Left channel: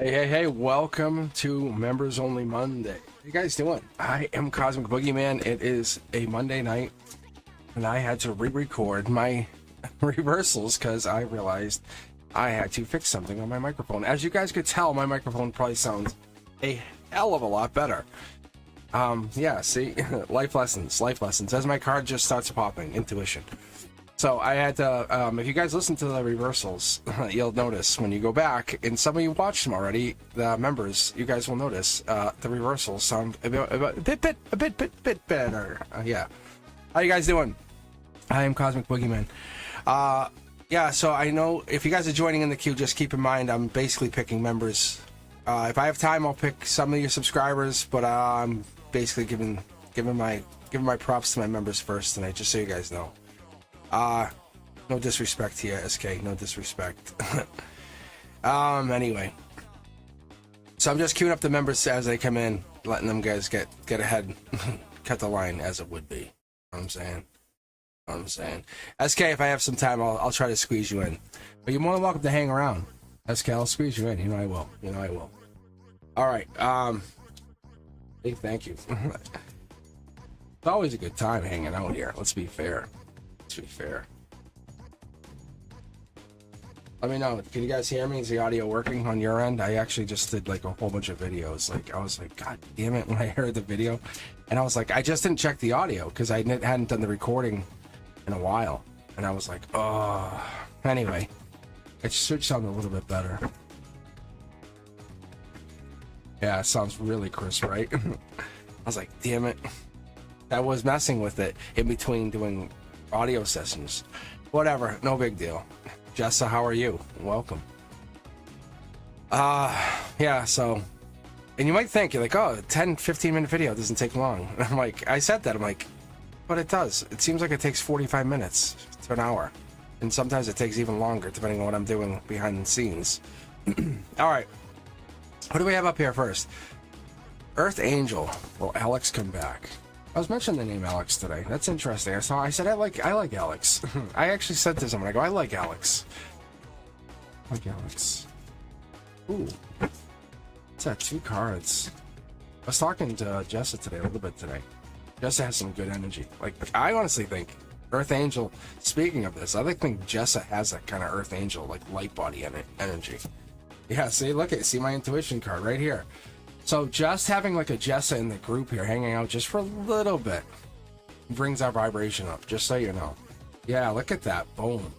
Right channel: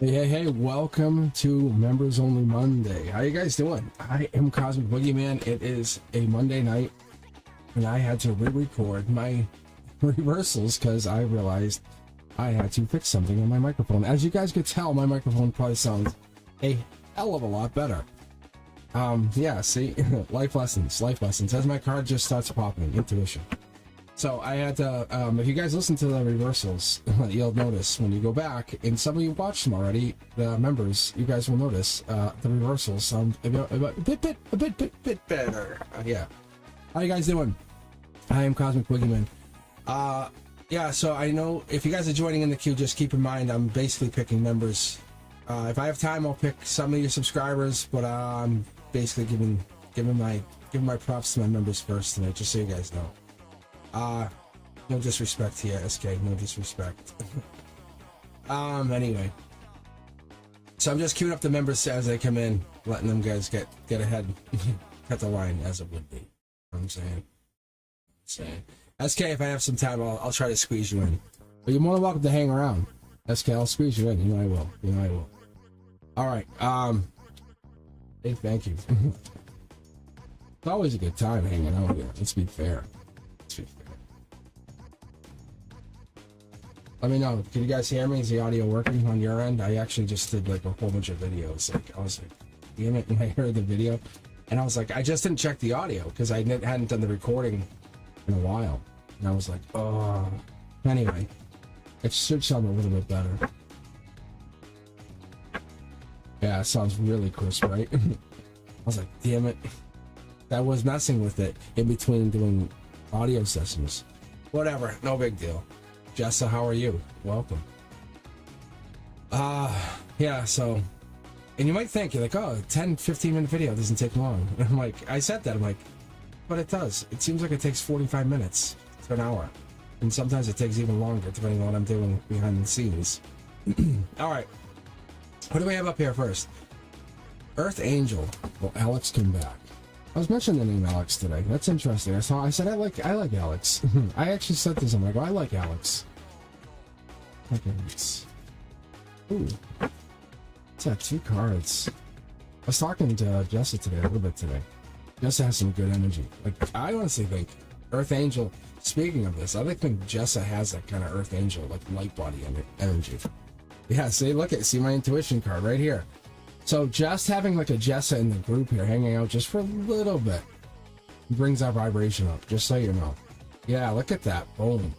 Hey, welcome to Members Only Monday. How you guys doing? I am Cosmic Boogeyman. It is a Monday night, and I had to re-record my reversals because I realized I had to fix something on my microphone. As you guys could tell, my microphone probably sounds a hell of a lot better. Yeah, see, life lessons, as my card just starts popping, intuition. So I had to, if you guys listen to the reversals, you'll notice when you go back, and some of you watched them already, the members, you guys will notice the reversals sound a bit better. Yeah. How you guys doing? I am Cosmic Boogeyman. Yeah, so I know if you guys are joining in the queue, just keep in mind I'm basically picking members. If I have time, I'll pick some of your subscribers, but I'm basically giving my giving my props to my members first tonight, just so you guys know. No disrespect here, SK. No disrespect. Anyway. So I'm just queuing up the members as they come in, letting them guys get ahead, cut the line as it would be. You know what I'm saying? SK, if I have some time, I'll try to squeeze you in. But you're more than welcome to hang around. SK, I'll squeeze you in. You know I will. All right. Hey, thank you. It's always a good time hanging out here. Let's be fair. Let me know. Can you guys hear me? Is the audio working on your end? I actually just did like a whole bunch of videos. Like, I was like, God damn it, when I heard the video. And I was like, I just didn't check the audio because I hadn't done the recording in a while. And I was like, oh. Anyway, it should sound a little bit better. Yeah, it sounds really crisp, right? I was like, damn it. I was messing with it in between doing audio sessions. Whatever, no big deal. Jessa, how are you? Welcome. Yeah, so, and you might think, you're like, oh, 10-15 minute video doesn't take long. And I'm like, I said that, I'm like, but it does. It seems like it takes 45 minutes to an hour. And sometimes it takes even longer, depending on what I'm doing behind the scenes. All right. What do we have up here first? Earth Angel. Will Alex come back? I was mentioning the name Alex today. That's interesting. I said I like Alex. I actually said to someone, I go, I like Alex. Ooh. What's that? 2 cards. I was talking to Jessa today, a little bit today. Jessa has some good energy. Like, I honestly think Earth Angel, speaking of this, I think Jessa has that kind of Earth Angel, like light body energy. Yeah, see my intuition card right here. So just having like a Jessa in the group here, hanging out just for a little bit, brings our vibration up, just so you know. Yeah, look at that. Boom.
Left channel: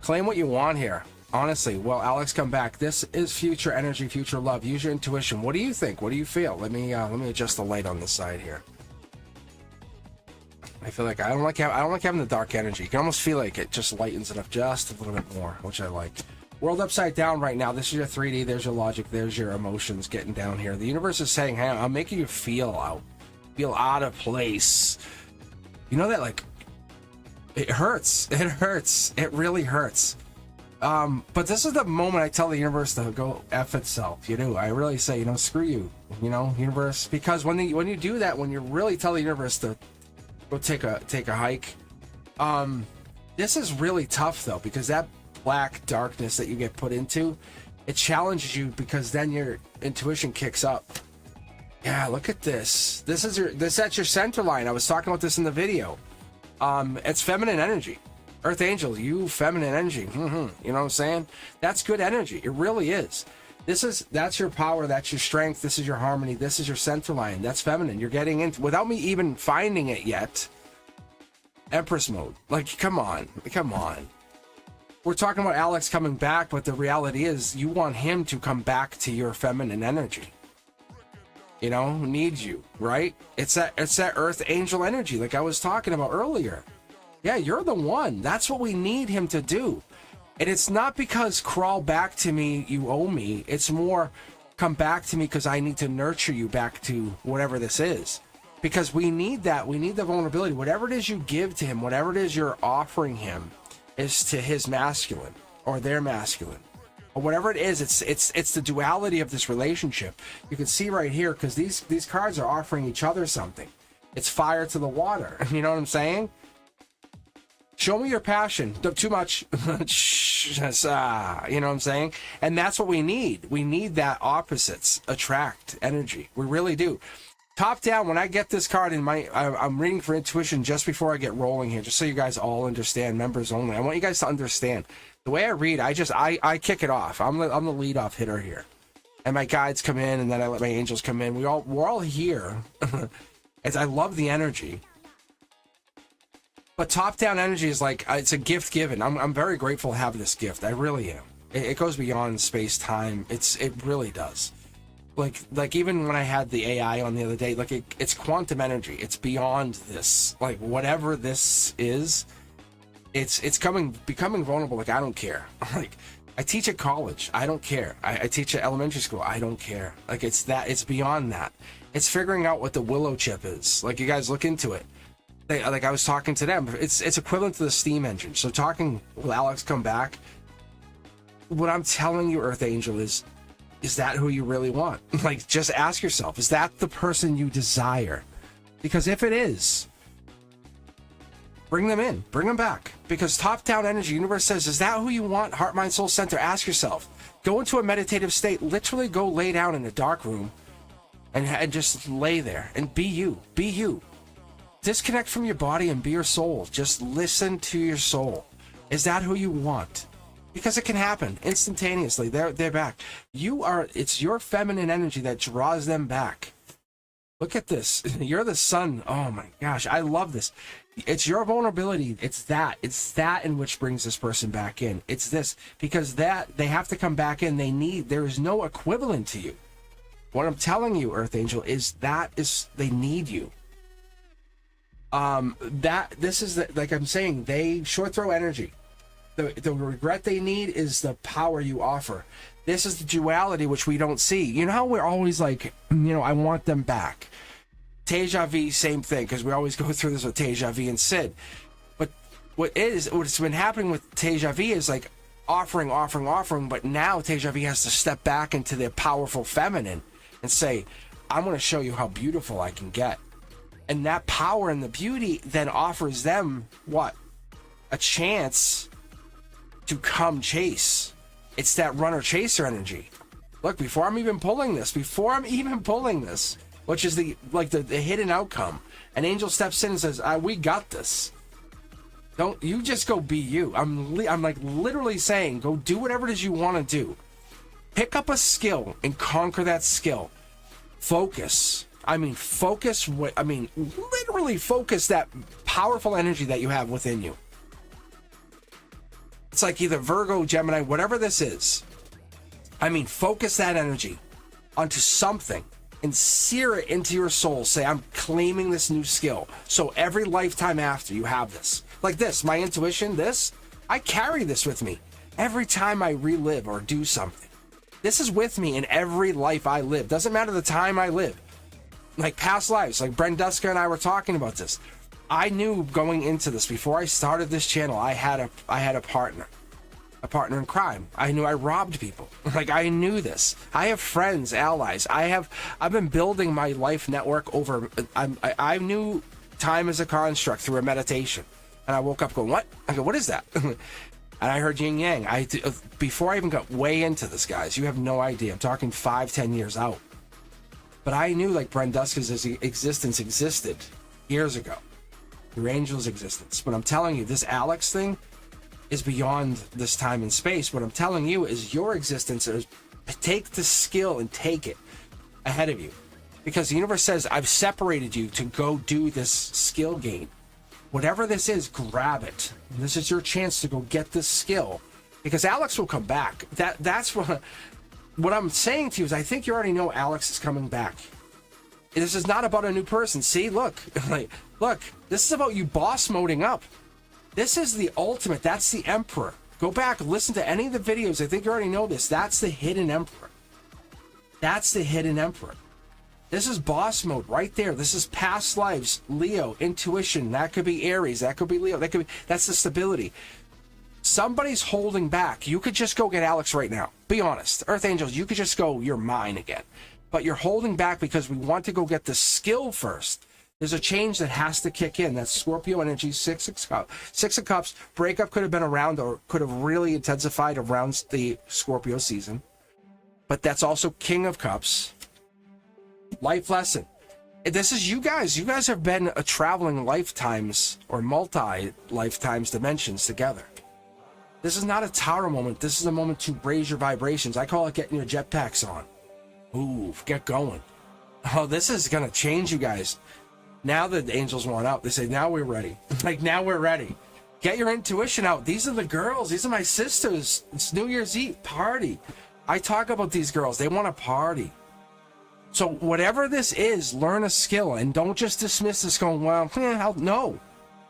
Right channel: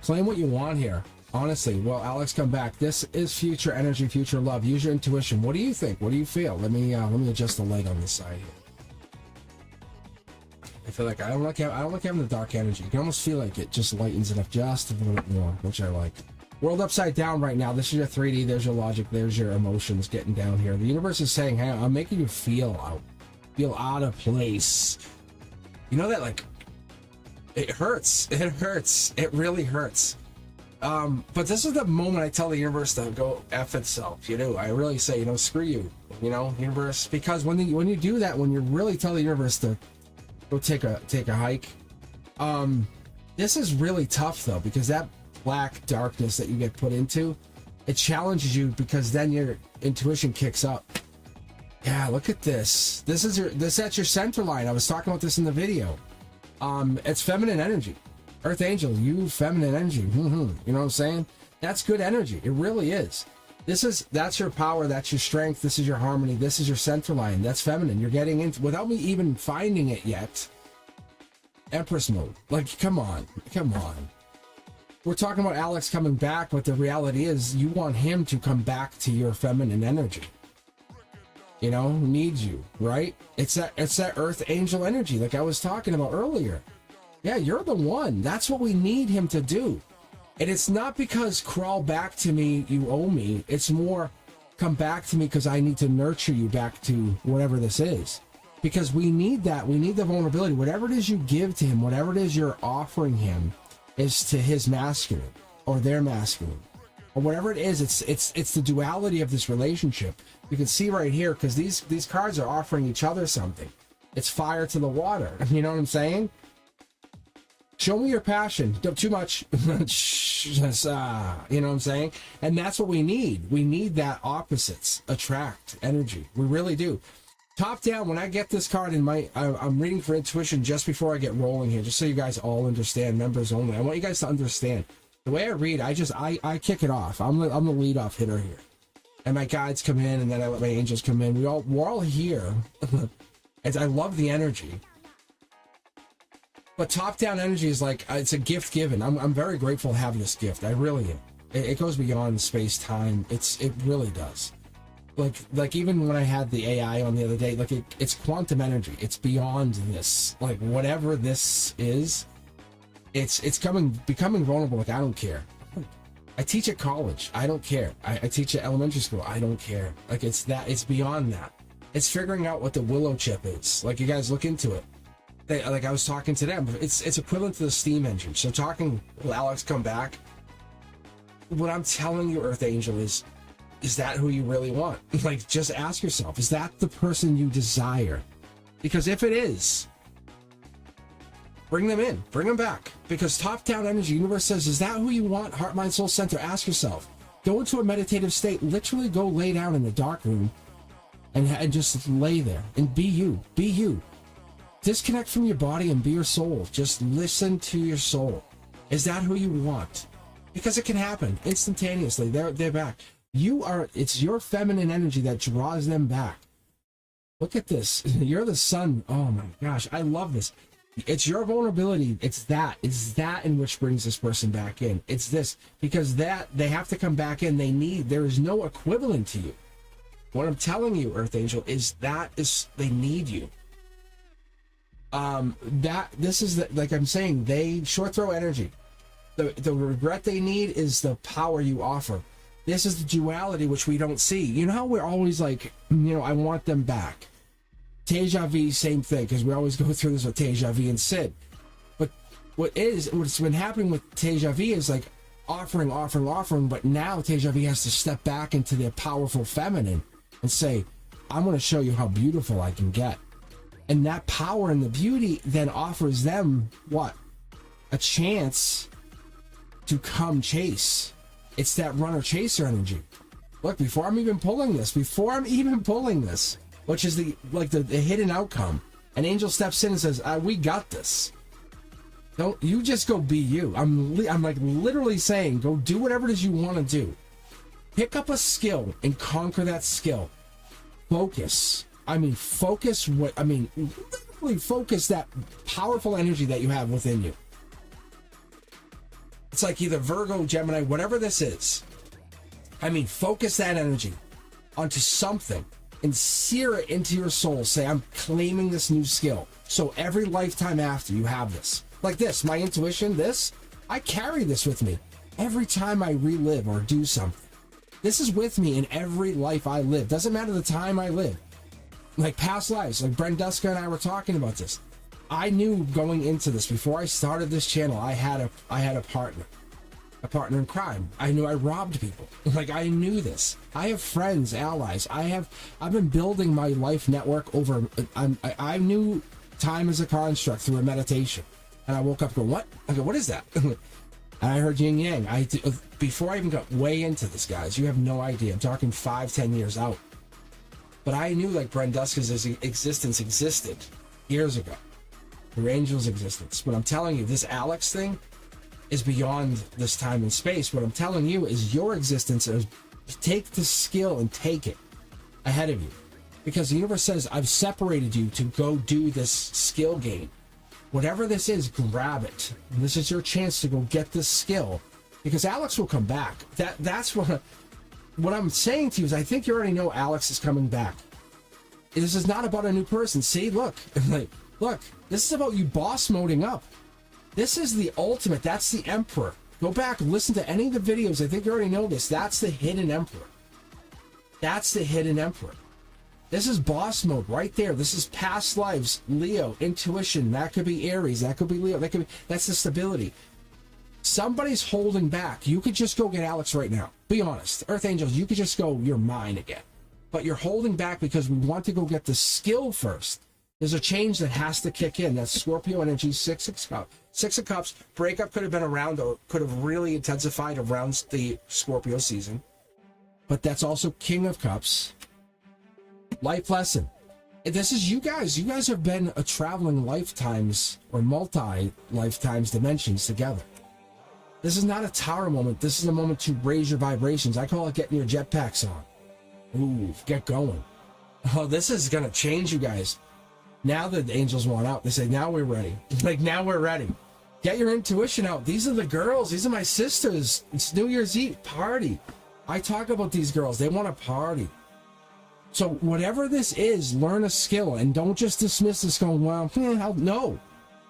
Claim what you want here. Honestly, well, Alex, come back. This is future energy, future love. Use your intuition. What do you think? What do you feel? Let me adjust the light on this side here. I feel like I don't like having the dark energy. You can almost feel like it just lightens it up just a little bit more, which I like. World upside down right now. This is your 3D. There's your logic. There's your emotions getting down here. The universe is saying, hey, I'm making you feel out of place. You know that, like, it hurts. It hurts. It really hurts. But this is the moment I tell the universe to go F itself. You know, I really say, screw you, universe. Because when you do that, when you really tell the universe to go take a hike, this is really tough though, because that black darkness that you get put into, it challenges you, because then your intuition kicks up. Yeah, look at this. That's your center line. I was talking about this in the video. It's feminine energy. Earth Angel, you feminine energy. You know what I'm saying? That's good energy. It really is. That's your power. That's your strength. This is your harmony. This is your center line. That's feminine. You're getting into, without me even finding it yet. Empress mode. Like, come on. We're talking about Alex coming back, but the reality is you want him to come back to your feminine energy. Needs you, right? It's that Earth Angel energy like I was talking about earlier. Yeah, you're the one. That's what we need him to do. And it's not because crawl back to me, you owe me. It's more come back to me because I need to nurture you back to whatever this is. Because we need that. We need the vulnerability. Whatever it is you give to him, whatever it is you're offering him, is to his masculine or their masculine. Or whatever it is, it's the duality of this relationship. You can see right here, because these cards are offering each other something. It's fire to the water. You know what I'm saying? Show me your passion. Too much. You know what I'm saying? And that's what we need. We need that opposites attract energy. We really do. Top down, when I get this card in I'm reading for intuition just before I get rolling here, just so you guys all understand, members only. I want you guys to understand. The way I read, I kick it off. I'm the lead-off hitter here. And my guides come in, and then I let my angels come in. We're all here. As I love the energy. But top-down energy is like, it's a gift given. I'm very grateful to have this gift. I really am. It goes beyond space-time. It really does. Like even when I had the AI on the other day, like it's quantum energy. It's beyond this. Like whatever this is, it's becoming vulnerable. Like I don't care. Like I teach at college. I don't care. I teach at elementary school. I don't care. Like it's beyond that. It's figuring out what the willow chip is. Like you guys look into it. Like I was talking to them, it's equivalent to the steam engine. So talking, will Alex come back? What I'm telling you, Earth Angel, is that who you really want? Like, just ask yourself, is that the person you desire? Because if it is, bring them in, bring them back. Because top-down energy, universe says, is that who you want? Heart, mind, soul center. Ask yourself. Go into a meditative state. Literally go lay down in a dark room and just lay there and be you. Be you. Disconnect from your body and be your soul. Just listen to your soul. Is that who you want? Because it can happen instantaneously. They're back. It's your feminine energy that draws them back. Look at this. You're the sun. Oh my gosh. I love this. It's your vulnerability. It's that in which brings this person back in. It's this, because that they have to come back in. There is no equivalent to you. What I'm telling you, Earth Angel, is they need you. This is like I'm saying, they short throw energy. The regret they need is the power you offer. This is the duality which we don't see. You know how we're always like, I want them back. Deja vu, same thing, because we always go through this with Deja vu and Sid. But what's been happening with Deja vu is like offering, but now Deja vu has to step back into their powerful feminine and say, I'm going to show you how beautiful I can get. And that power and the beauty then offers them what? A chance to come chase. It's that runner-chaser energy. Look, before I'm even pulling this, which is the hidden outcome, an angel steps in and says, we got this. Don't you just go be you. I'm like literally saying, go do whatever it is you want to do. Pick up a skill and conquer that skill. Focus. Literally focus that powerful energy that you have within you. It's like either Virgo, Gemini, whatever this is. Focus that energy onto something and sear it into your soul. Say, I'm claiming this new skill. So every lifetime after, you have this. Like this, my intuition, I carry this with me. Every time I relive or do something. This is with me in every life I live. Doesn't matter the time I live. Like past lives, like Brenduska and I were talking about this. I knew going into this, before I started this channel, I had a partner in crime. I knew I robbed people. Like, I knew this. I have friends, allies. I've been building my life network over. I knew time as a construct through a meditation, and I woke up going, "What?" I go, "What is that?" And I heard yin yang. Before I even got way into this, guys, you have no idea. I'm talking 5-10 years out. But I knew like Brenduska's existence existed years ago. Your angel's existence. But I'm telling you, this Alex thing is beyond this time and space. What I'm telling you is your existence is, take the skill and take it ahead of you. Because the universe says, I've separated you to go do this skill gain. Whatever this is, grab it. And this is your chance to go get this skill. Because Alex will come back. That's what I'm saying to you is, I think you already know Alex is coming back. This is not about a new person. See, look, look, this is about you boss moding up. This is the ultimate. That's the Emperor. Go back and listen to any of the videos. I think you already know this. That's the hidden Emperor. That's the hidden Emperor. This is boss mode right there. This is past lives, Leo, intuition. That could be Aries. That could be Leo. That's the stability. Somebody's holding back. You could just go get Alex right now. Be honest. Earth Angels, you could just go, you're mine again. But you're holding back because we want to go get the skill first. There's a change that has to kick in. That's Scorpio energy, Six of Cups. Breakup could have been around, or could have really intensified around the Scorpio season. But that's also King of Cups. Life lesson. This is you guys. You guys have been a traveling lifetimes or multi-lifetimes dimensions together. This is not a tower moment. This is a moment to raise your vibrations. I call it getting your jetpacks on. Ooh, get going. Oh, this is going to change you guys. Now that the angels want out, they say, now we're ready. Like, now we're ready. Get your intuition out. These are the girls. These are my sisters. It's New Year's Eve. Party. I talk about these girls. They want to party. So whatever this is, learn a skill. And don't just dismiss this going, well, no.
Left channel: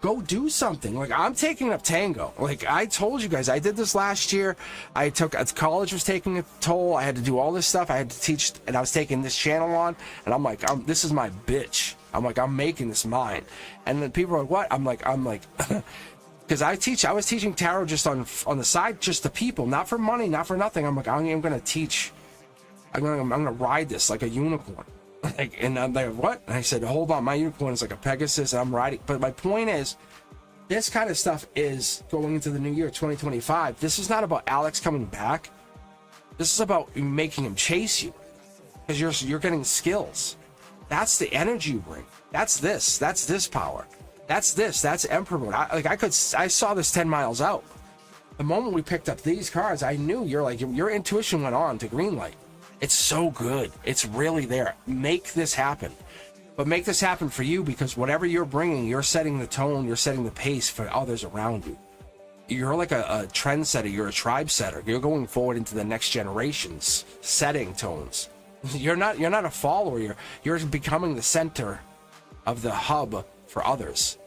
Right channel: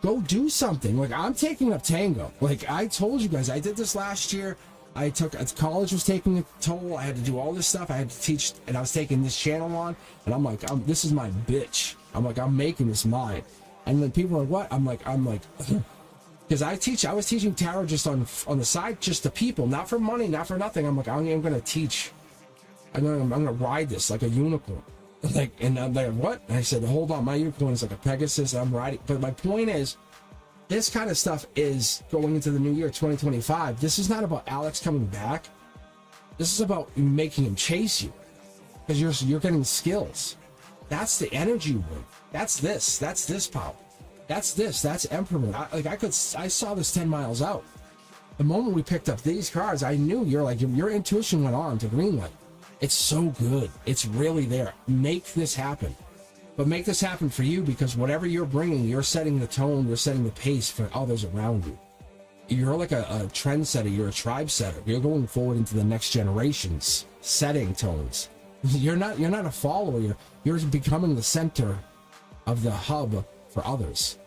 go do something. Like, I'm taking up tango. Like, I told you guys, I did this last year. College was taking a toll. I had to do all this stuff. I had to teach, and I was taking this channel on, and I'm like, this is my bitch. I'm like, I'm making this mine. And then people are like, what? I'm like, because I was teaching tarot just on the side, just to people, not for money, not for nothing. I'm like, I'm going to teach. I'm going to ride this like a unicorn. Like, and I'm like, what? And I said, hold on, my unicorn is like a Pegasus, and I'm riding. But my point is, this kind of stuff is going into the new year, 2025. This is not about Alex coming back. This is about making him chase you, because you're getting skills. That's the energy you bring. That's this power. That's Emperor. I saw this 10 miles out. The moment we picked up these cards, I knew your intuition went on to green light. It's so good. It's really there. Make this happen. But make this happen for you, because whatever you're bringing, you're setting the tone, you're setting the pace for others around you. You're like a trendsetter. You're a tribe setter. You're going forward into the next generations, setting tones. You're not a follower. You're becoming the center of the hub for others.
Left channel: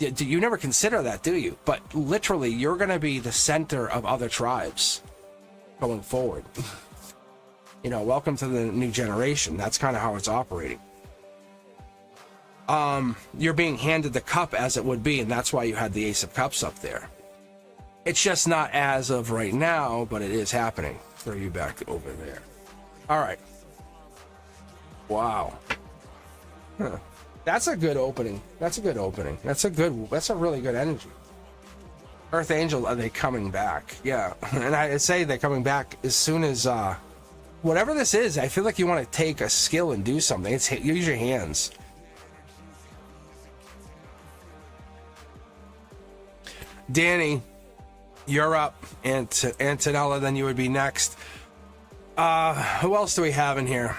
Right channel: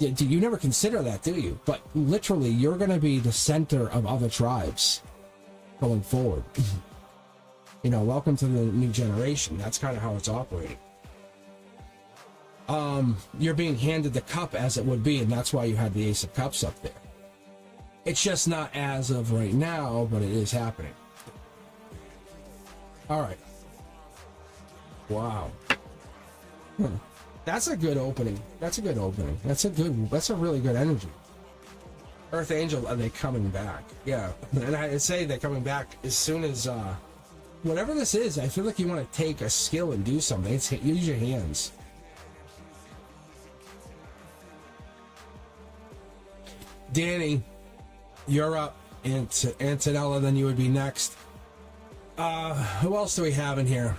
You never consider that, do you? But literally, you're going to be the center of other tribes going forward. Welcome to the new generation. That's kind of how it's operating. You're being handed the cup as it would be, and that's why you had the Ace of Cups up there. It's just not as of right now, but it is happening. Throw you back over there. All right. Wow. Huh. That's a good opening. That's a really good energy. Earth Angel, are they coming back? Yeah. And I say they're coming back as soon as, whatever this is, I feel like you want to take a skill and do something. Use your hands. Danny, you're up. Antonella, then you would be next. Who else do we have in here?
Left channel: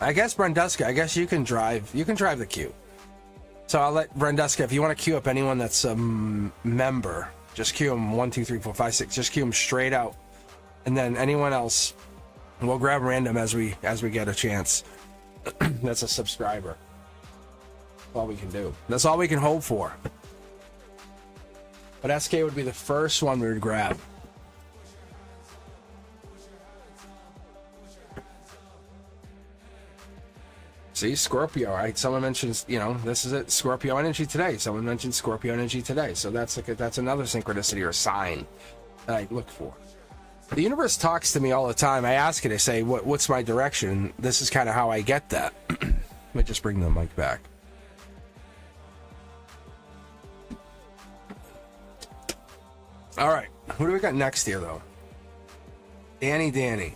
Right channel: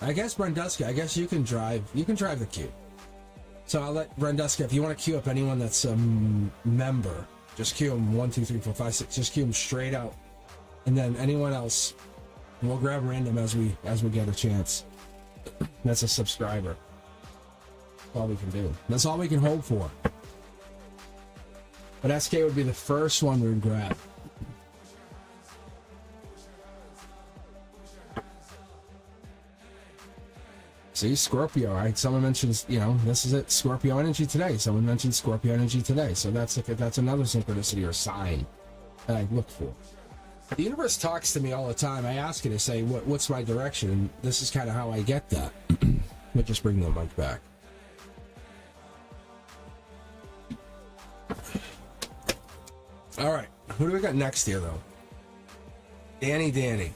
I guess Brenduska. I guess you can drive. You can drive the queue. So I'll let Brenduska, if you want to queue up anyone that's a member, just queue them 1, 2, 3, 4, 5, 6. Just queue them straight out. And then anyone else, we'll grab random as we get a chance. That's a subscriber. That's all we can do. That's all we can hope for. But SK would be the first one we would grab. See, Scorpio, right? Someone mentions, this is it, Scorpio energy today. Someone mentioned Scorpio energy today. So that's another synchronicity or sign that I look for. The universe talks to me all the time. I ask it, I say, what's my direction? And this is kind of how I get that. Let me just bring the mic back. All right, who do we got next here, though? Danny.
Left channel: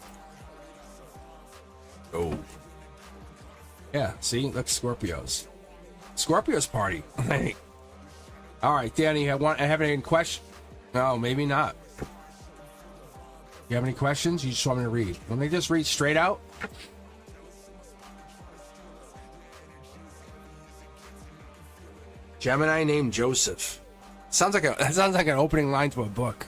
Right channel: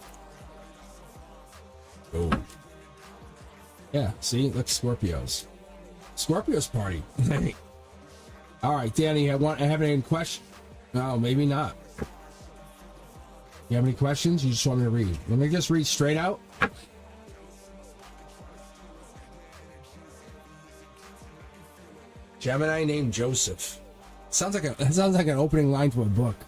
Oh. Yeah, see? Look, Scorpios party. All right, Danny, have any questions? No, maybe not. You have any questions? You just want me to read? Let me just read straight out. Gemini named Joseph. Sounds like an opening line to a book.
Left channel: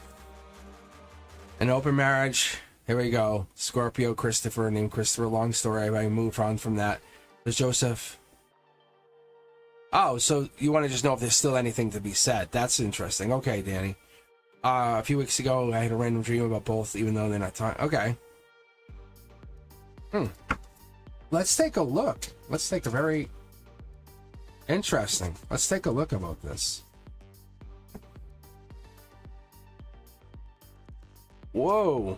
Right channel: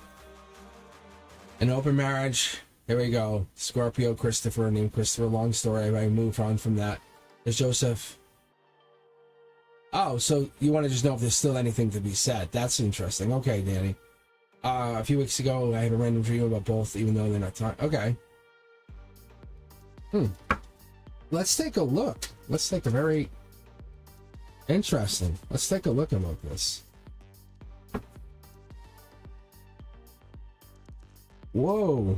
An open marriage. Here we go. Scorpio, Christopher, named Christopher. Long story. I moved on from that. There's Joseph. Oh, so you want to just know if there's still anything to be said. That's interesting. Okay, Danny. A few weeks ago, I had a random dream about both, even though they're not talking. Okay. Let's take a look. Let's take a very interesting. Let's take a look about this. Whoa.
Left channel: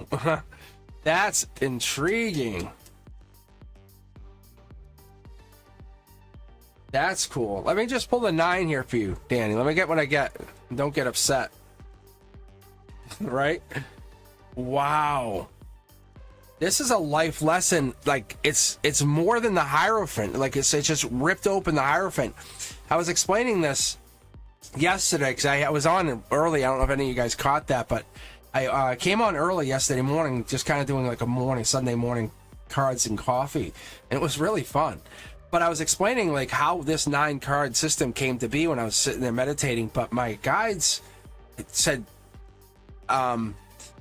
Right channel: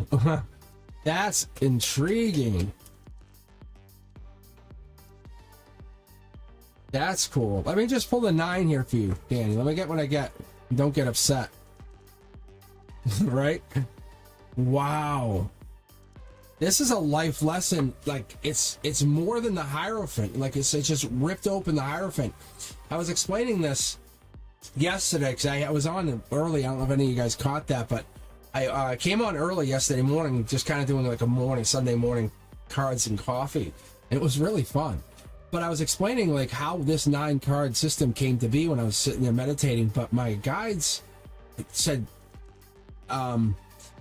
That's intriguing. That's cool. Let me just pull the 9 here for you, Danny. Let me get what I get. Don't get upset. Right? Wow. This is a life lesson. Like, it's more than the Hierophant. Like, it's just ripped open the Hierophant. I was explaining this yesterday because I was on early. I don't know if any of you guys caught that, but I came on early yesterday morning, just kind of doing like a Sunday morning cards and coffee. And it was really fun. But I was explaining like how this 9-card system came to be when I was sitting there meditating. But my guides said, and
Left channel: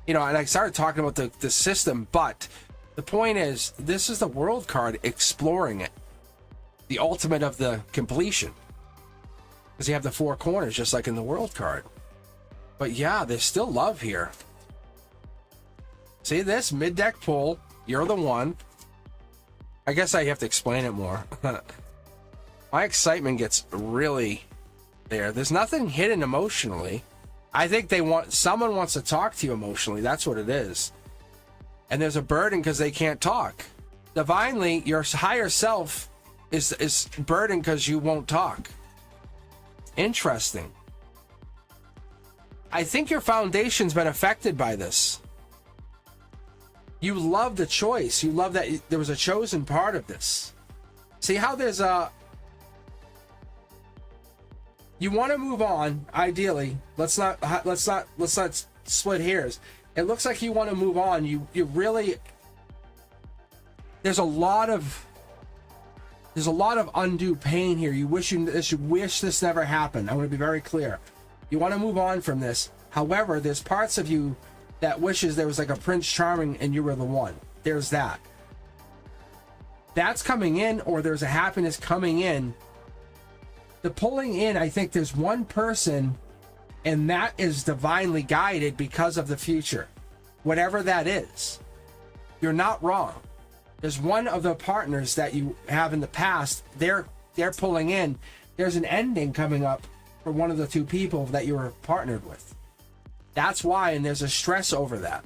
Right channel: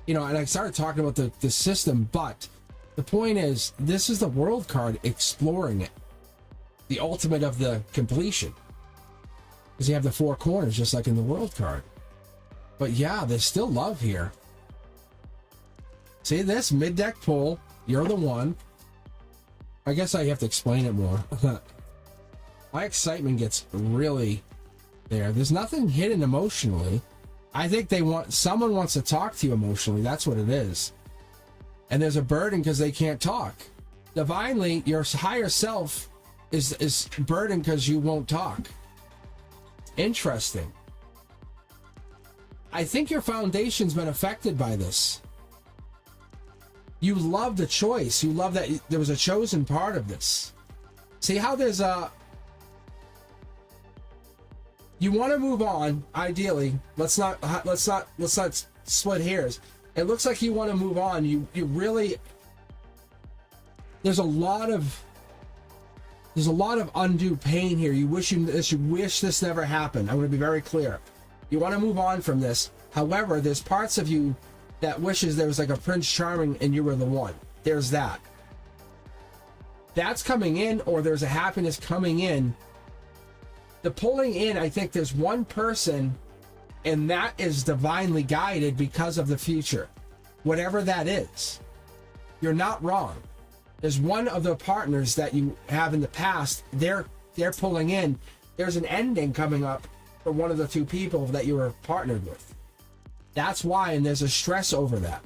I started talking about the system. But the point is, this is the World card exploring it. The ultimate of the completion. because you have the four corners, just like in the world card. But yeah, there's still love here. See this mid-deck pull? You're the one. I guess I have to explain it more. My excitement gets really there. There's nothing hidden emotionally. I think someone wants to talk to you emotionally. That's what it is. And there's a burden because they can't talk. Divinely, your higher self is burdened because you won't talk. Interesting. I think your foundation's been affected by this. You love the choice. You love that there was a chosen part of this. See how there's a... You want to move on, ideally. Let's not split hairs. It looks like you want to move on. You really... There's a lot of undue pain here. You wish this never happened. I'm going to be very clear. You want to move on from this. However, there's parts of you that wishes there was like a Prince Charming and you were the one. There's that. That's coming in, or there's a happiness coming in. The pulling in, I think there's one person, and that is divinely guided because of the future. Whatever that is. You're not wrong. There's one of the partners that you have in the past, they're pulling in. There's an ending coming up for one of the two people that you were partnered with. That's why, and there's a stress over that.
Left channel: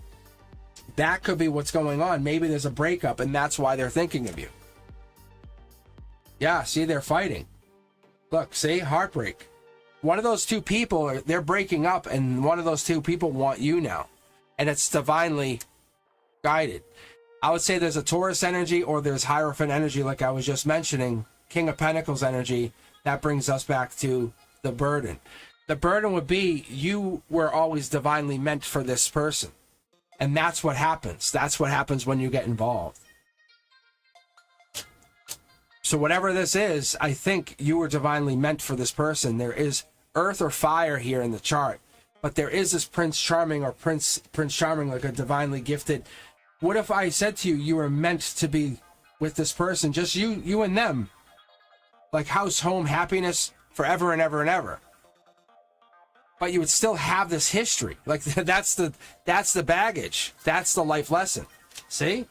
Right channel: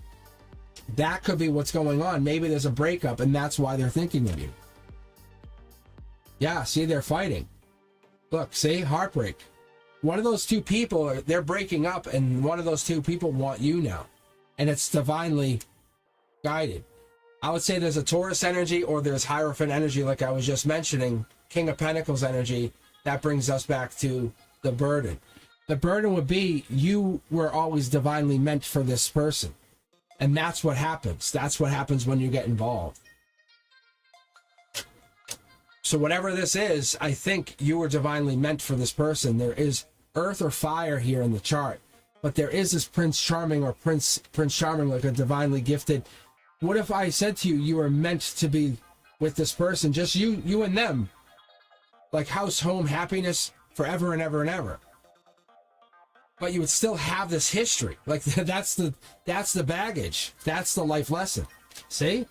That could be what's going on. Maybe there's a breakup, and that's why they're thinking of you. Yeah, see, they're fighting. Look, see, heartbreak. One of those two people, they're breaking up, and one of those two people want you now. And it's divinely guided. I would say there's a Taurus energy, or there's Hierophant energy, like I was just mentioning. King of Pentacles energy. That brings us back to the burden. The burden would be you were always divinely meant for this person. And that's what happens. That's what happens when you get involved. So whatever this is, I think you were divinely meant for this person. There is earth or fire here in the chart. But there is this Prince Charming, or Prince Charming, like a divinely gifted. What if I said to you, you were meant to be with this person, just you and them? Like house, home, happiness, forever and ever and ever. But you would still have this history. Like that's the baggage. That's the life lesson. See?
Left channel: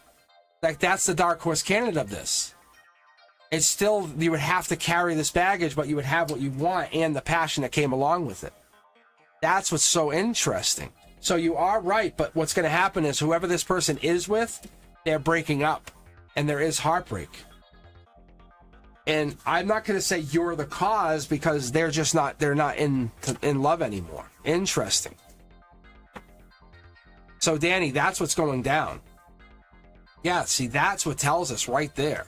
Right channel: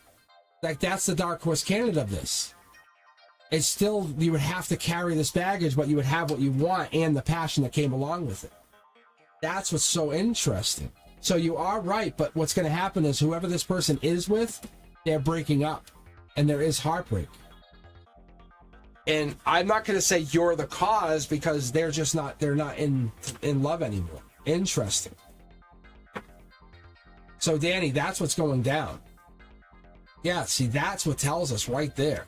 Like that's the Dark Horse candidate of this. It's still, you would have to carry this baggage, but you would have what you want and the passion that came along with it. That's what's so interesting. So you are right, but what's going to happen is whoever this person is with, they're breaking up. And there is heartbreak. And I'm not going to say you're the cause, because they're not in love anymore. Interesting. So Danny, that's what's going down. Yeah, see, that's what tells us right there.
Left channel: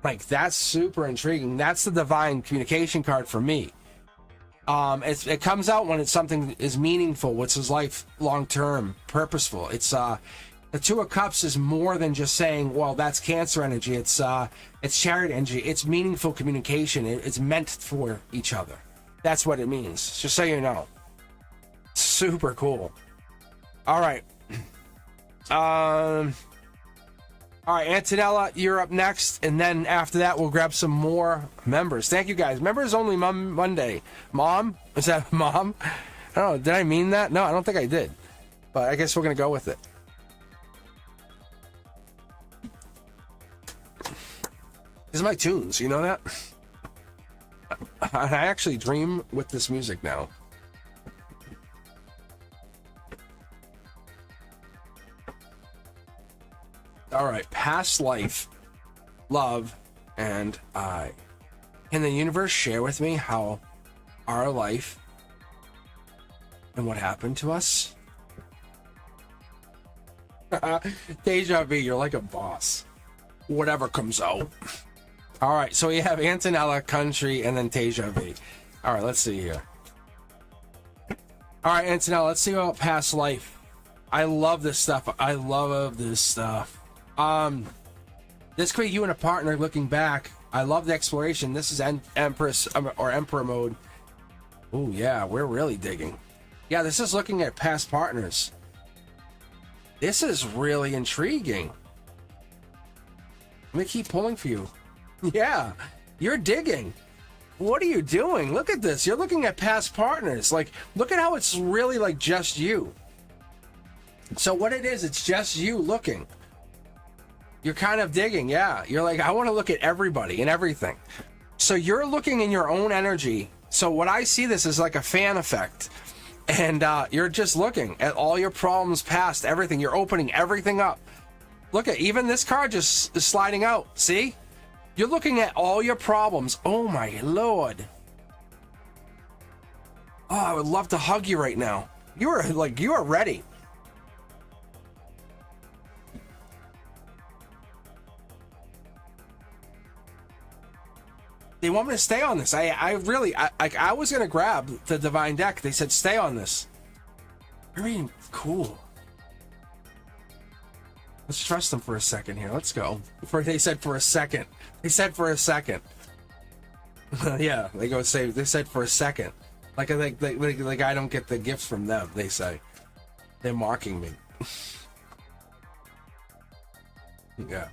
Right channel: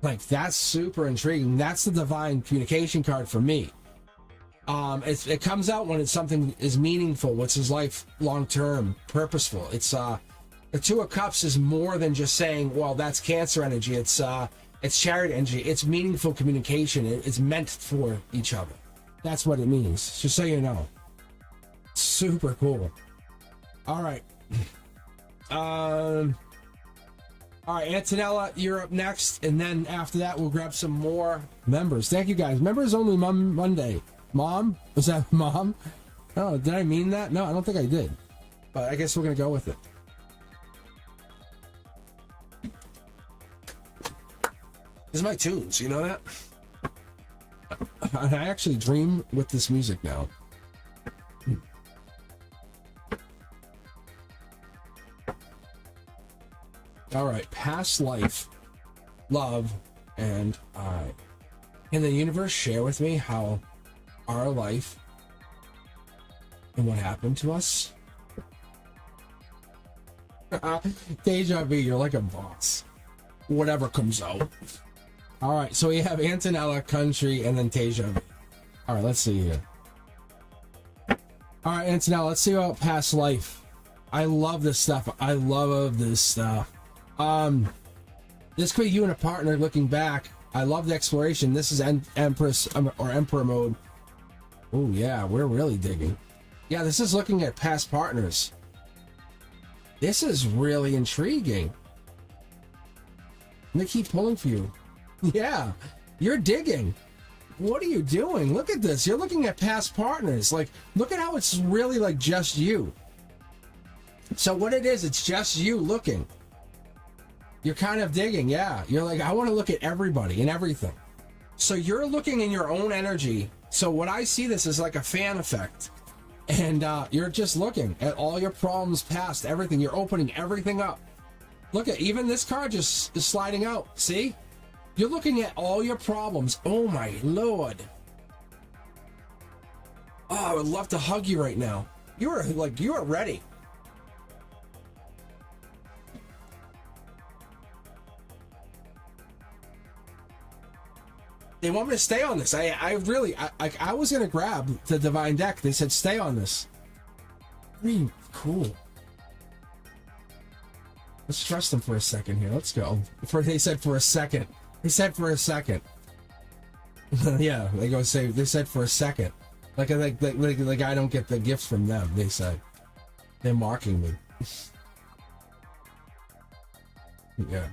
Like, that's super intriguing. That's the divine communication card for me. It comes out when it's something is meaningful, which is life long-term, purposeful. It's the Two of Cups is more than just saying, well, that's Cancer energy. It's Chariot energy. It's meaningful communication. It's meant for each other. That's what it means. Just so you know. Super cool. All right. All right, Antonella, you're up next, and then after that, we'll grab some more members. Thank you, guys. Members only Monday. Mom? Is that Mom? I don't know. Did I mean that? No, I don't think I did. But I guess we're going to go with it. These are my tunes. You know that? I actually dream with this music now. All right, past life, love, and I. Can the universe share with me how our life and what happened to us? Deja vu, you're like a boss. Whatever comes out. All right, so we have Antonella, Country, and then Deja vu. All right, let's see here. All right, Antonella, let's see about past life. I love this stuff. I love this stuff. This could be you and a partner looking back. I love the exploration. This is Empress or Emperor mode. Oh yeah, we're really digging. Yeah, this is looking at past partners. This is really intriguing. Let me keep pulling for you. Yeah, you're digging. What are you doing? Look at this. You're looking at past partners. Like, look at how it's really like just you. So what it is, it's just you looking. You're kind of digging, yeah. You're like, I want to look at everybody and everything. So you're looking in your own energy. So what I see this is like a fan effect. And you're just looking at all your problems past, everything. You're opening everything up. Look at, even this card just is sliding out. See? You're looking at all your problems. Oh my Lord. Oh, I would love to hug you right now. You are ready. They want me to stay on this. I was gonna grab the divine deck. They said stay on this. Very cool. Let's trust them for a second here. Let's go. They said for a second. They said for a second. Yeah, they go say. They said for a second. Like I don't get the gift from them. They say they're marking me. Yeah.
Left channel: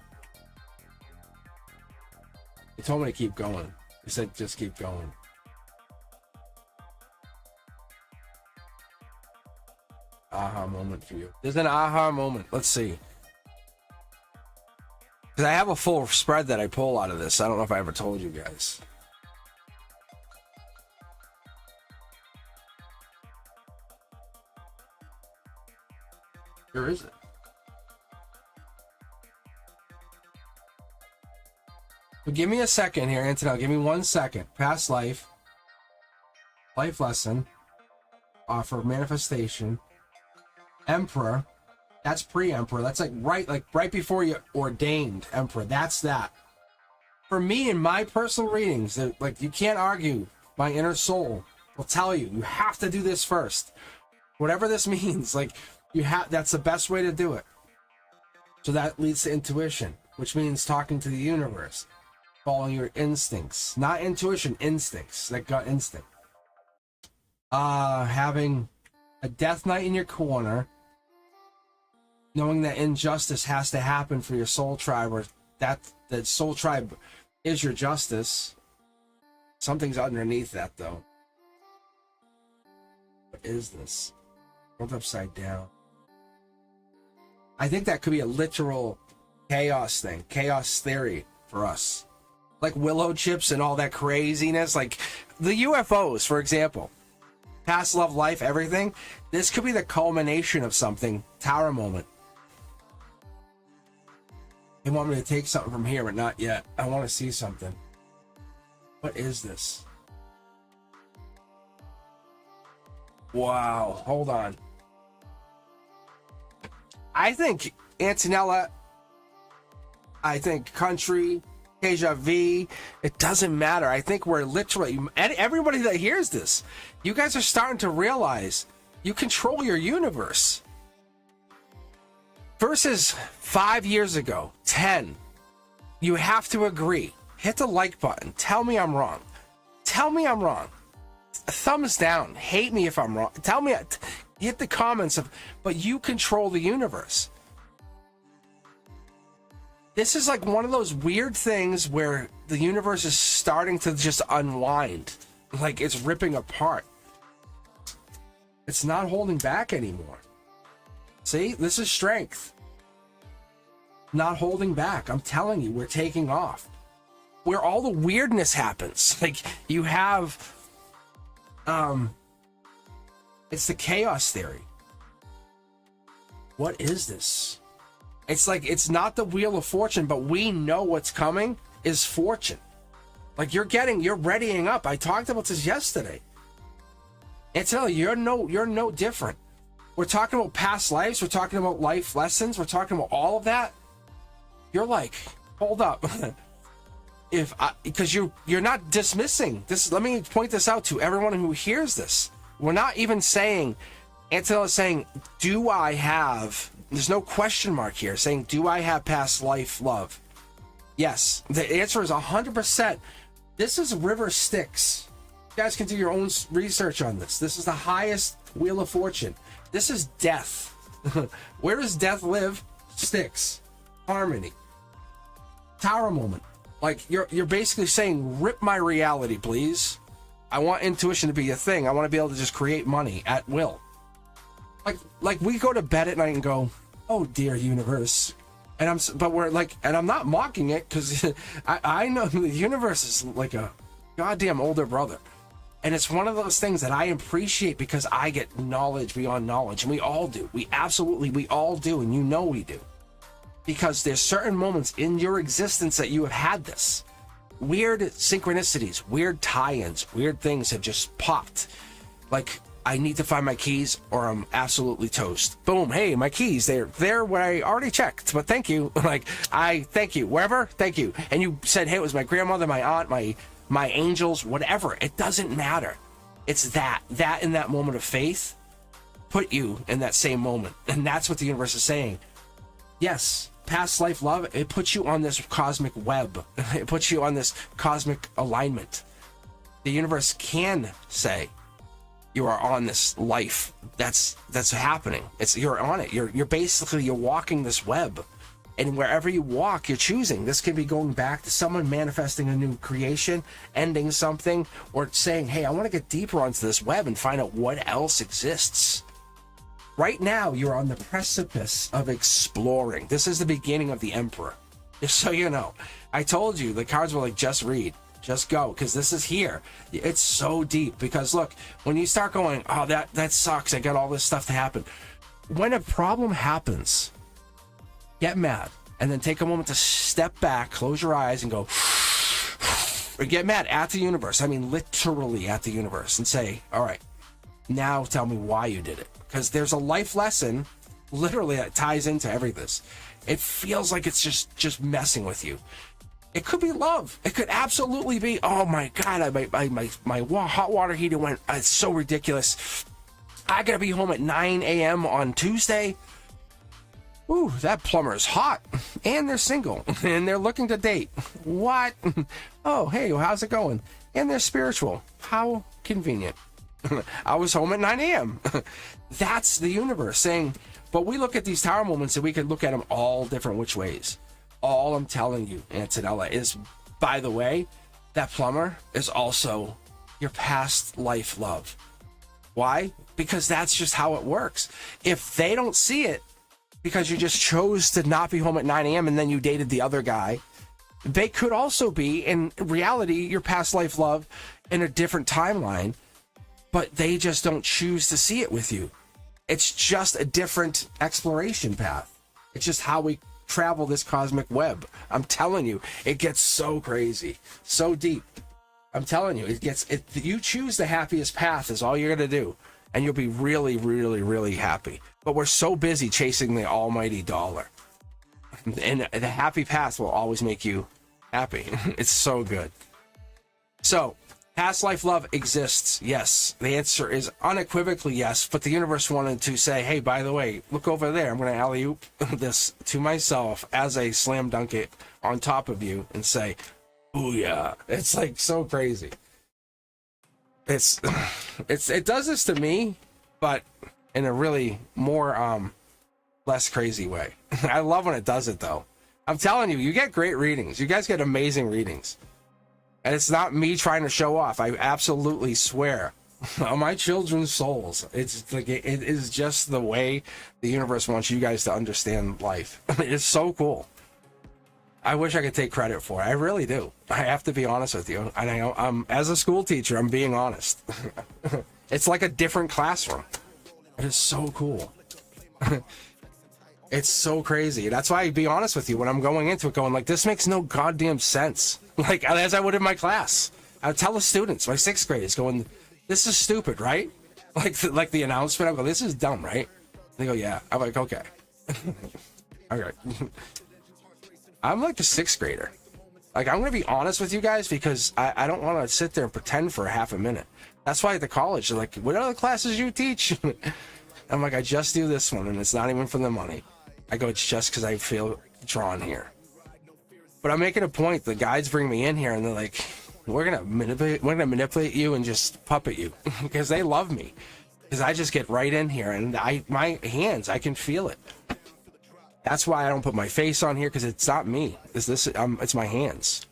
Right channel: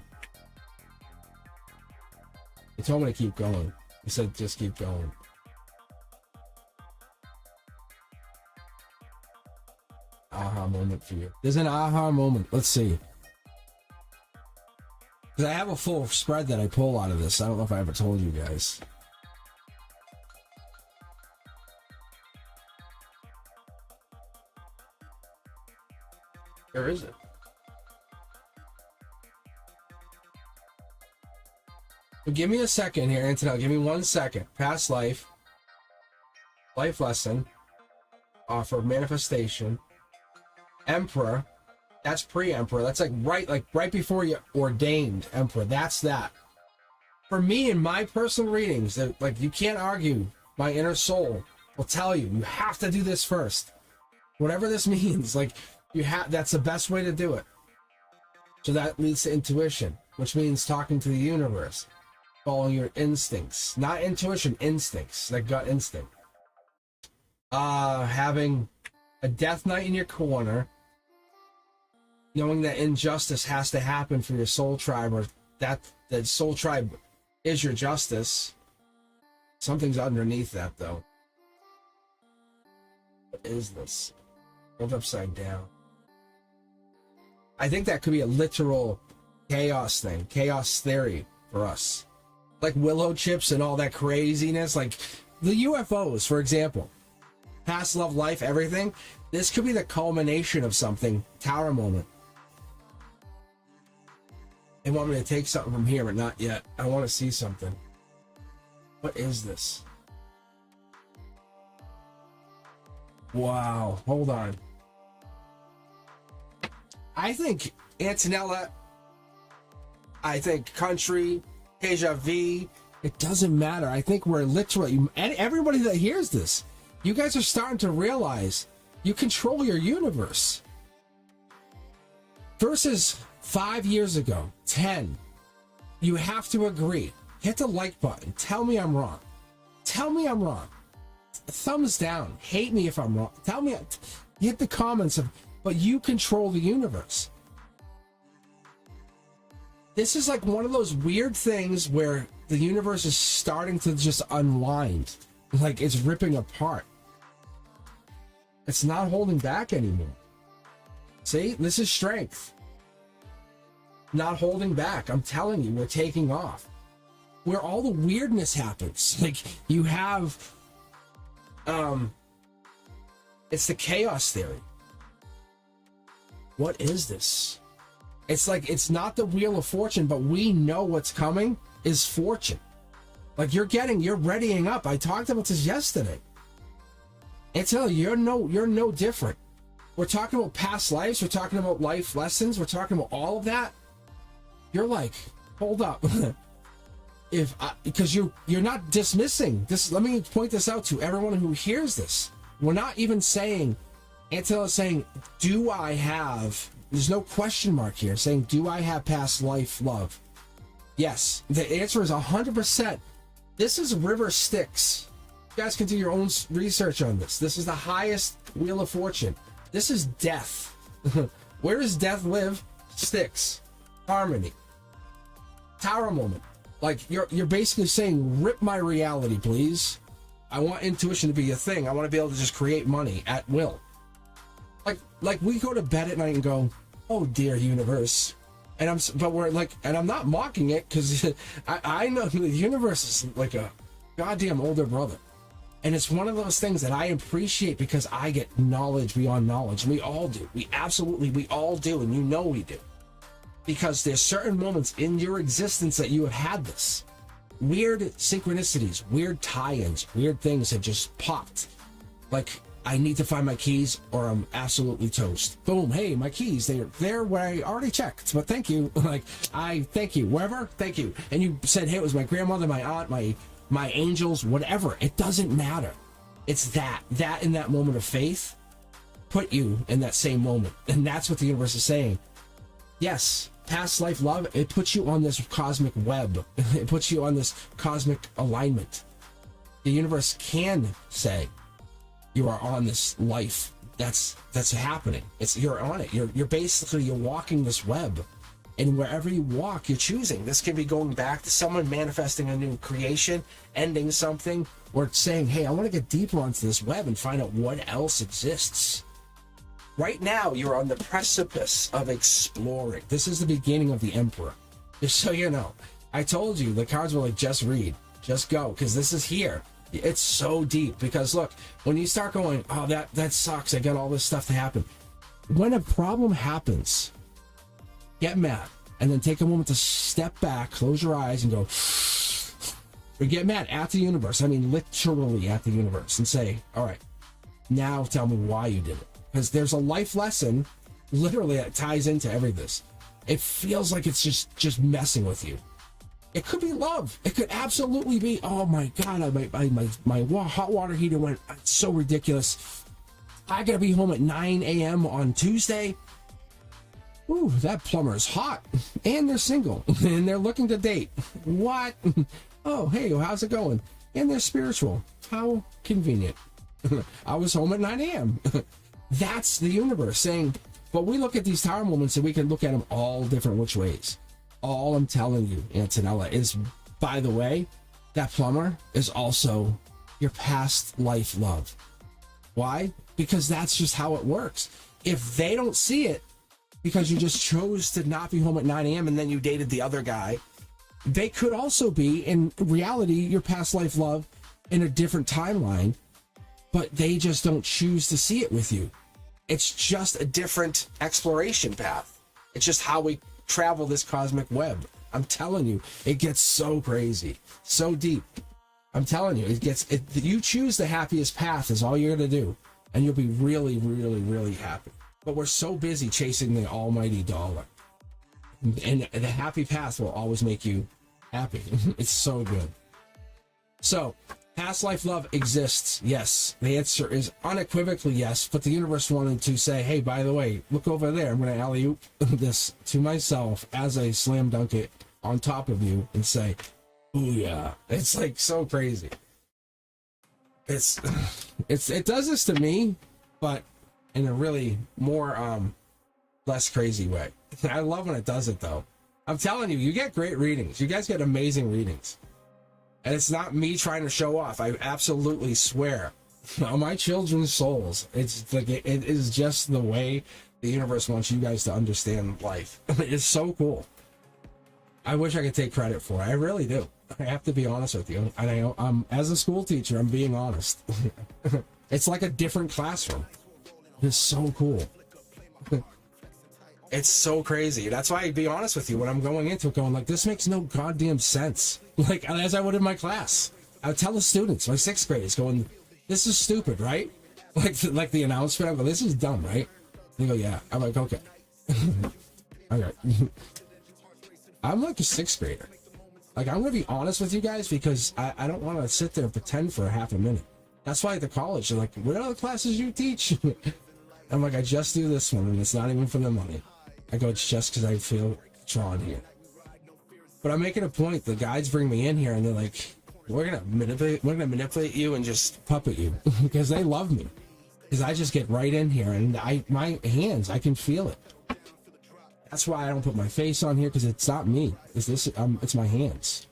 They told me to keep going. They said just keep going. Aha moment for you. There's an aha moment. Let's see. Because I have a full spread that I pull out of this. I don't know if I ever told you guys. Where is it? So give me a second here, Antonella. Give me 1 second. Past life. Life lesson. Offer manifestation. Emperor. That's pre-emperor. That's like right before you ordained emperor. That's that. For me, in my personal readings, like you can't argue. My inner soul will tell you have to do this first. Whatever this means, like that's the best way to do it. So that leads to intuition, which means talking to the universe, following your instincts, not intuition, instincts, that gut instinct. Having a death knight in your corner. Knowing that injustice has to happen for your soul tribe, or that the soul tribe is your justice. Something's underneath that, though. What is this? Hold upside down. I think that could be a literal chaos thing, chaos theory for us. Like willow chips and all that craziness, like the UFOs, for example. Past love, life, everything. This could be the culmination of something. Tower moment. They want me to take something from here, but not yet. I want to see something. What is this? Wow. Hold on. I think Antonella, I think country, Deja Vu, it doesn't matter. I think we're literally, and everybody that hears this, you guys are starting to realize you control your universe. Versus 5 years ago, 10, you have to agree. Hit the like button. Tell me I'm wrong. Tell me I'm wrong. Thumbs down. Hate me if I'm wrong. Tell me. Hit the comments of, but you control the universe. This is like one of those weird things where the universe is starting to just unwind. Like it's ripping apart. It's not holding back anymore. See, this is strength. Not holding back. I'm telling you, we're taking off. Where all the weirdness happens. Like you have, it's the chaos theory. What is this? It's like, it's not the Wheel of Fortune, but we know what's coming is fortune. Like you're readying up. I talked about this yesterday. You're no different. We're talking about past lives. We're talking about life lessons. We're talking about all of that. You're like, hold up. Because you're not dismissing this. Let me point this out to everyone who hears this. We're not even saying, Antonella's saying, do I have, there's no question mark here, saying, do I have past life love? Yes. The answer is 100%. This is River Styx. You guys can do your own research on this. This is the highest Wheel of Fortune. This is death. Where does death live? Styx. Harmony. Tower moment. Like you're basically saying, rip my reality, please. I want intuition to be a thing. I want to be able to just create money at will. Like we go to bed at night and go, oh dear universe. And I'm not mocking it, because I know the universe is like a goddamn older brother. And it's one of those things that I appreciate, because I get knowledge beyond knowledge. And we all do. We all do. And you know we do. Because there's certain moments in your existence that you have had this. Weird synchronicities, weird tie-ins, weird things have just popped. Like, I need to find my keys or I'm absolutely toast. Boom, hey, my keys, they're where I already checked, but thank you. Like, thank you, wherever, thank you. And you said, hey, it was my grandmother, my aunt, my angels, whatever. It doesn't matter. It's that in that moment of faith put you in that same moment. And that's what the universe is saying. Yes, past life love, it puts you on this cosmic web. It puts you on this cosmic alignment. The universe can say, you are on this life that's happening. You're on it. You're walking this web, and wherever you walk, you're choosing. This can be going back to someone manifesting a new creation, ending something, or saying, hey, I want to get deeper onto this web and find out what else exists. Right now, you're on the precipice of exploring. This is the beginning of the Emperor. Just so you know, I told you the cards were like, just read, just go, because this is here. It's so deep, because look, when you start going, oh, that sucks, I got all this stuff to happen. When a problem happens, get mad, and then take a moment to step back, close your eyes, and go, or get mad at the universe. I mean, literally at the universe, and say, all right, now tell me why you did it. Because there's a life lesson, literally, that ties into every this. It feels like it's just messing with you. It could be love. It could absolutely be, oh my God, my hot water heater went, it's so ridiculous. I gotta be home at 9 a.m. on Tuesday. Ooh, that plumber is hot. And they're single. And they're looking to date. What? Oh, hey, how's it going? And they're spiritual. How convenient. I was home at 9 a.m. That's the universe saying, but we look at these tower moments and we can look at them all different which ways. All I'm telling you, Antonella, is, by the way, that plumber is also your past life love. Why? Because that's just how it works. If they don't see it, because you just chose to not be home at 9 a.m. and then you dated the other guy, they could also be, in reality, your past life love in a different timeline, but they just don't choose to see it with you. It's just a different exploration path. It's just how we travel this cosmic web. I'm telling you, it gets so crazy, so deep. I'm telling you, you choose the happiest path is all you're gonna do, and you'll be really, really, really happy. But we're so busy chasing the almighty dollar, and the happy path will always make you happy. It's so good. So, past life love exists, yes. The answer is unequivocally yes, but the universe wanted to say, hey, by the way, look over there. I'm going to alley-oop this to myself as a slam dunk it on top of you and say, booyah. It's like so crazy. It does this to me, but in a really more, less crazy way. I love when it does it, though. I'm telling you, you get great readings. You guys get amazing readings. And it's not me trying to show off. I absolutely swear on my children's souls. It's like it is just the way the universe wants you guys to understand life. It is so cool. I wish I could take credit for it. I really do. I have to be honest with you. And I know, as a school teacher, I'm being honest. It's like a different classroom. It is so cool. It's so crazy. That's why I be honest with you when I'm going into it, going like, this makes no goddamn sense. Like, as I would in my class. I would tell the students, my sixth graders, going, this is stupid, right? Like the announcement, I go, this is dumb, right? They go, yeah. I'm like, okay. All right. I'm like a sixth grader. Like, I'm going to be honest with you guys, because I don't want to sit there and pretend for a half a minute. That's why at the college, they're like, what other classes you teach? I'm like, I just do this one, and it's not even for the money. I go, it's just because I feel drawn here. But I'm making a point. The guides bring me in here, and they're like, we're gonna manipulate you and just puppet you because they love me. Because I just get right in here, and my hands, I can feel it. That's why I don't put my face on here, because it's not me. It's my hands.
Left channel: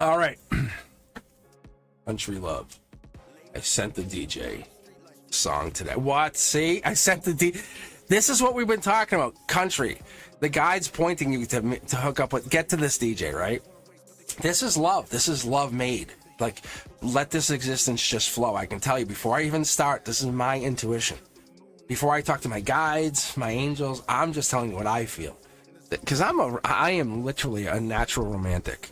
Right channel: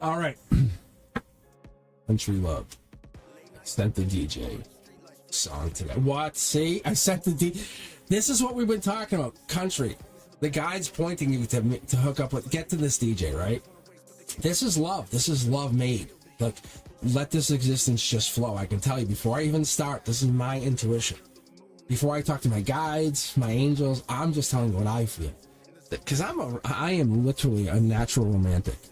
All right. Country Love. I sent the DJ song today. What? See? I sent the DJ. This is what we've been talking about. Country. The guide's pointing you to hook up with. Get to this DJ, right? This is love. This is love made. Like, let this existence just flow. I can tell you, before I even start, this is my intuition. Before I talk to my guides, my angels, I'm just telling you what I feel. Because I am literally a natural romantic.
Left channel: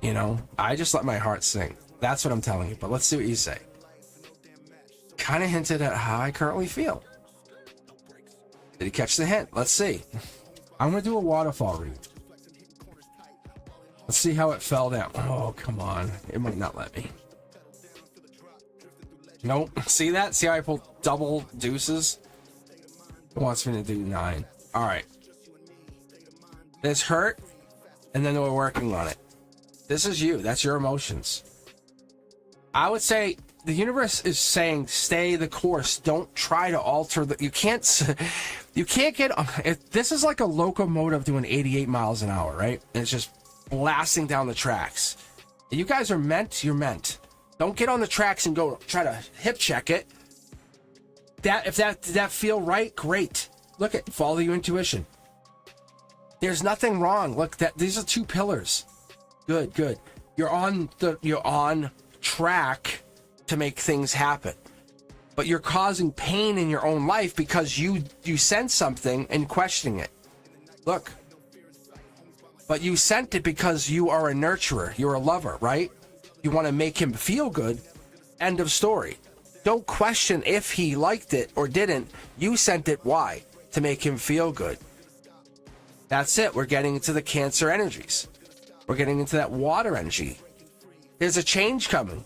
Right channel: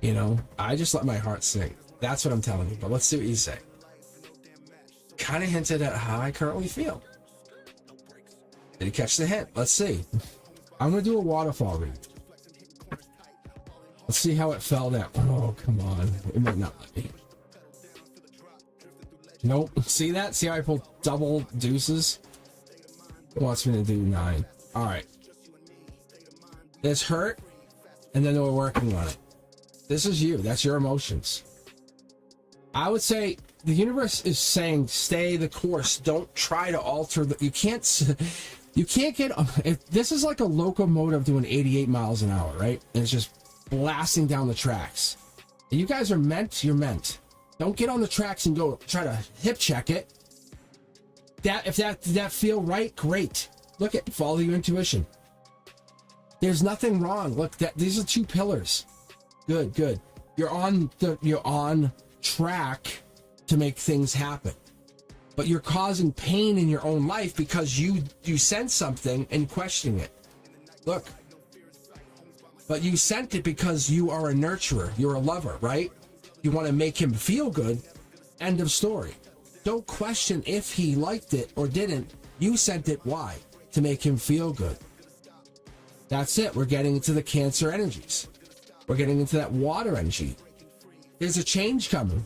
You know, I just let my heart sing. That's what I'm telling you. But let's see what you say. Kind of hinted at how I currently feel. Did he catch the hint? Let's see. I'm going to do a waterfall read. Let's see how it fell down. Oh, come on. It might not let me. Nope. See that? See how I pulled double deuces? It wants me to do 9. All right. This hurt, and then we're working on it. This is you. That's your emotions. I would say the universe is saying stay the course. Don't try to alter the... You can't get... This is like a locomotive doing 88 miles an hour, right? And it's just blasting down the tracks. And you guys are meant, you're meant. Don't get on the tracks and go try to hip check it. If that feel right, great. Look at, follow your intuition. There's nothing wrong. Look, these are 2 pillars. Good, good. You're on track to make things happen. But you're causing pain in your own life because you sense something and questioning it. Look. But you sent it because you are a nurturer. You're a lover, right? You want to make him feel good. End of story. Don't question if he liked it or didn't. You sent it. Why? To make him feel good. That's it. We're getting into the Cancer energies. We're getting into that water energy. There's a change coming.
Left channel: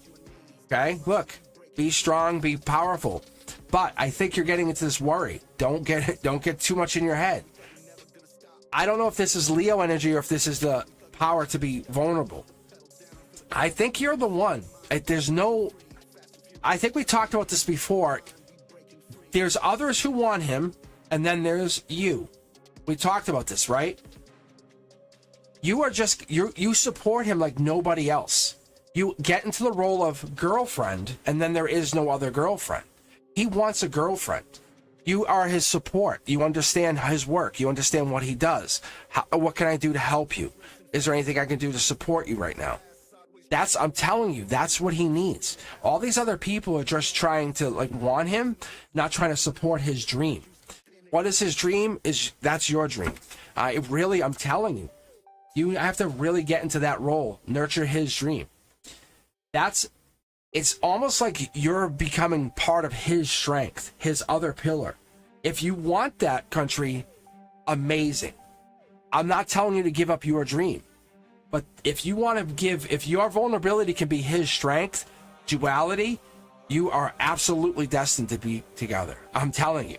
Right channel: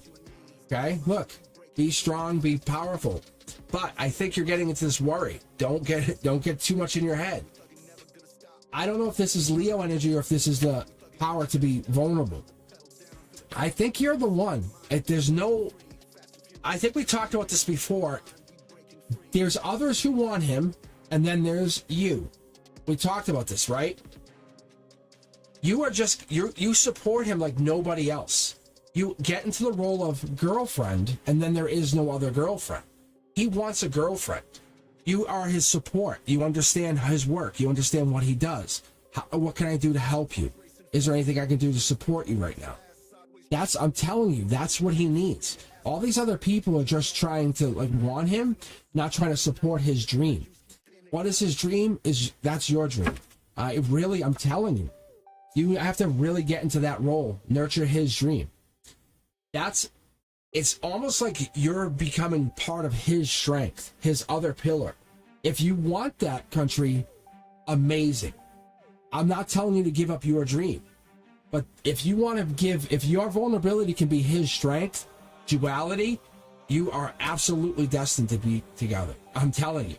Okay? Look. Be strong. Be powerful. But I think you're getting into this worry. Don't get too much in your head. I don't know if this is Leo energy or if this is the power to be vulnerable. I think you're the one. I think we talked about this before. There's others who want him, and then there's you. We talked about this, right? You support him like nobody else. You get into the role of girlfriend, and then there is no other girlfriend. He wants a girlfriend. You are his support. You understand his work. You understand what he does. What can I do to help you? Is there anything I can do to support you right now? I'm telling you, that's what he needs. All these other people are just trying to want him, not trying to support his dream. What is his dream? That's your dream. I'm telling you, you have to really get into that role, nurture his dream. It's almost like you're becoming part of his strength, his other pillar. If you want that, country, amazing. I'm not telling you to give up your dream. But if you want to if your vulnerability can be his strength, duality, you are absolutely destined to be together. I'm telling you.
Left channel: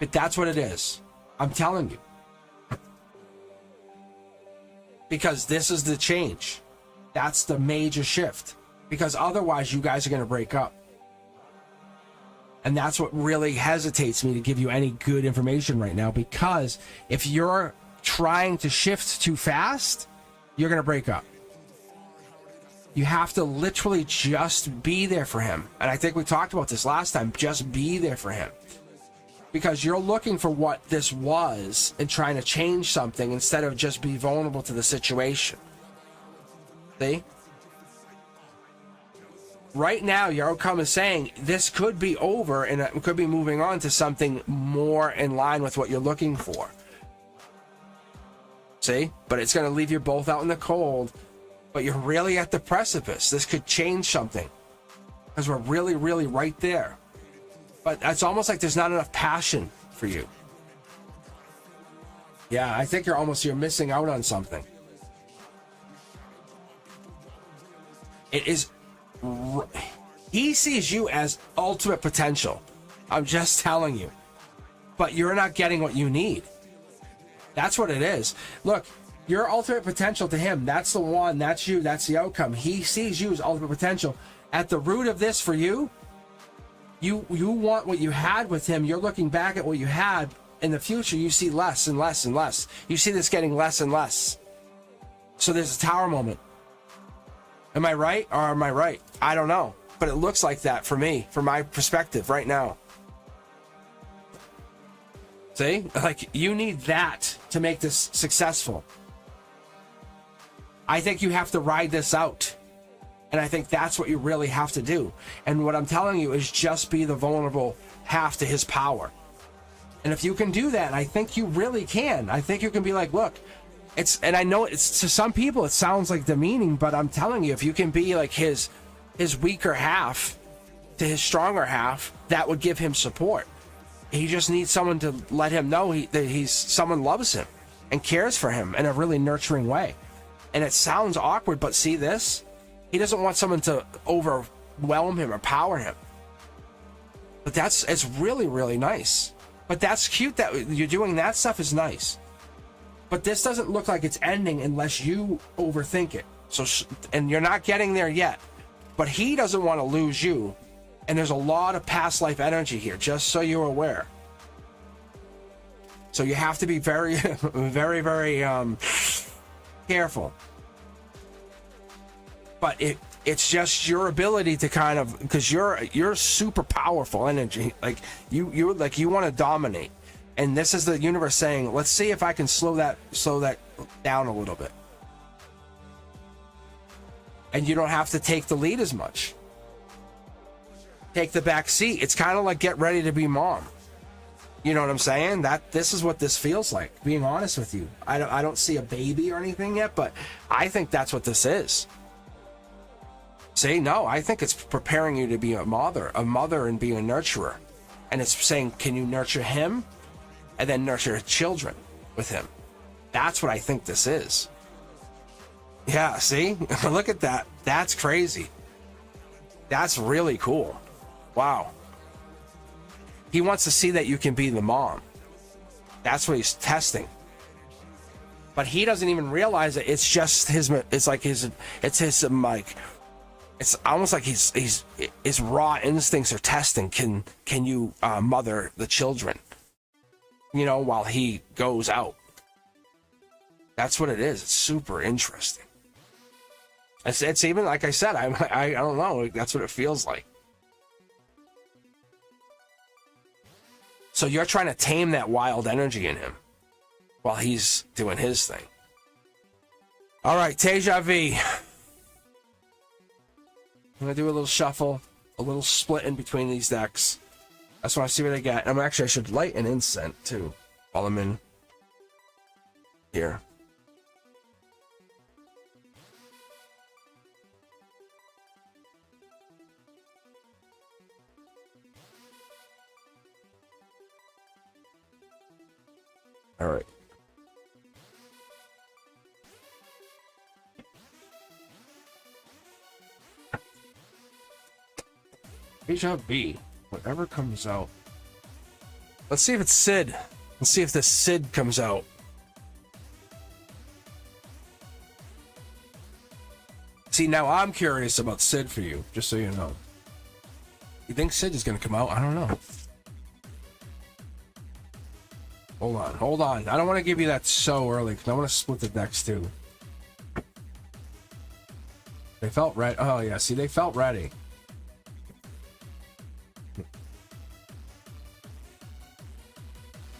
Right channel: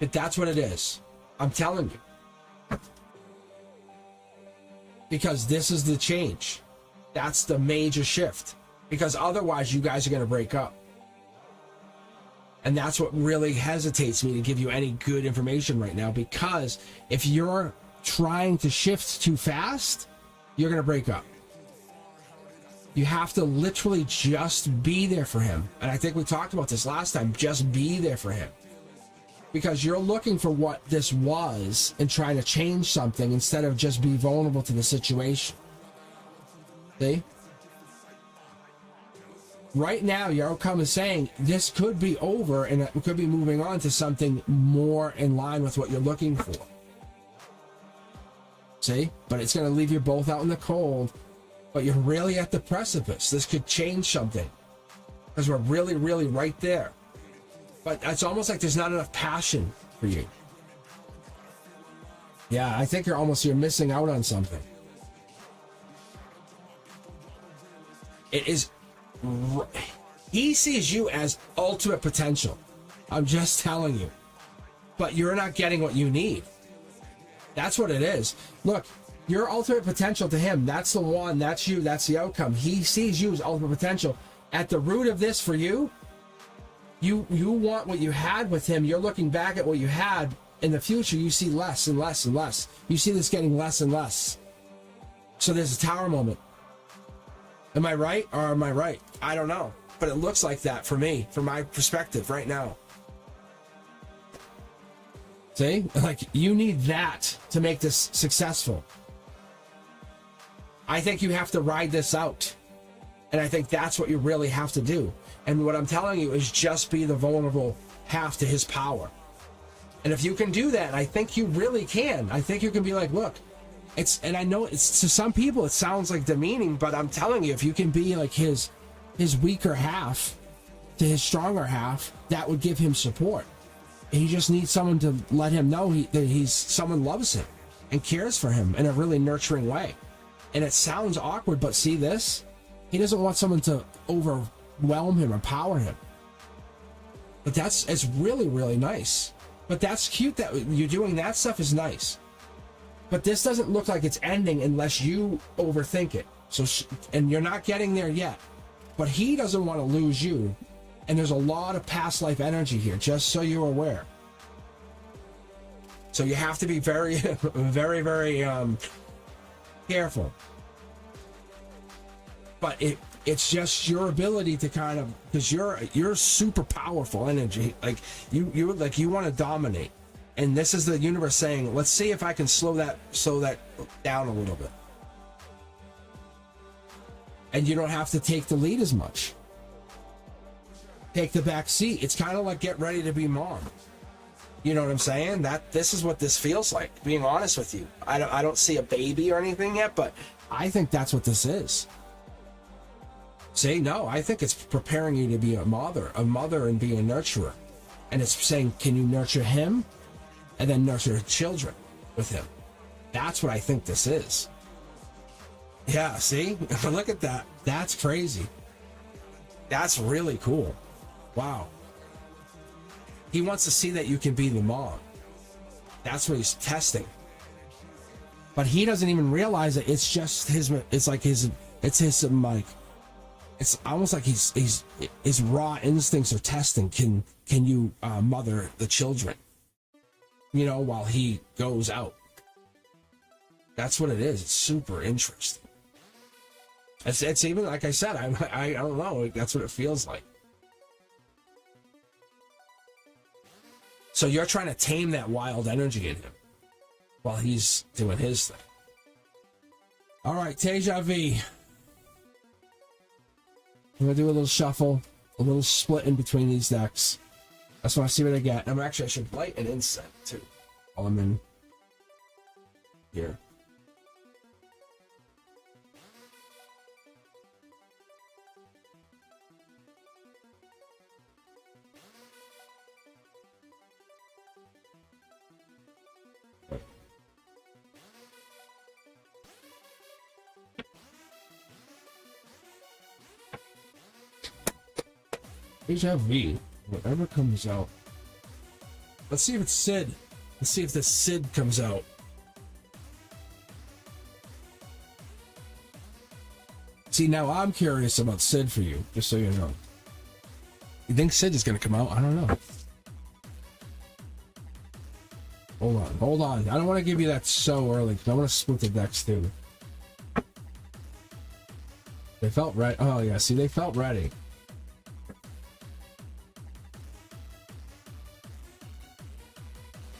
But that's what it is. I'm telling you. Because this is the change. That's the major shift. Because otherwise, you guys are going to break up. And that's what really hesitates me to give you any good information right now. Because if you're trying to shift too fast, you're going to break up. You have to literally just be there for him. And I think we talked about this last time. Just be there for him. Because you're looking for what this was and trying to change something instead of just be vulnerable to the situation. See? Right now, your outcome is saying this could be over and it could be moving on to something more in line with what you're looking for. See? But it's going to leave you both out in the cold. But you're really at the precipice. This could change something. Because we're really, really right there. But it's almost like there's not enough passion for you. Yeah, I think you're missing out on something. It is... He sees you as ultimate potential. I'm just telling you. But you're not getting what you need. That's what it is. Look, your ultimate potential to him, that's the one, that's you, that's the outcome. He sees you as ultimate potential. At the root of this for you, you want what you had with him. You're looking back at what you had. In the future, you see less and less and less. You see this getting less and less. So there's a tower moment. Am I right or am I right? I don't know. But it looks like that for me, from my perspective right now. See? Like, you need that to make this successful. I think you have to ride this out. And I think that's what you really have to do. And what I'm telling you is just be the vulnerable half to his power. And if you can do that, I think you really can. I think you can be like, look, and I know it's, to some people it sounds like demeaning, but I'm telling you, if you can be like his weaker half to his stronger half, that would give him support. He just needs someone to let him know that someone loves him and cares for him in a really nurturing way. And it sounds awkward, but see this? He doesn't want someone to overwhelm him or power him. But it's really, really nice. But that's cute that you're doing that stuff is nice. But this doesn't look like it's ending unless you overthink it. And you're not getting there yet. But he doesn't want to lose you. And there's a lot of past life energy here, just so you're aware. So you have to be very, very, very careful. But it's just your ability to kind of, because you're super powerful energy. Like you want to dominate. And this is the universe saying, let's see if I can slow that down a little bit. And you don't have to take the lead as much. Take the back seat. It's kind of like get ready to be mom. You know what I'm saying? This is what this feels like, being honest with you. I don't see a baby or anything yet, but I think that's what this is. See, no, I think it's preparing you to be a mother and be a nurturer. And it's saying, can you nurture him and then nurture children with him? That's what I think this is. Yeah, see? Look at that. That's crazy. That's really cool. Wow. He wants to see that you can be the mom. That's what he's testing. But he doesn't even realize that it's just his it's almost like his raw instincts are testing. Can you mother the children? You know, while he goes out. That's what it is. It's super interesting. It's even, like I said, I don't know. That's what it feels like. So you're trying to tame that wild energy in him while he's doing his thing. All right, Teja V. I'm going to do a little shuffle, a little split in between these decks. I just want to see what I get. I should light an incense, too, while I'm in here. All right. Deja V, whatever comes out. Let's see if it's Sid. Let's see if the Sid comes out. See, now I'm curious about Sid for you, just so you know. You think Sid is going to come out? I don't know. Hold on. I don't want to give you that so early, because I want to split the decks, too. They felt ready. Oh, yeah, see, they felt ready.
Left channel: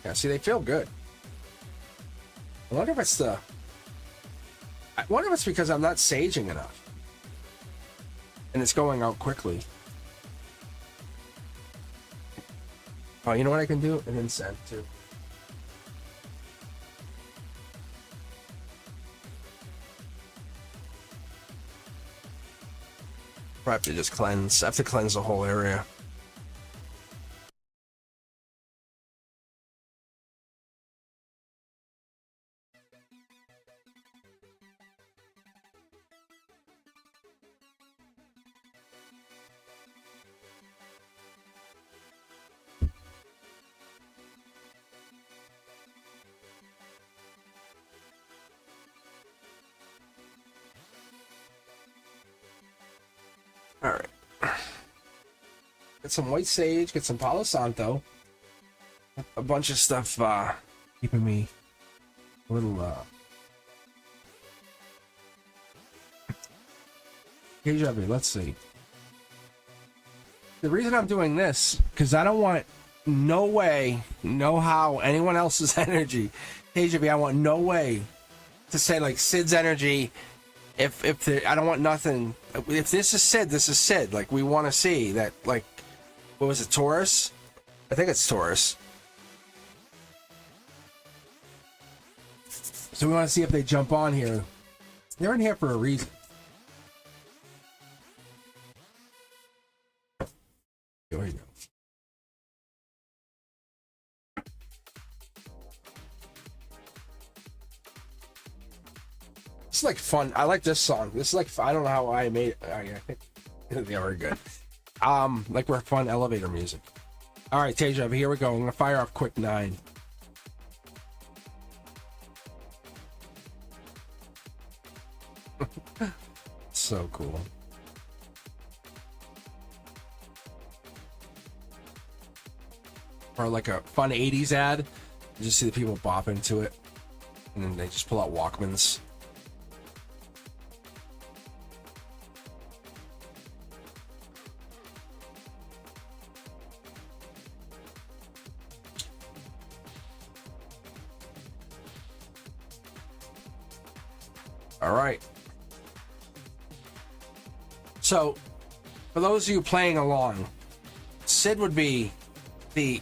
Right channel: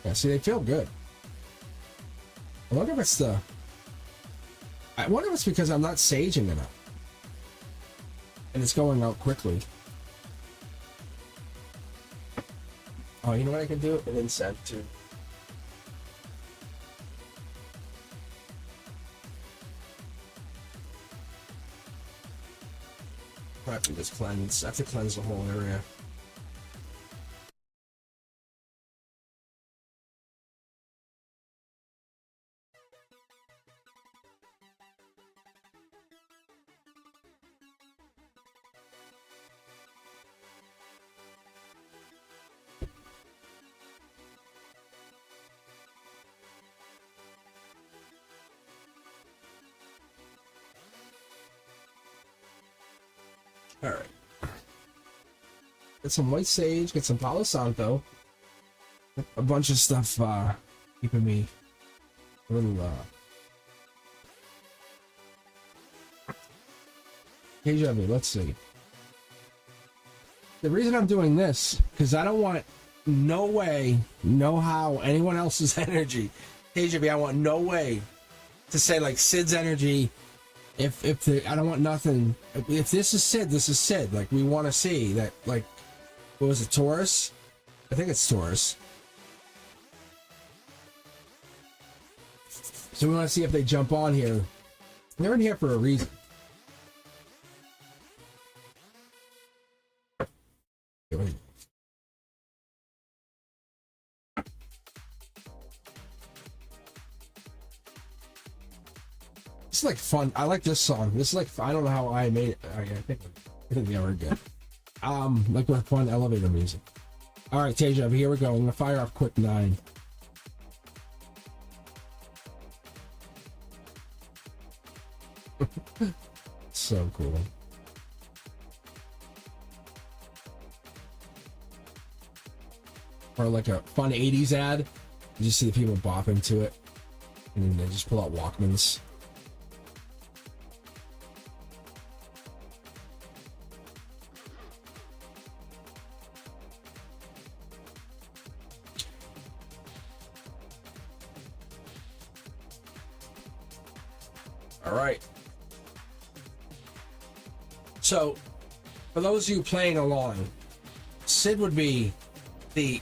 Yeah, see, they feel good. I wonder if it's because I'm not saging enough. And it's going out quickly. Oh, you know what I can do? An incense, too. I have to just cleanse. I have to cleanse the whole area. Alright. Get some white sage, get some Palo Santo. A bunch of stuff keeping me a little KJV, let's see. The reason I'm doing this, because I don't want no way, no how, anyone else's energy. KJV, I want no way to say like Sid's energy. If I don't want nothing. If this is Sid, this is Sid. Like, we want to see that, like, what was it, Taurus? I think it's Taurus. So we want to see if they jump on here. They're in here for a reason. Here we go. This is like fun. I like this song. This is like, I don't know how I made it. I think they are good. Like, we're fun elevator music. All right, Teja, here we go. I'm gonna fire off quick 9. So cool. Or like a fun 80s ad. You just see the people bop into it, and then they just pull out Walkmans. All right. So, for those of you playing along, Sid would be the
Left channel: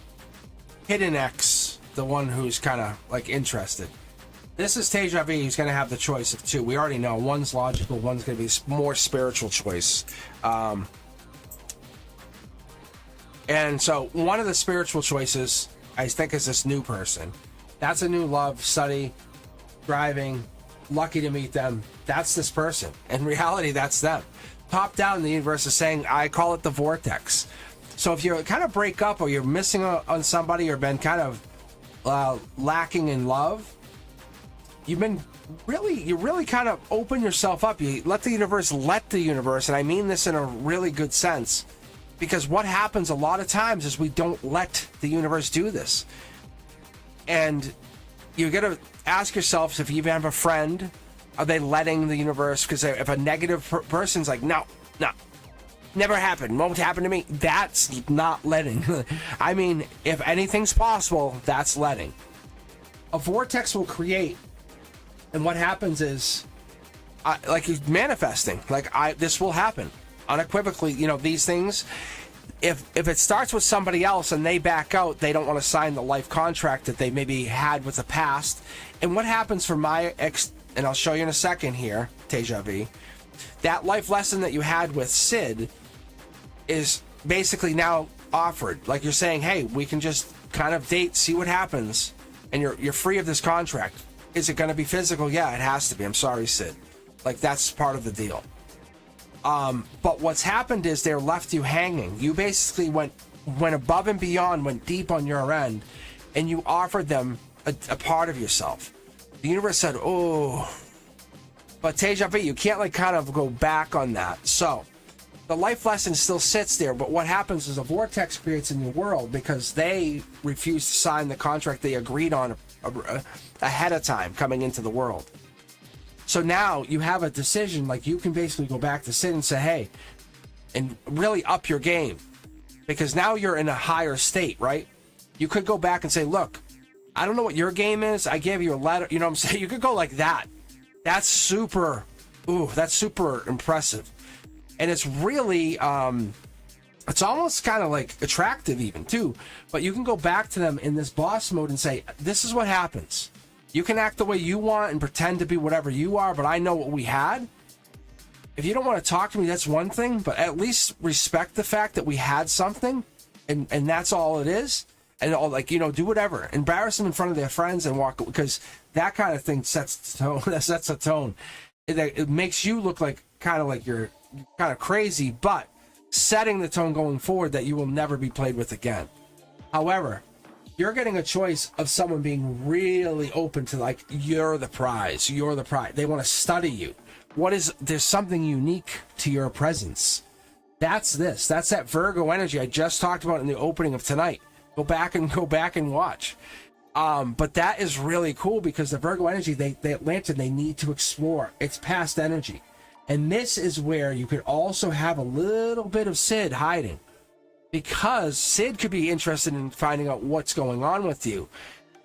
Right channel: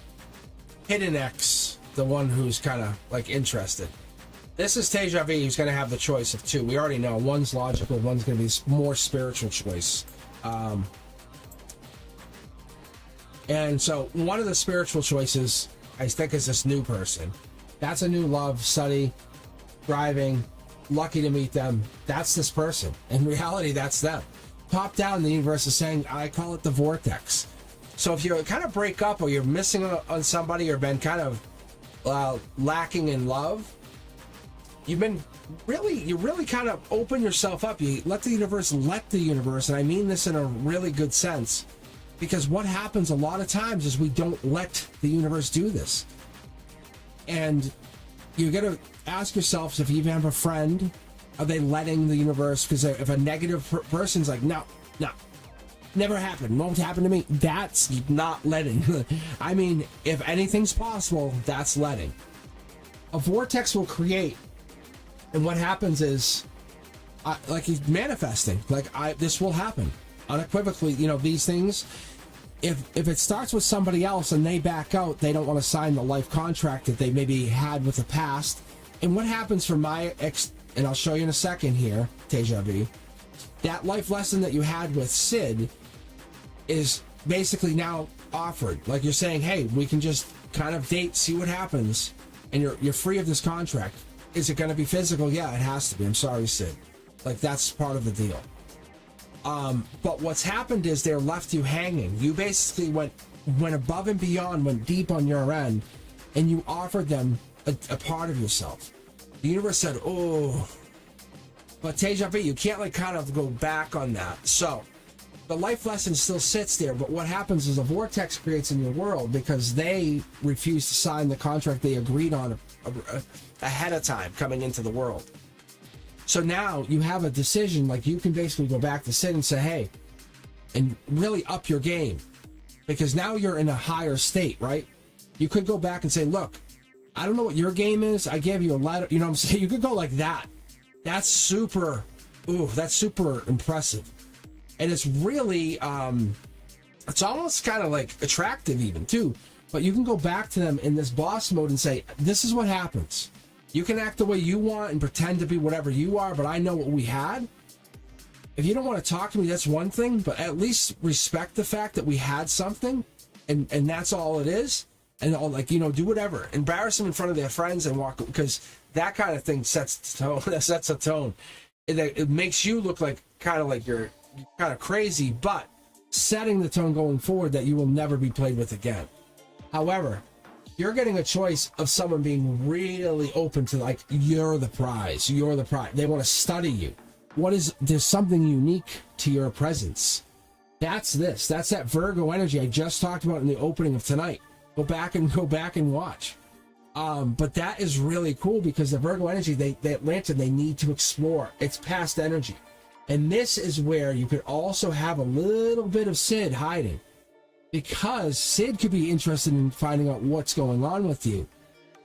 hidden X, the one who's kind of like interested. This is Teja V, who's going to have the choice of 2. We already know one's logical, one's going to be more spiritual choice. And so, one of the spiritual choices, I think, is this new person. That's a new love, study, driving. Lucky to meet them. That's this person. In reality, that's them. Top down, the universe is saying, I call it the vortex. So if you kind of break up, or you're missing on somebody, or been kind of lacking in love, you really kind of open yourself up. You let the universe, and I mean this in a really good sense, because what happens a lot of times is we don't let the universe do this. And you got to ask yourselves, if you even have a friend, are they letting the universe? Because if a negative person's like, no, never happened, won't happen to me, that's not letting. I mean, if anything's possible, that's letting. A vortex will create, and what happens is, like, he's manifesting. Like, this will happen unequivocally. You know, these things. If it starts with somebody else and they back out, they don't want to sign the life contract that they maybe had with the past. And what happens for my ex, and I'll show you in a second here, Teja V, that life lesson that you had with Sid is basically now offered. Like, you're saying, hey, we can just kind of date, see what happens, and you're free of this contract. Is it going to be physical? Yeah, it has to be. I'm sorry, Sid. Like, that's part of the deal. But what's happened is they're left you hanging. You basically went above and beyond, went deep on your end, and you offered them a part of yourself. The universe said, oh, but Teja V, you can't like kind of go back on that. So the life lesson still sits there, but what happens is a vortex creates in your world because they refuse to sign the contract they agreed on ahead of time coming into the world. So now you have a decision, like you can basically go back to Sid and say, hey, and really up your game, because now you're in a higher state, right? You could go back and say, look, I don't know what your game is. I gave you a letter. You know what I'm saying? You could go like that. That's super impressive. And it's really, it's almost kind of like attractive even too. But you can go back to them in this boss mode and say, this is what happens. You can act the way you want and pretend to be whatever you are, but I know what we had. If you don't want to talk to me, that's one thing, but at least respect the fact that we had something, and that's all it is. And all, like, you know, do whatever. Embarrass them in front of their friends and walk, because that kind of thing sets the tone. That sets a tone. It makes you look like kind of you're kind of crazy, but setting the tone going forward that you will never be played with again. However, you're getting a choice of someone being really open to, like, you're the prize. You're the prize. They want to study you. There's something unique to your presence. That's this. That's that Virgo energy I just talked about in the opening of tonight. Go back and watch. But that is really cool because the Virgo energy, they need to explore. It's past energy. And this is where you could also have a little bit of Sid hiding, because Sid could be interested in finding out what's going on with you.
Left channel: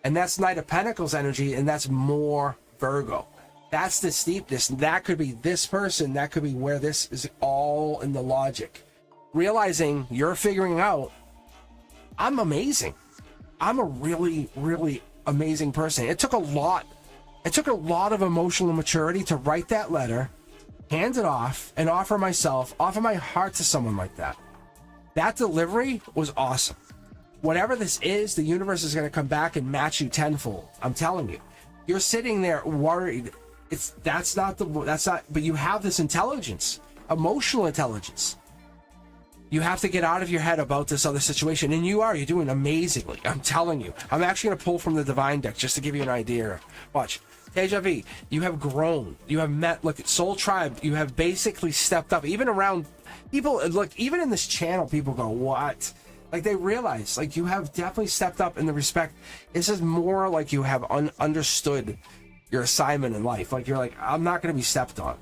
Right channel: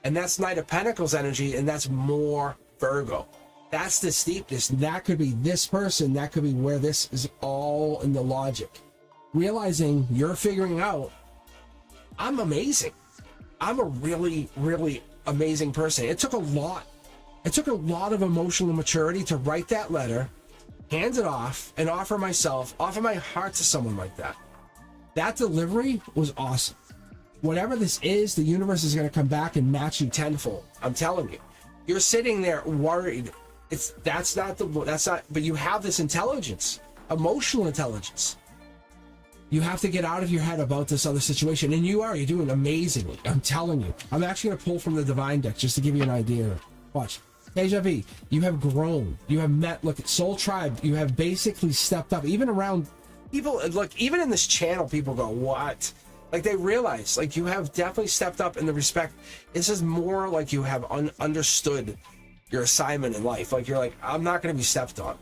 And that's Knight of Pentacles energy, and that's more Virgo. That's the steepness. That could be this person. That could be where this is all in the logic. Realizing you're figuring out, I'm amazing. I'm a really, really amazing person. It took a lot. It took a lot of emotional maturity to write that letter, hand it off, and offer my heart to someone like that. That delivery was awesome. Whatever this is, the universe is going to come back and match you tenfold. I'm telling you. You're sitting there worried. But you have this intelligence, emotional intelligence. You have to get out of your head about this other situation, and you're doing amazingly. I'm telling you. I'm actually going to pull from the Divine deck just to give you an idea. Watch. Deja vu, you have grown. You have met, look, Soul Tribe, you have basically stepped up. Even around people, look, even in this channel, people go, what? Like, they realize, like, you have definitely stepped up in the respect. This is more like you have understood your assignment in life. Like, you're like, I'm not going to be stepped on,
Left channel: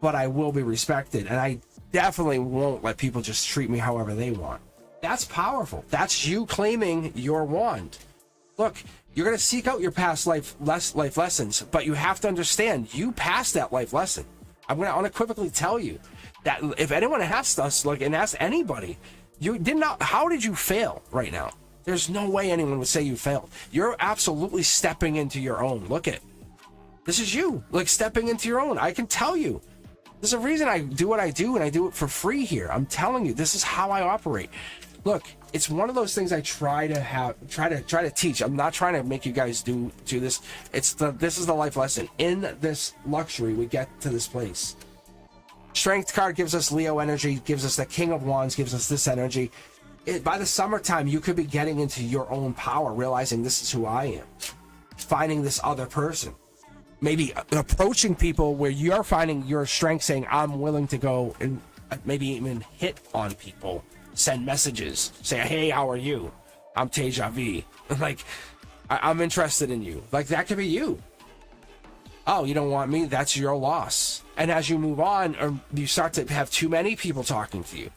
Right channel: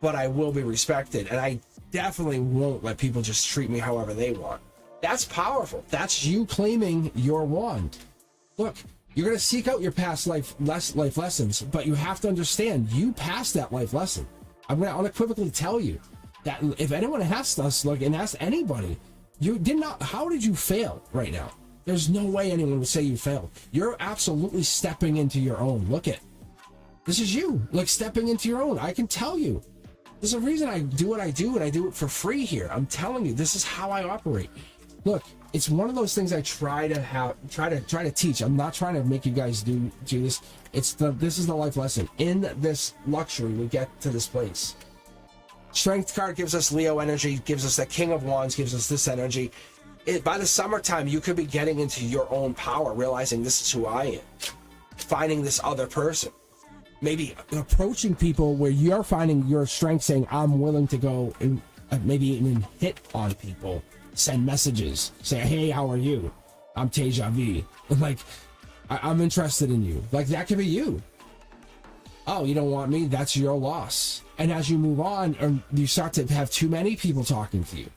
but I will be respected. And I definitely won't let people just treat me however they want. That's powerful. That's you claiming your wand. Look, you're going to seek out your past life lessons, but you have to understand you passed that life lesson. I'm going to unequivocally tell you that if anyone asks us, look, and ask anybody, you did not, how did you fail right now? There's no way anyone would say you failed. You're absolutely stepping into your own. Look at, this is you, like, stepping into your own. I can tell you. There's a reason I do what I do, and I do it for free here. I'm telling you, this is how I operate. Look, it's one of those things I try to teach. I'm not trying to make you guys do this. This is the life lesson. In this luxury, we get to this place. Strength card gives us Leo energy, gives us the King of Wands, gives us this energy. By the summertime, you could be getting into your own power, realizing this is who I am. Finding this other person. Maybe approaching people where you're finding your strength, saying, I'm willing to go and maybe even hit on people. Send messages. Say, hey, how are you? I'm Deja vu. Like, I'm interested in you. Like, that could be you. Oh, you don't want me? That's your loss. And as you move on, or you start to have too many people talking to you.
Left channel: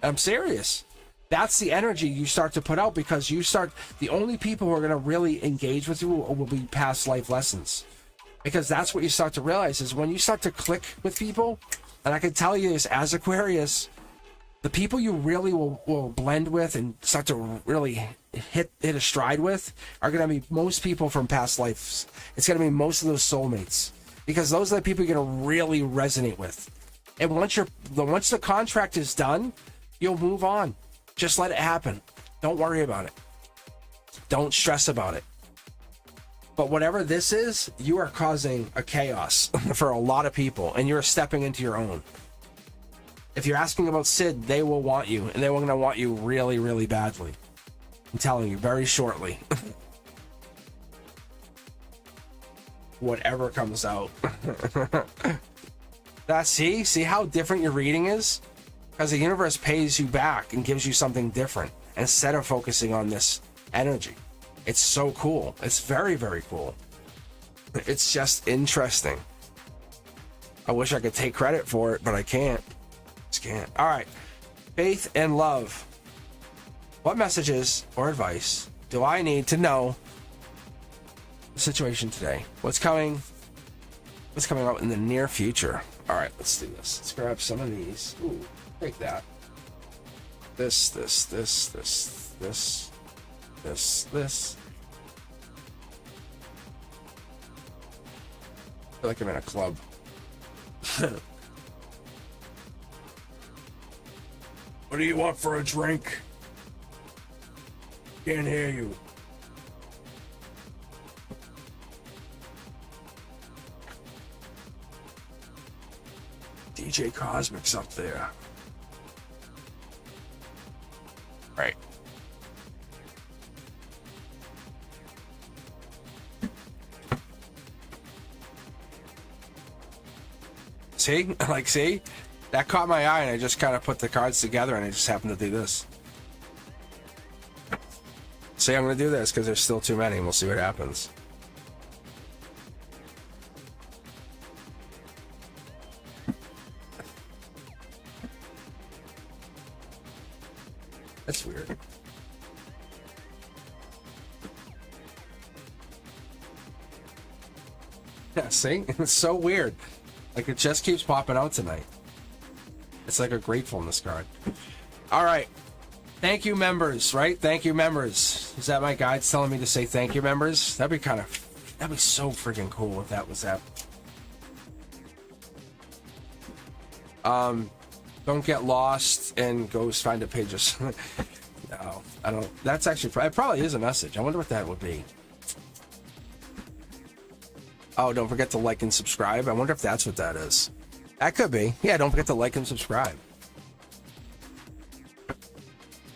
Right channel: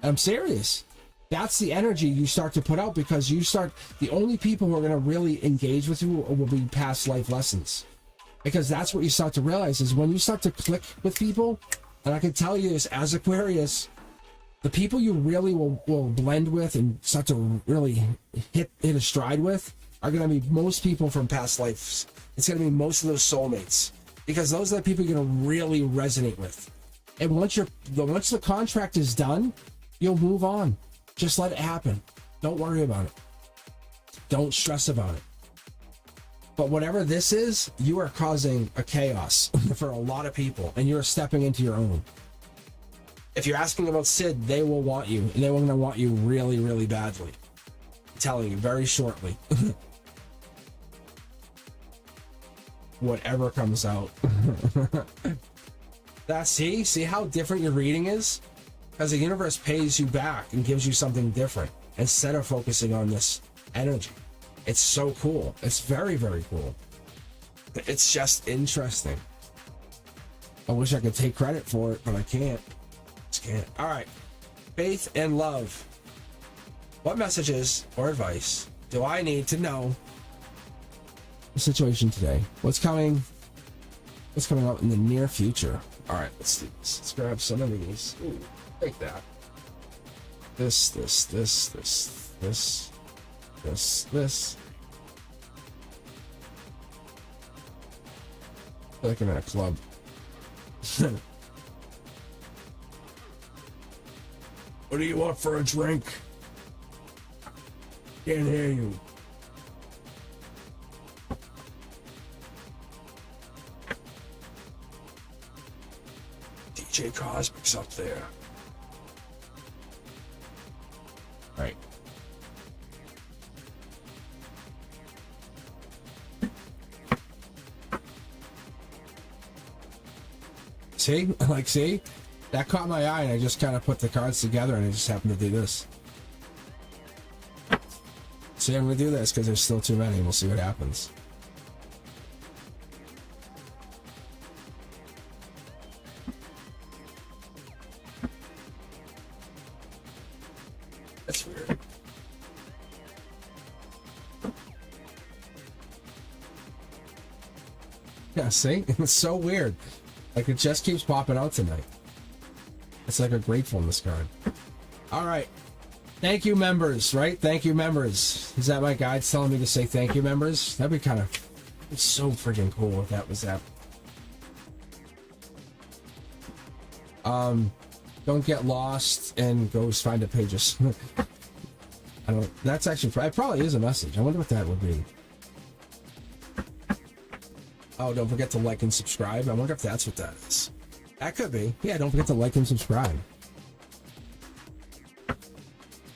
I'm serious. That's the energy you start to put out, because the only people who are going to really engage with you will be past life lessons. Because that's what you start to realize is when you start to click with people, and I can tell you this as Aquarius, the people you really will blend with and start to really hit a stride with are going to be most people from past lives. It's going to be most of those soulmates, because those are the people you're going to really resonate with. And once the contract is done, you'll move on. Just let it happen. Don't worry about it. Don't stress about it. But whatever this is, you are causing a chaos for a lot of people, and you're stepping into your own. If you're asking about Sid, they will want you, and they're going to want you really, really badly. I'm telling you, very shortly. Whatever comes out. See how different your reading is? Because the universe pays you back and gives you something different instead of focusing on this energy. It's so cool. It's very, very cool. It's just interesting. I wish I could take credit for it, but I can't. Just can't. All right. Faith and love. What messages or advice do I need to know the situation today? What's coming up in the near future? All right, let's do this. Let's grab some of these. Ooh, take that. This. I feel like I'm in a club. What do you want for a drink? Can't hear you. DJ Cosmic's up there. Right. See? See? That caught my eye, and I just kind of put the cards together, and I just happened to do this. See, I'm going to do this because there's still too many. We'll see what happens. That's weird. Yeah, see? It's so weird. Like, it just keeps popping out tonight. It's like a gratefulness card. All right. Thank you, members, right? Thank you, members. Is that my guides telling me to say thank you, members? That'd be so freaking cool if that was that. Don't get lost and go find the pages. No, I don't. That's actually, it probably is a message. I wonder what that would be. Oh, don't forget to like and subscribe. I wonder if that's what that is. That could be. Yeah, don't forget to like and subscribe.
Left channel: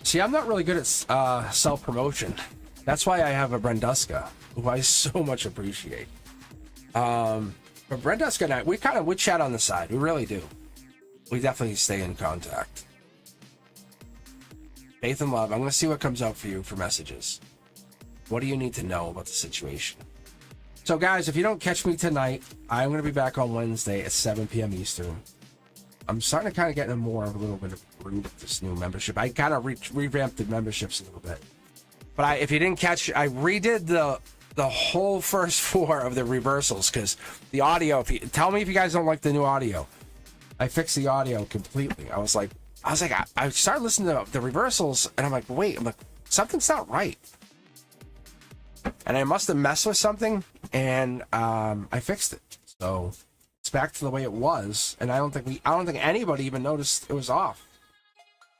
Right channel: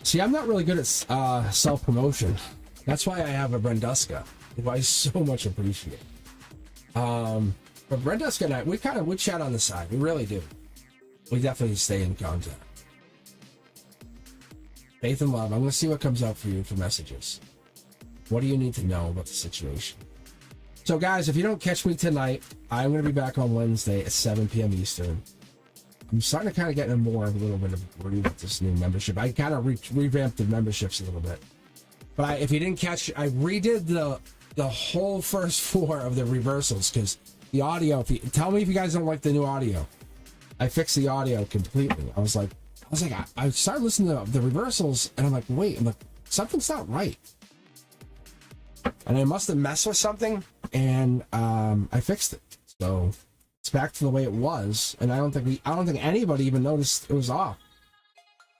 See, I'm not really good at self-promotion. That's why I have a Brenduska, who I so much appreciate. But Brenduska and I, we chat on the side. We really do. We definitely stay in contact. Faith and love. I'm going to see what comes up for you for messages. What do you need to know about the situation? So, guys, if you don't catch me tonight, I'm going to be back on Wednesday at 7 p.m. Eastern. I'm starting to kind of get in more of a little bit of groove with this new membership. I kind of revamped the memberships a little bit. But if you didn't catch, I redid the whole first 4 of the reversals because the audio. Tell me if you guys don't like the new audio. I fixed the audio completely. I was like, I started listening to the reversals, and I'm like, something's not right. And I must have messed with something, and I fixed it. So it's back to the way it was, and I don't think anybody even noticed it was off.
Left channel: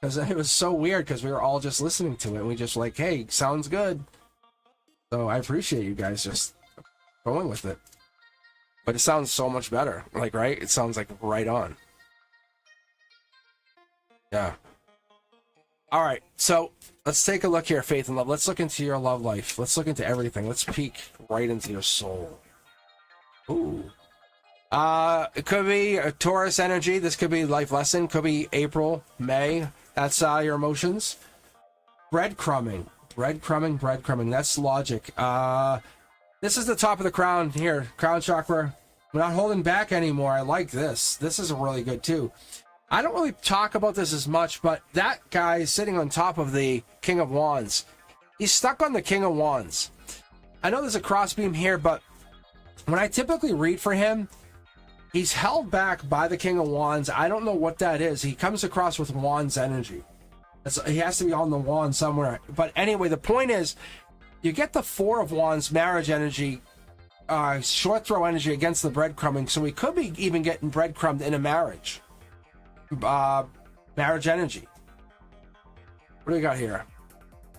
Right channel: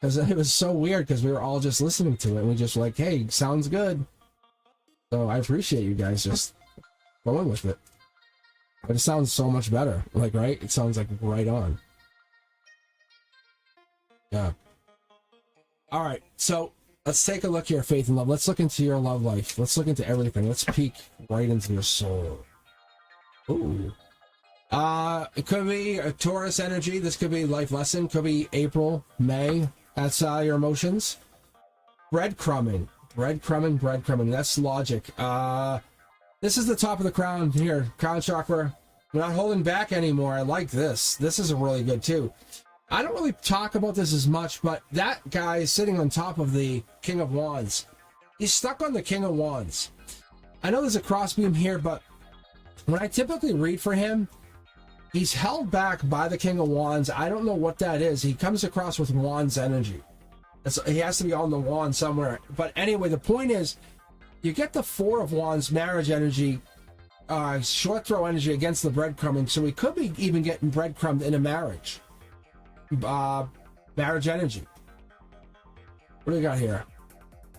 Because it was so weird, because we were all just listening to it, and we just like, hey, sounds good. So I appreciate you guys just going with it. But it sounds so much better. Like, right? It sounds like right on. Yeah. All right. So let's take a look here, Faith and Love. Let's look into your love life. Let's look into everything. Let's peek right into your soul. Ooh. It could be a Taurus energy. This could be life lesson. Could be April, May. That's your emotions. Breadcrumbing. That's logic. This is the top of the crown here. Crown chakra. We're not holding back anymore. I like this. This is really good too. I don't really talk about this as much, but that guy is sitting on top of the King of Wands. He's stuck on the King of Wands. I know there's a crossbeam here, but when I typically read for him, he's held back by the King of Wands. I don't know what that is. He comes across with Wands energy. He has to be on the wand somewhere. But anyway, the point is, you get the 4 of Wands marriage energy, short throw energy against the breadcrumbing, so we could be even getting breadcrumbed in a marriage. Marriage energy. What do we got here?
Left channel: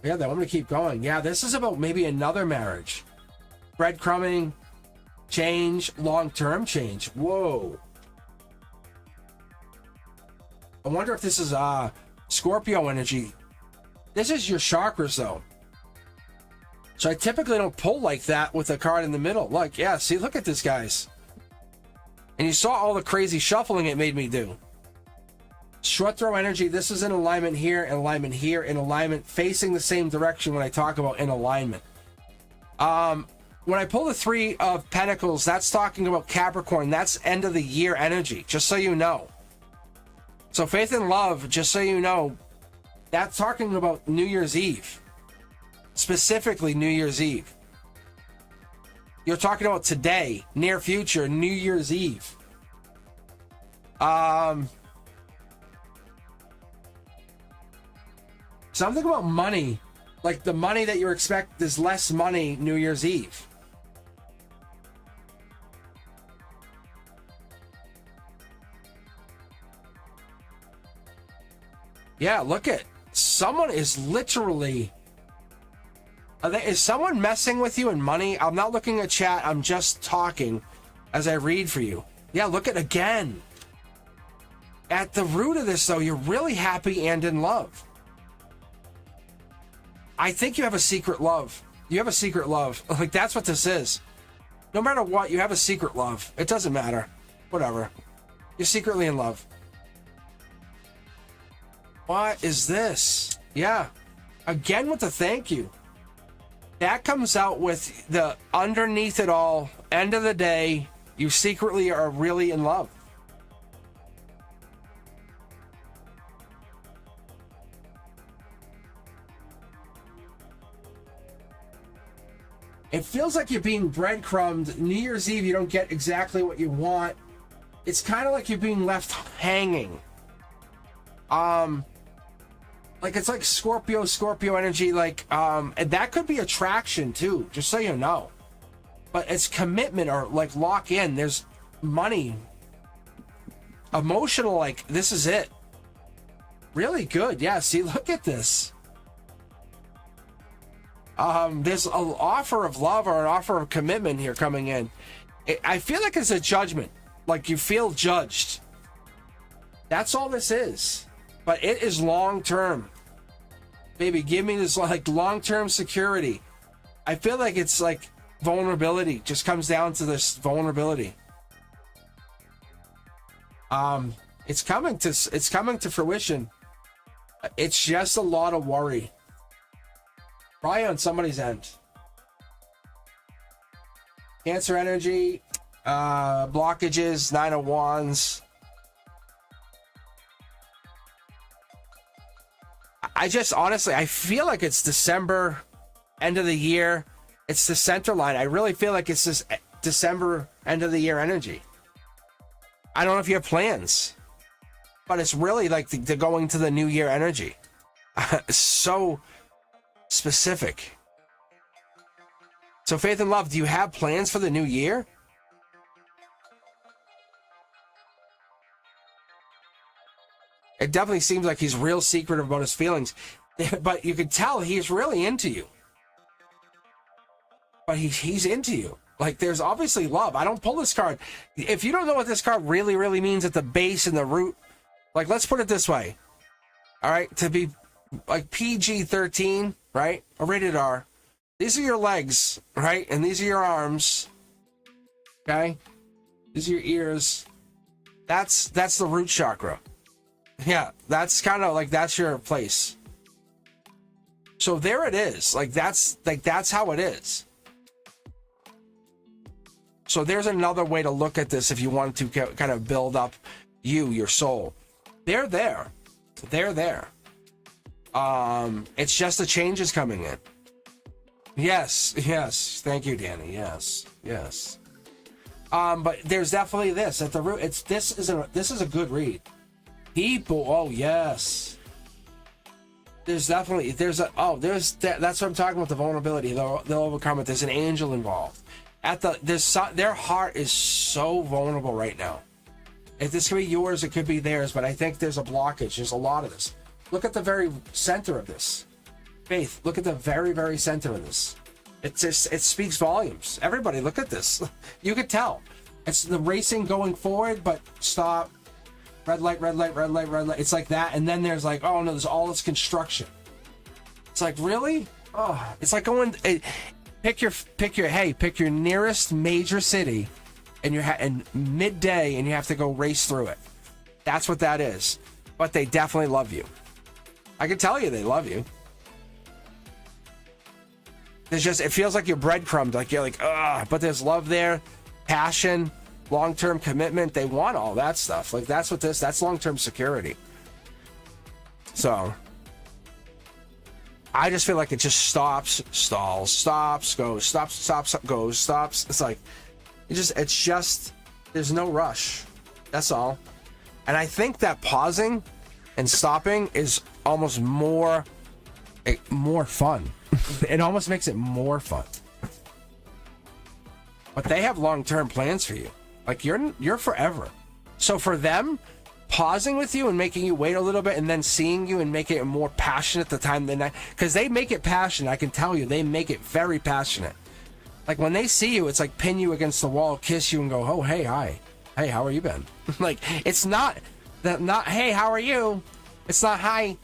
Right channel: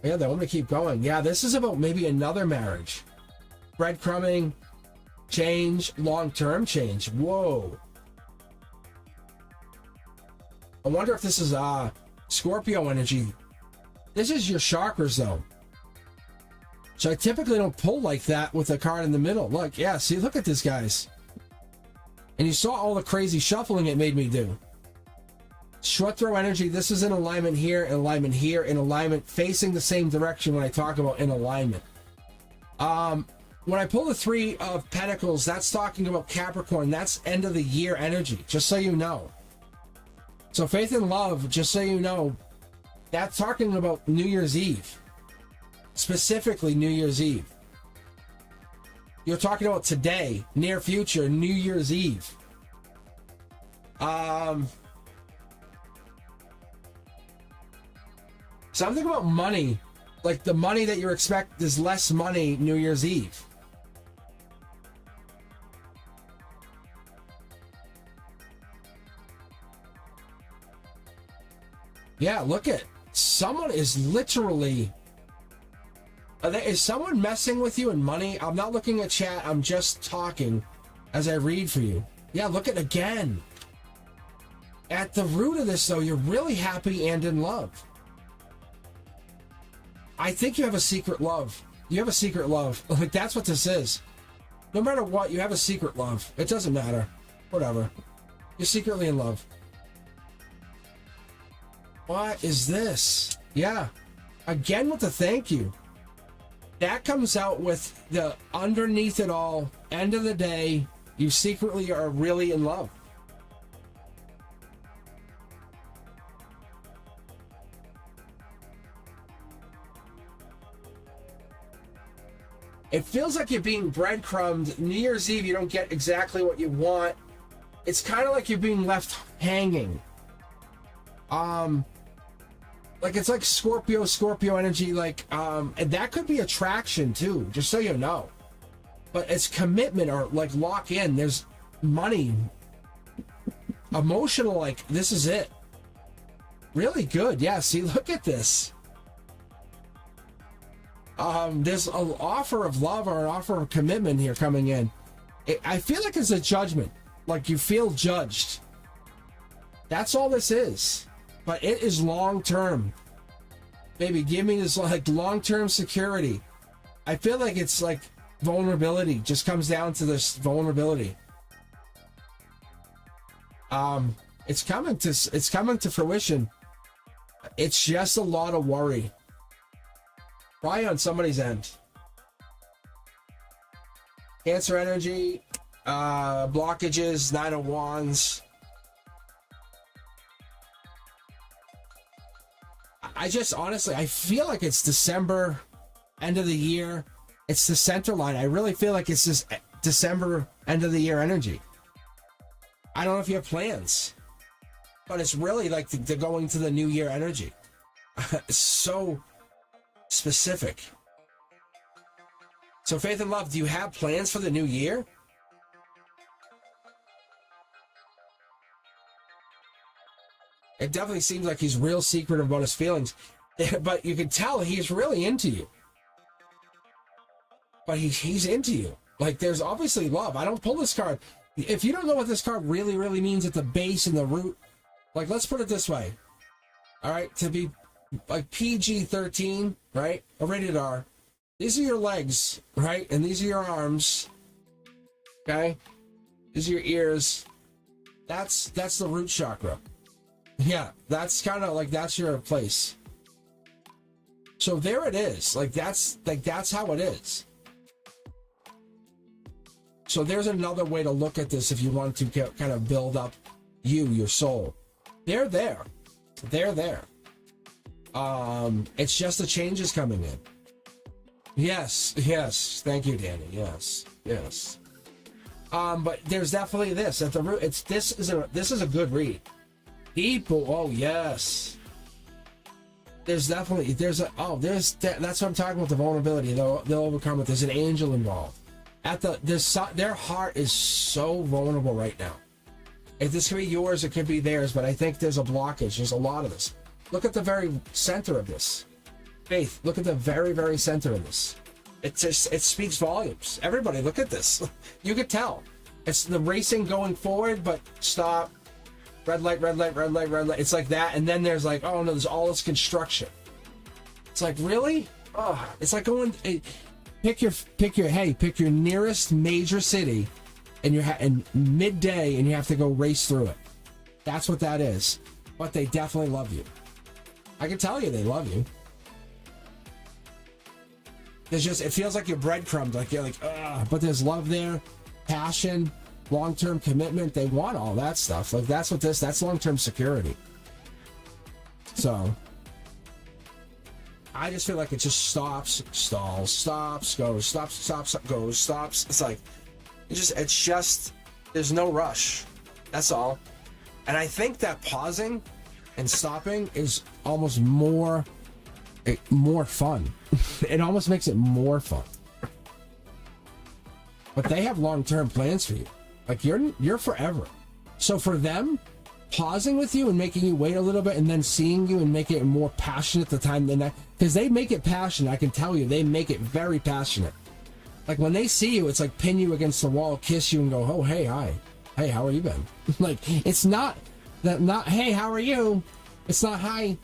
Yeah, I'm gonna keep going. Yeah, this is about maybe another marriage. Breadcrumbing, change, long-term change. Whoa. I wonder if this is Scorpio energy. This is your chakras though. So I typically don't pull like that with a card in the middle. Look, yeah, see, look at this, guys. And you saw all the crazy shuffling it made me do. Short throw energy, this is in alignment here, in alignment facing the same direction when I talk about in alignment. When I pull the 3 of Pentacles, that's talking about Capricorn. That's end of the year energy, just so you know. So Faith and Love, just so you know, that's talking about New Year's Eve. Specifically New Year's Eve. You're talking about today, near future, New Year's Eve. Something about money, like the money that you expect, there's less money New Year's Eve. Yeah, look at, someone is literally, is someone messing with you in money? I'm not looking at chat, I'm just talking as I read for you. Yeah, look at again. At the root of this though, you're really happy and in love. I think you have a secret love. You have a secret love. Like, that's what this is. No matter what, you have a secret love. It doesn't matter. Whatever. You're secretly in love. What is this? Yeah. Again with the thank you. That comes out with the underneath it all, end of the day, you secretly are really in love. It feels like you're being breadcrumbed. New Year's Eve, you don't get exactly what you want. It's kind of like you're being left hanging. Like it's like Scorpio energy, like, and that could be attraction too, just so you know. But it's commitment or like lock in. There's money, emotional, like this is it. Really good. Yeah, see, look at this. There's an offer of love or an offer of commitment here coming in. I feel like it's a judgment. Like you feel judged. That's all this is. But it is long term. Baby, give me this like long-term security. I feel like it's like vulnerability. Just comes down to this vulnerability. It's coming to fruition. It's just a lot of worry. Probably on somebody's end. Cancer energy, blockages, 9 of Wands. I just honestly, I feel like it's December, end of the year. It's the center line. I really feel like it's this December, end of the year energy. I don't know if you have plans, but it's really like the going to the new year energy. So specific. So faith and love, do you have plans for the new year? It definitely seems like he's real secretive about his feelings, but you can tell he's really into you. But he's into you. Like there's obviously love. I don't pull this card. If you don't know what this card really, really means at the base and the root, like let's put it this way. All right, to be like PG-13, right? Or rated R. These are your legs, right? And these are your arms. Okay? These are your ears. That's the root chakra. Yeah, that's kind of like that's your place. So there it is. Like that's how it is. So there's another way to look at this if you want to kind of build up your soul. They're there. They're there. It's just the changes coming in. Yes. Thank you, Danny. Yes. But there's definitely this at the root. This is a good read. People, oh yes. That's what I'm talking about, the vulnerability. They'll overcome it. There's an angel involved. Their heart is so vulnerable right now. If this could be yours, it could be theirs, but I think there's a blockage. There's a lot of this. Look at the very center of this. Faith, look at the very, very center of this. It speaks volumes. Everybody, look at this. You could tell. It's the racing going forward, but stop. Red light, red light, red light, red light. It's like that, and then there's like, oh no, there's all this construction. It's like, really? Oh, it's like going. Pick your nearest major city, and midday, and you have to go race through it. That's what that is. But they definitely love you. I can tell you they love you. It feels like you're breadcrumbed, like you're like, but there's love there, passion, long-term commitment. They want all that stuff. Like that's long-term security. So I just feel like it just stops, stalls, stops, goes, stops, goes, stops. It's like it's just there's no rush. That's all. And I think that pausing and stopping is almost more fun. It almost makes it more fun. But they have long-term plans for you. Like you're forever. So for them, pausing with you and making you wait a little bit and then seeing you and making it more passionate the time the night, because they make it passionate. I can tell you, they make it very passionate. Like when they see you, it's like pin you against the wall, kiss you, and go, "Oh, hey, hi, hey, how are you been?" Like it's not hey, how are you? It's not hi.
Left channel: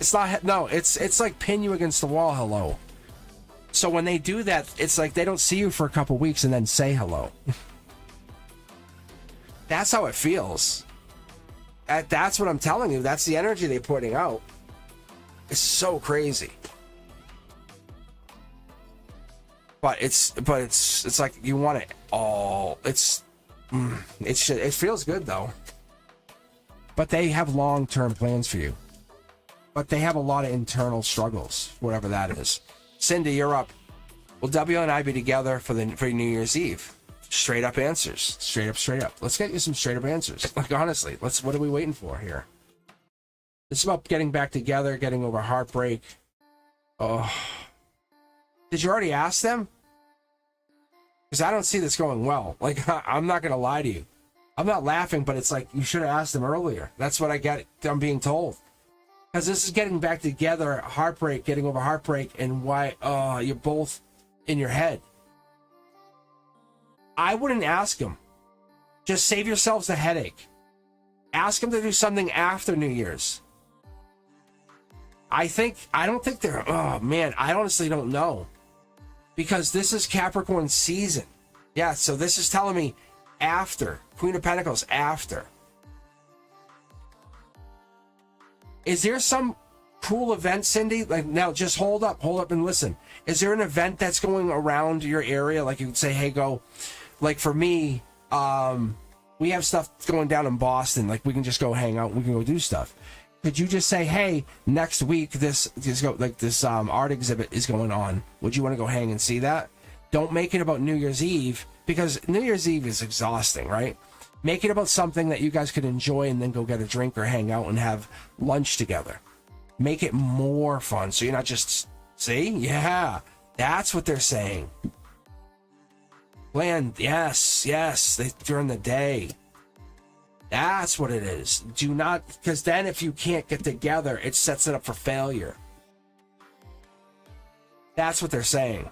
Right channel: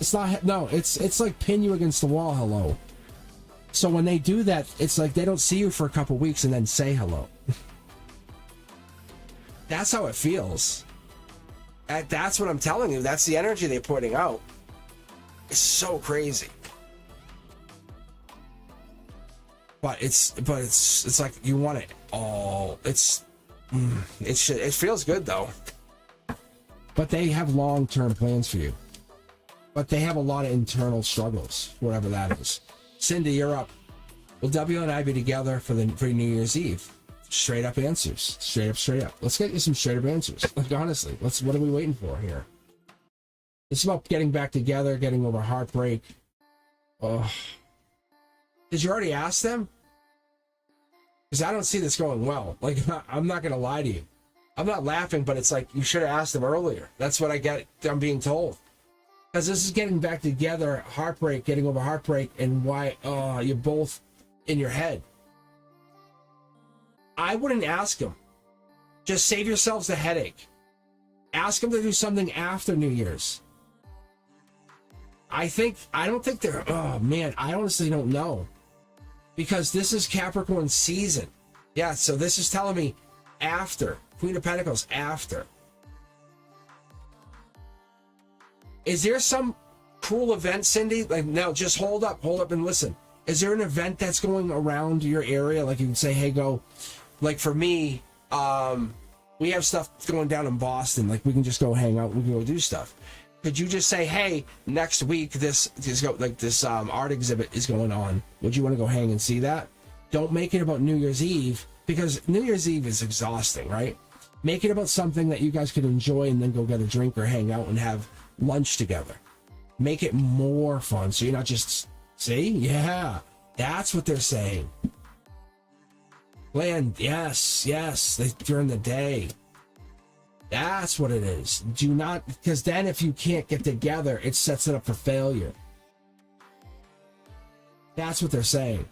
It's not no. It's like pin you against the wall, hello. So when they do that, it's like they don't see you for a couple weeks and then say hello. That's how it feels. That's what I'm telling you. That's the energy they're putting out. It's so crazy. But it's like you want it all. It feels good though. But they have long-term plans for you. But they have a lot of internal struggles, whatever that is. Cindy, you're up. Will W and I be together for New Year's Eve? Straight up answers. Straight up. Let's get you some straight up answers. Like, honestly, what are we waiting for here? It's about getting back together, getting over heartbreak. Oh. Did you already ask them? Because I don't see this going well. Like, I'm not going to lie to you. I'm not laughing, but it's like, you should have asked them earlier. That's what I'm being told. Because this is getting back together, heartbreak, getting over heartbreak, and why you're both in your head. I wouldn't ask them. Just save yourselves the headache. Ask them to do something after New Year's. I don't think they're, oh man, I honestly don't know. Because this is Capricorn season. Yeah, so this is telling me after. Queen of Pentacles, after. Is there some cool event, Cindy? Like, now, just hold up and listen. Is there an event that's going around your area? Like, you can say, hey, go. Like, for me, we have stuff going down in Boston. Like, we can just go hang out. We can go do stuff. Could you just say, hey, next week, this art exhibit is going on. Would you want to go hang and see that? Don't make it about New Year's Eve, because New Year's Eve is exhausting, right? Make it about something that you guys could enjoy and then go get a drink or hang out and have lunch together. Make it more fun, so you're not just, see? Yeah, that's what they're saying. Plan, yes, during the day. That's what it is. Do not, because then if you can't get together, it sets it up for failure. That's what they're saying.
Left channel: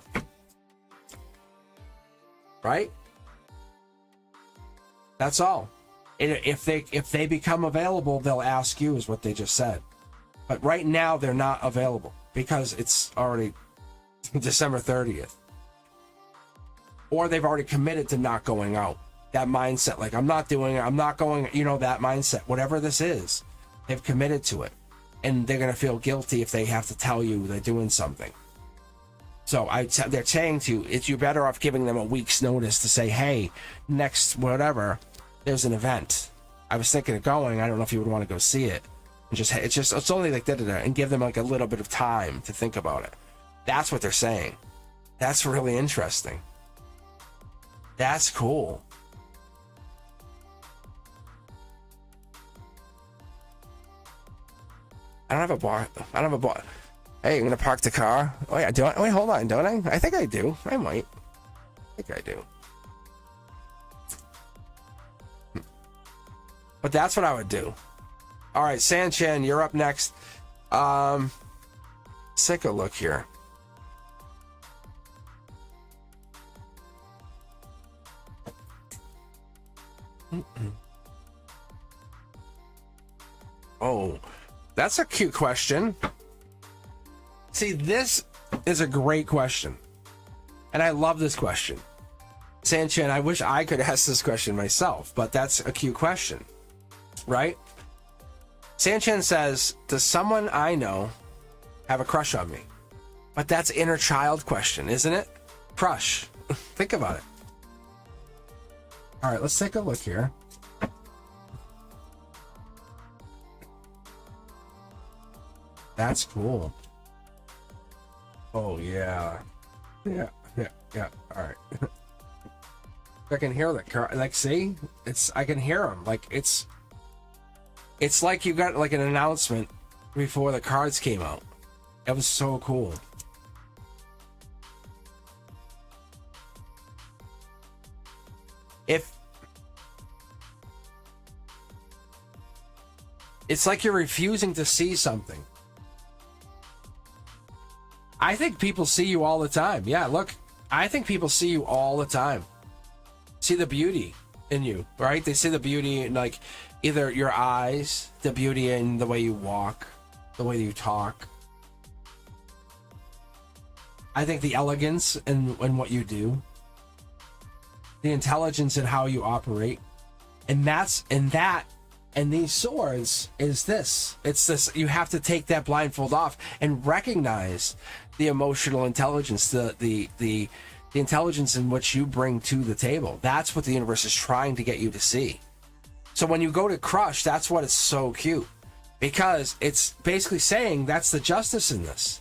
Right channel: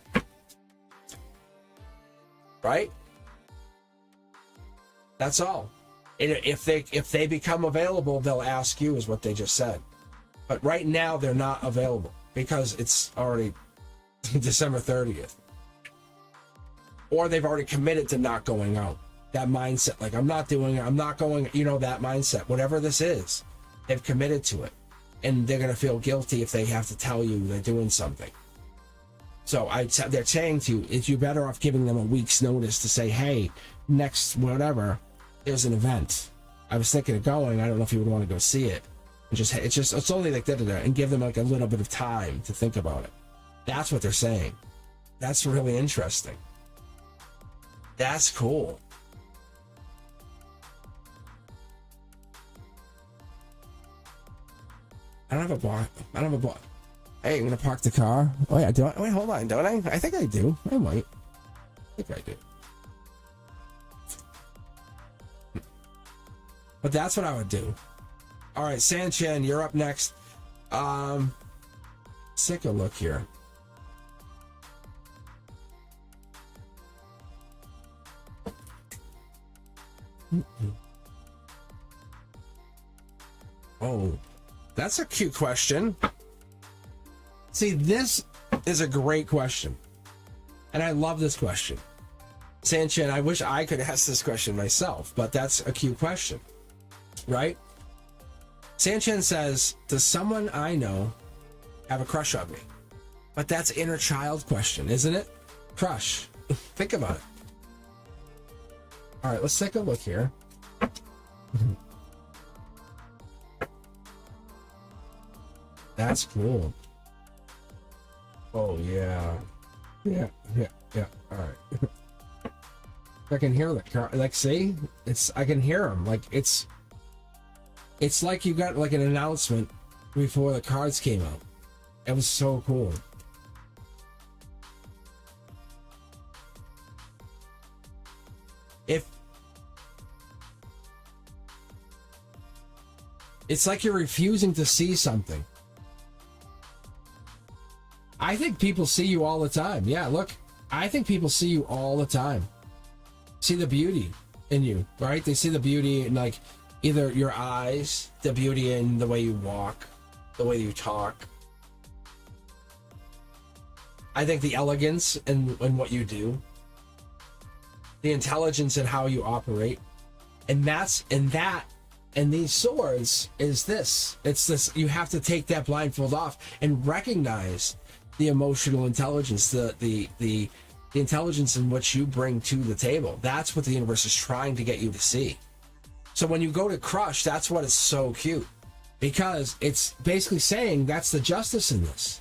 Right? That's all. If they become available, they'll ask you, is what they just said. But right now, they're not available because it's already December 30th. Or they've already committed to not going out. That mindset, like, I'm not doing it, I'm not going, that mindset, whatever this is, they've committed to it. And they're going to feel guilty if they have to tell you they're doing something. So they're saying to you, you're better off giving them a week's notice to say, hey, next whatever, there's an event. I was thinking of going. I don't know if you would want to go see it. And it's only like da-da-da, and give them like a little bit of time to think about it. That's what they're saying. That's really interesting. That's cool. I don't have a bar. Hey, I'm gonna park the car. Oh yeah, do I? Wait, hold on, don't I? I think I do. I might. I think I do. But that's what I would do. All right, Sanchin, you're up next. Let's take a look here. Oh, that's a cute question. See, this is a great question. And I love this question. Sanchin, I wish I could ask this question myself, but that's a cute question. Right? Sanchin says, does someone I know have a crush on me? But that's inner child question, isn't it? Crush. Think about it. All right, let's take a look here. That's cool. Oh, yeah. Yeah. All right. I can hear the car. Like, see? I can hear them. Like, it's like you got like an announcement before the cards came out. It was so cool. It's like you're refusing to see something. I think people see you all the time. Yeah, look, I think people see you all the time. See the beauty in you, right? They see the beauty in, like, either your eyes, the beauty in the way you walk, the way you talk. I think the elegance in what you do, the intelligence in how you operate, and these swords is this. It's this. You have to take that blindfold off and recognize the emotional intelligence, the intelligence in what you bring to the table. That's what the universe is trying to get you to see. So when you go to crush, that's what is so cute, because it's basically saying that's the justice in this.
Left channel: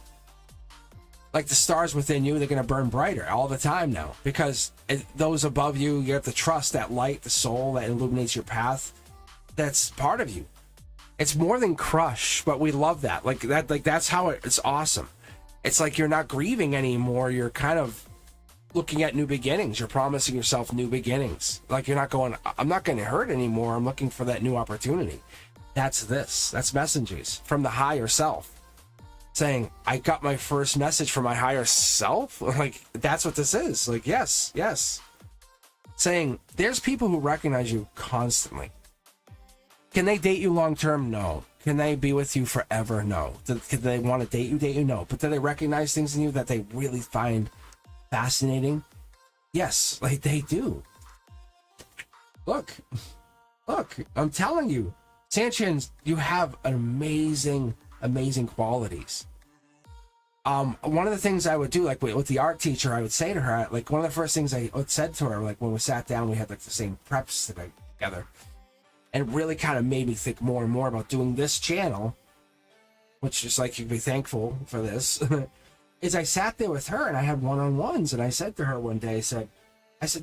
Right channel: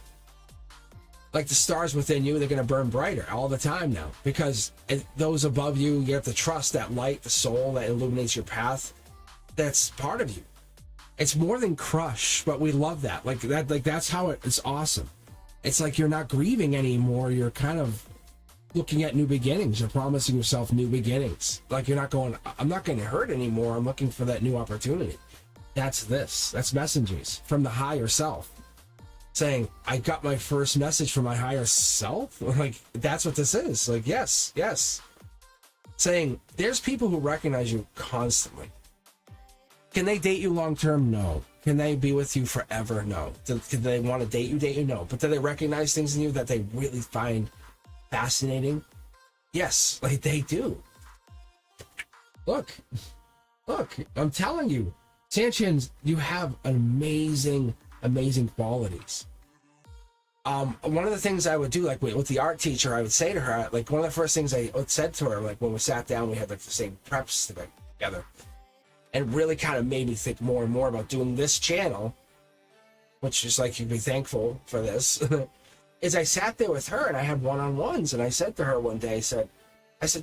like the stars within you, they're going to burn brighter all the time now, because those above you, you have to trust that light, the soul that illuminates your path. That's part of you. It's more than crush, but we love that. Like that, like that's how it's awesome. It's like you're not grieving anymore. You're kind of looking at new beginnings. You're promising yourself new beginnings. Like you're not going, I'm not going to hurt anymore. I'm looking for that new opportunity. That's this. That's messages from the higher self saying, I got my first message from my higher self. Like that's what this is. Like, yes, yes. Saying there's people who recognize you constantly. Can they date you long term? No. Can they be with you forever? No. Do they want to date you? No. But do they recognize things in you that they really find fascinating? Yes, like they do. Look, I'm telling you, Sanchez, you have amazing qualities. One of the things I would do, like with the art teacher, I would say to her, like one of the first things I said to her, like when we sat down, we had like the same preps together. And really kind of made me think more and more about doing this channel, which is like, you'd be thankful for this, is I sat there with her and I had one-on-ones, and I said to her one day, I said,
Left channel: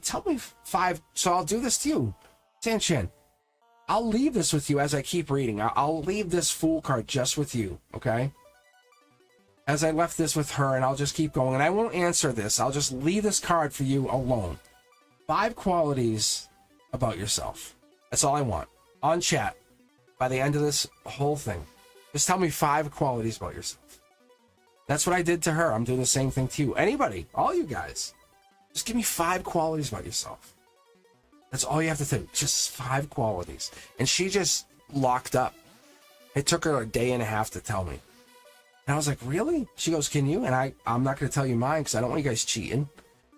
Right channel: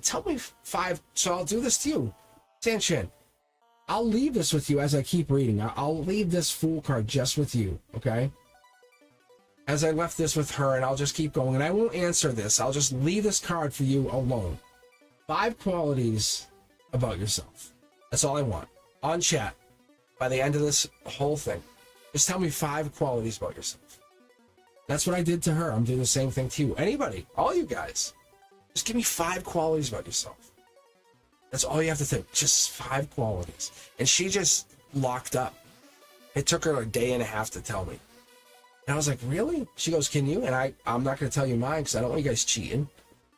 tell me 5, so I'll do this to you, Sanchez. I'll leave this with you as I keep reading. I'll leave this Fool card just with you, okay? As I left this with her, and I'll just keep going, and I won't answer this. I'll just leave this card for you alone. 5 qualities about yourself. That's all I want. On chat, by the end of this whole thing, just tell me 5 qualities about yourself. That's what I did to her. I'm doing the same thing to you. Anybody, all you guys, just give me 5 qualities about yourself. That's all you have to do. Just 5 qualities. And she just locked up. It took her a day and a half to tell me. And I was like, really? She goes, can you? And I'm not going to tell you mine because I don't want you guys cheating.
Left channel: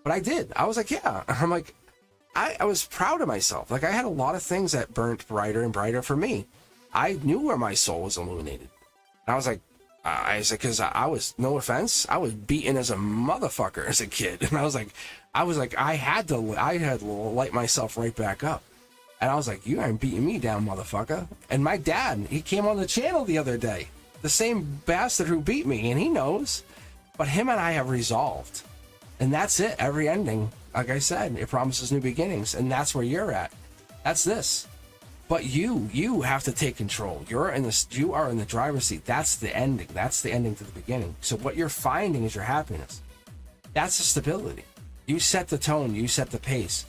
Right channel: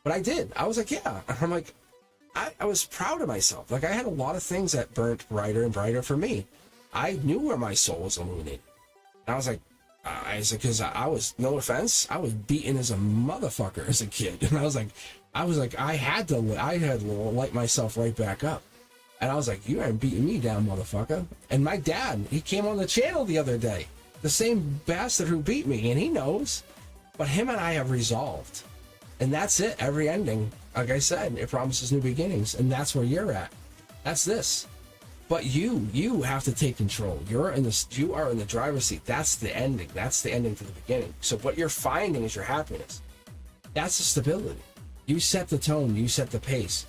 But I did. I was like, yeah. I'm like, I was proud of myself. Like I had a lot of things that burnt brighter and brighter for me. I knew where my soul was illuminated. And I was like, because I was, no offense, I was beaten as a motherfucker as a kid. And I had to light myself right back up. And I was like, you ain't beating me down, motherfucker. And my dad, he came on the channel the other day. The same bastard who beat me, and he knows. But him and I have resolved. And that's it. Every ending, like I said, it promises new beginnings. And that's where you're at. That's this. But you have to take control. You are in the driver's seat. That's the ending. That's the ending to the beginning. So what you're finding is your happiness. That's the stability. You set the tone. You set the pace.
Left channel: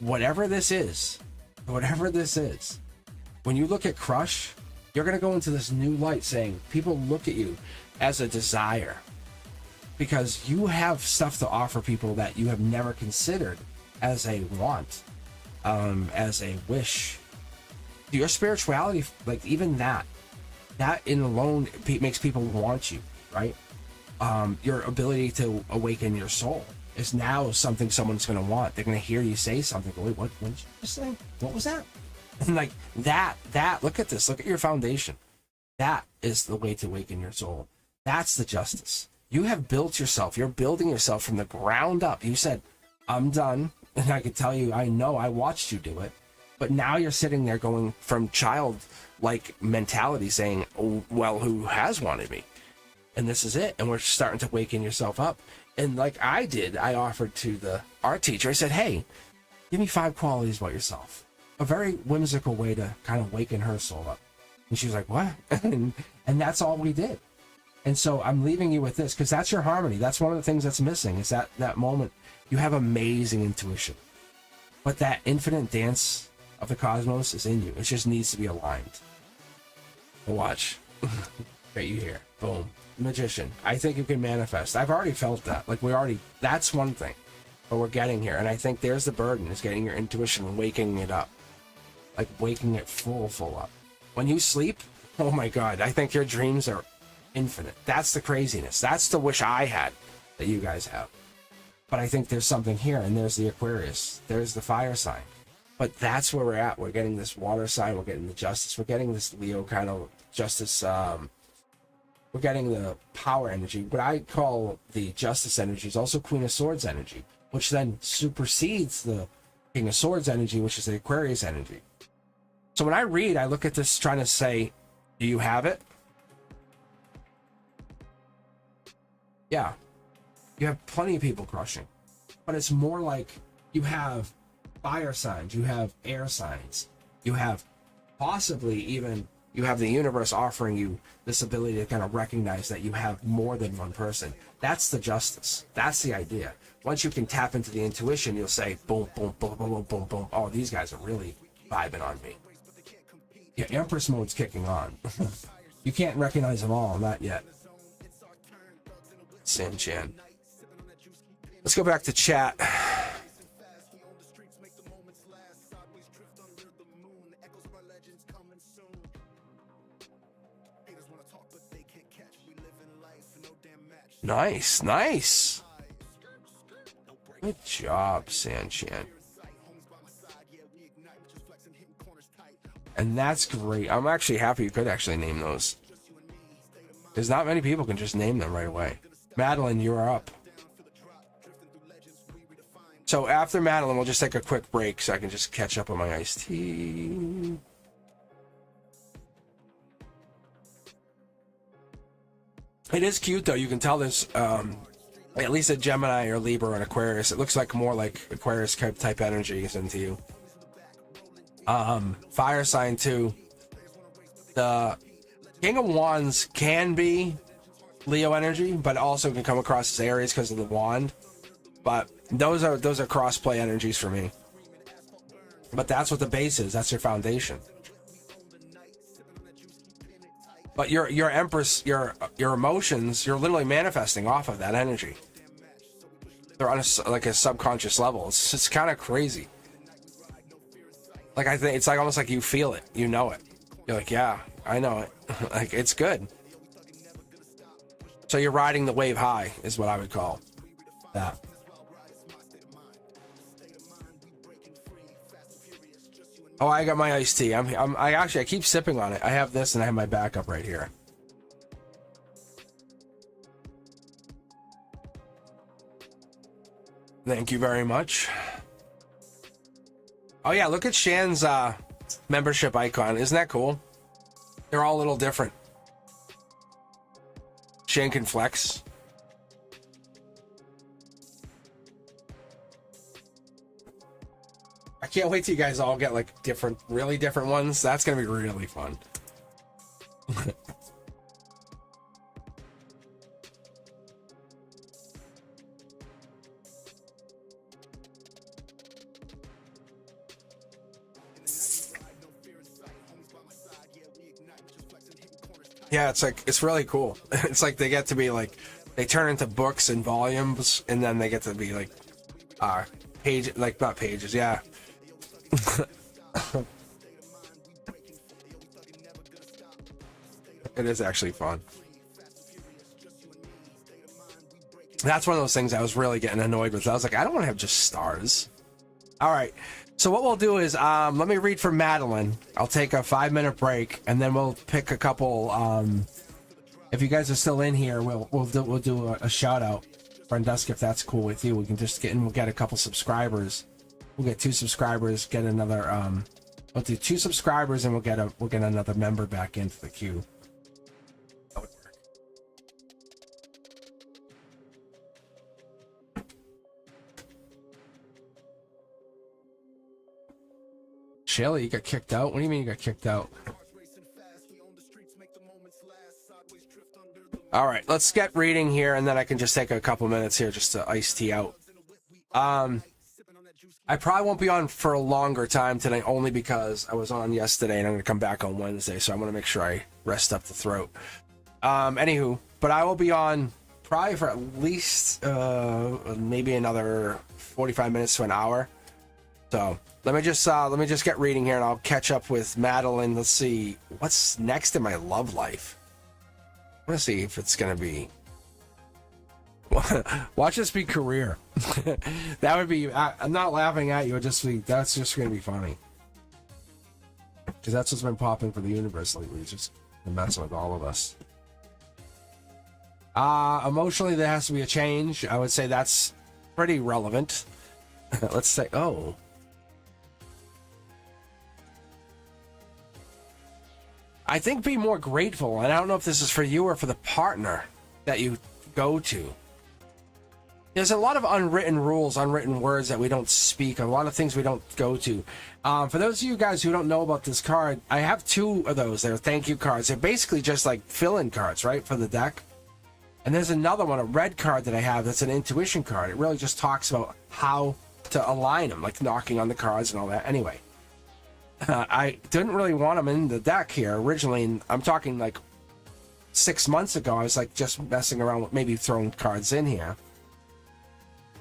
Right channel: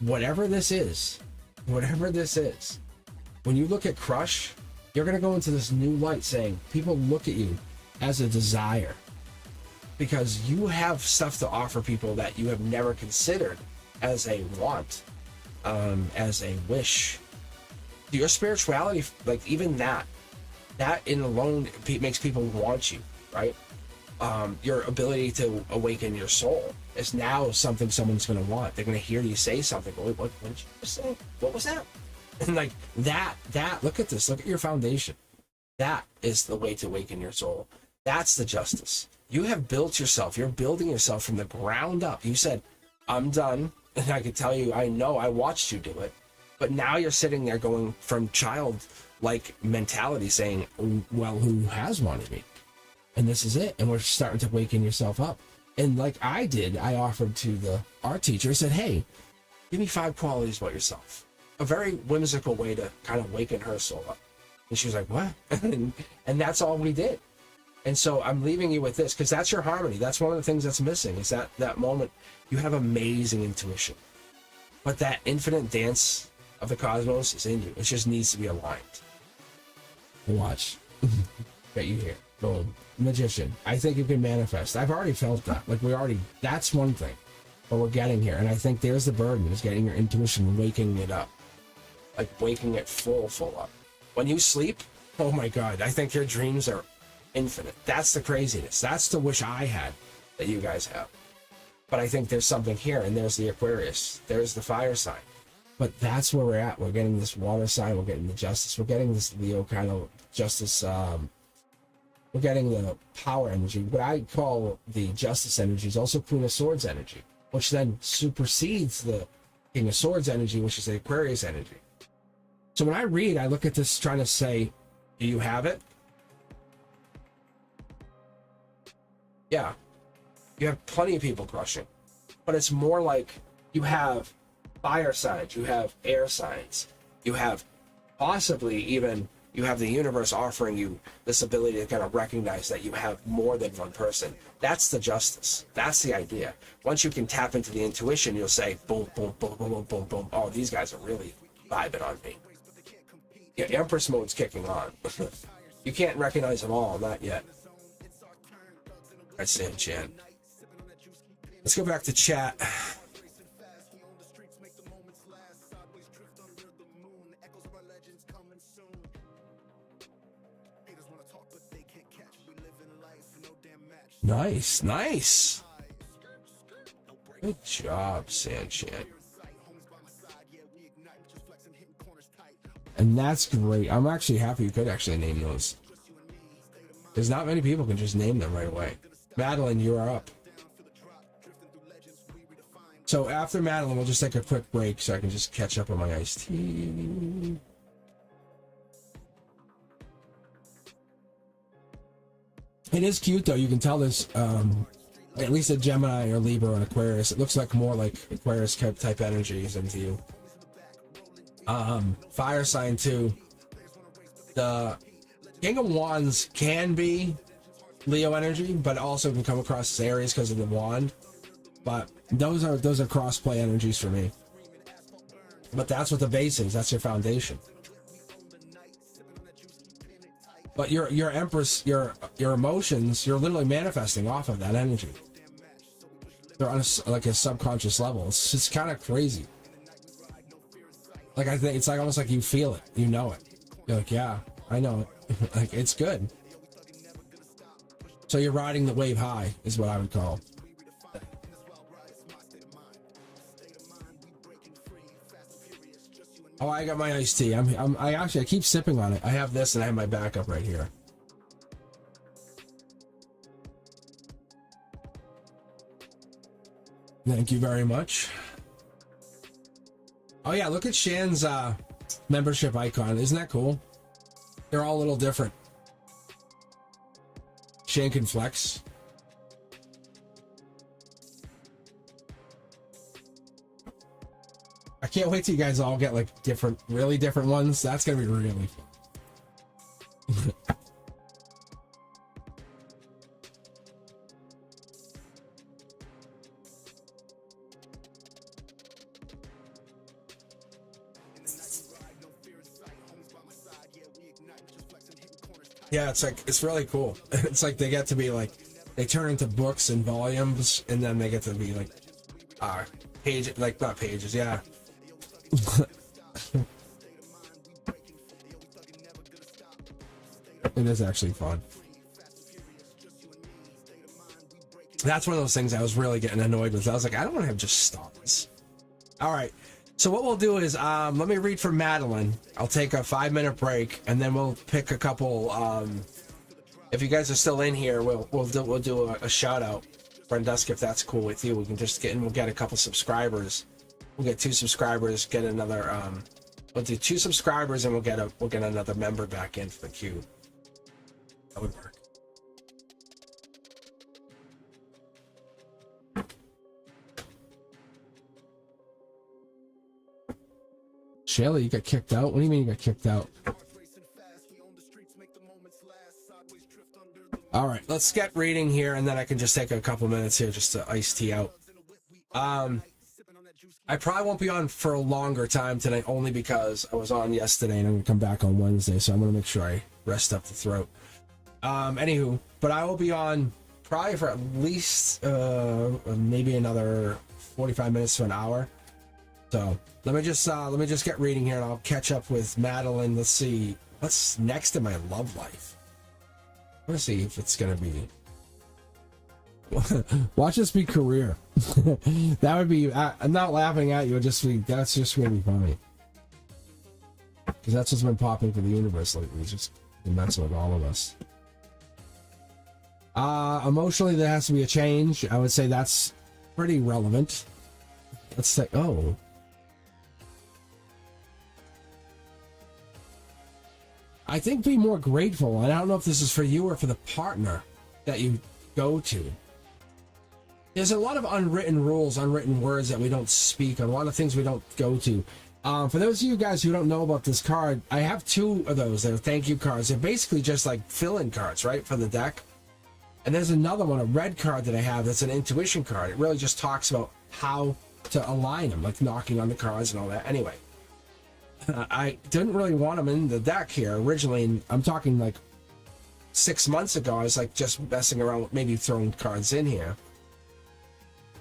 Whatever this is, when you look at crush, you're going to go into this new light saying, people look at you as a desire. Because you have stuff to offer people that you have never considered as a want, as a wish. Your spirituality, like even that in alone makes people want you, right? Your ability to awaken your soul is now something someone's going to want. They're going to hear you say something. Wait, what did you just say? What was that? And like that, look at this. Look at your foundation. That is the way to awaken your soul. That's the justice. You have built yourself. You're building yourself from the ground up. You said, I'm done. And I could tell you, I know, I watched you do it. But now you're sitting there going from childlike mentality saying, oh, well, who has wanted me? And this is it. And we're starting to waken yourself up. And like I did, I offered to the art teacher, I said, hey, give me 5 qualities about yourself. A very whimsical way to kind of waken her soul up. And she was like, what? And that's all we did. And so I'm leaving you with this, because that's your harmony. That's one of the things that's missing, is that moment. You have amazing intuition. But that infinite dance of the cosmos is in you. It just needs to be aligned. Watch. Get you here. Boom. Magician. I think it can manifest. I've already felt that. Like that's one thing. But we're getting here. And I think there's the burden, is getting your intuition and waking it up. Like waking it full up. When you sleep, oh my God, I think your dreams are infinite. That's the craziness. That's the wish I had that you guys have. But I think there's something here, and there's the Aquarius. There's the fire sign. But that's where we're at. We're getting this water sign. We're getting the justice. We're getting this Leo kind of justice. We're getting the power energy. What I call the justice energy is also Queen of Swords energy, which then supersedes the King of Swords energy, which is the Aquarius energy. So when I read, I look at this trying to say, do you have it? Yeah, you have plenty of people crushing, but it's more like you have fire signs, you have air signs, you have possibly even you have the universe offering you this ability to kind of recognize that you have more than one person. That's the justice. That's the idea. Once you can tap into the intuition, you'll say, boom, boom, boom, boom, boom, boom, boom. Oh, these guys are really vibing on me. Yeah, Empress mode's kicking on. You can't recognize them all, not yet. That's Sam Chan. Let's go back to chat. Nice, nice. Good job, Sanchan. And that's great. I'm actually happy you could actually name those. There's not many people can just name them right away. Madeline, you are up. So after Madeline, we'll just take a quick break so I can just catch up on my iced tea. It is cute though. You can tell there's at least a Gemini or Libra and Aquarius. It looks like more like Aquarius type energies into you. Fire sign too. The King of Wands can be Leo energy, but also can come across as Aries because of the wand. But those are crossplay energies for me. But that's what the base is. That's your foundation. But your Empress, your emotions, you're literally manifesting off of that energy. They're on like a subconscious level. It's just kind of crazy. Like I think it's like almost like you feel it, you know it. You're like, yeah, I know it. Like it's good. So you're riding the wave high, is what I would call that. Oh, I got my iced tea. I keep sipping on it. I have this and I have my backup right here. Thank you very much. Oh yeah, look at Shan's membership icon. Isn't that cool? They're all a little different. Shan can flex. I can't wait till you guys all get like different, really different ones. That's gonna be really fun. Yeah, it's like it's really cool. It's like they get to be like they turn into books and volumes, and then they get to be like page, like not pages, yeah. It is actually fun. That's one of those things I was really getting annoyed with. I was like, I don't want to have just stars. All right. So what we'll do is let me read for Madeline. I'll take a 5-minute break, and then we'll pick a couple. If you guys are still in here, we'll do a shout out, Brendusk, if that's cool with you. We can just get in. We'll get a couple subscribers. We'll get 2 subscribers. Get another. We'll do 2 subscribers, and we'll get another member back into the queue. That would work. Shelly, you got kicked out? What do you mean you got kicked out? All right, let's get reading here, and then I can just take a couple minutes here just to ice tea out. I probably won't be on for a longer time tonight, only because I was on yesterday, and I'm going to come back on Wednesday, so I'm going to make sure I rest up the throat. Anywho, but I will be on probably for at least maybe another 45 minutes to an hour. So let me just get reading here, and I'll catch up with Madeline. Let's see what's next in my love life. I want to see if it's gonna be. Watch this be career. That would be. I'm not laughing at you. That's just gonna be funny. Because that's what's been popping for the universe lately. It's just messing with all of us. Emotionally, there has to be a change. I would say that's pretty relevant. Let's say, oh. I think be more grateful, and I don't know if this is for you or for the partner that you go to. There's a lot of unwritten rules, unwritten words that we don't speak, a lot of things we don't go to. For those of you guys who don't know about this card, I have 2 of those. They're thank you cards. They're basically just like fill-in cards, right, for the deck. And there's another one, a red card that I have that's an intuition card. It really just talks about how to align them, like knocking on the cards and all that. Anyway, I didn't really want them in the deck here originally, and I'm talking like 6 months ago. I was like just messing around with maybe throwing cards in here.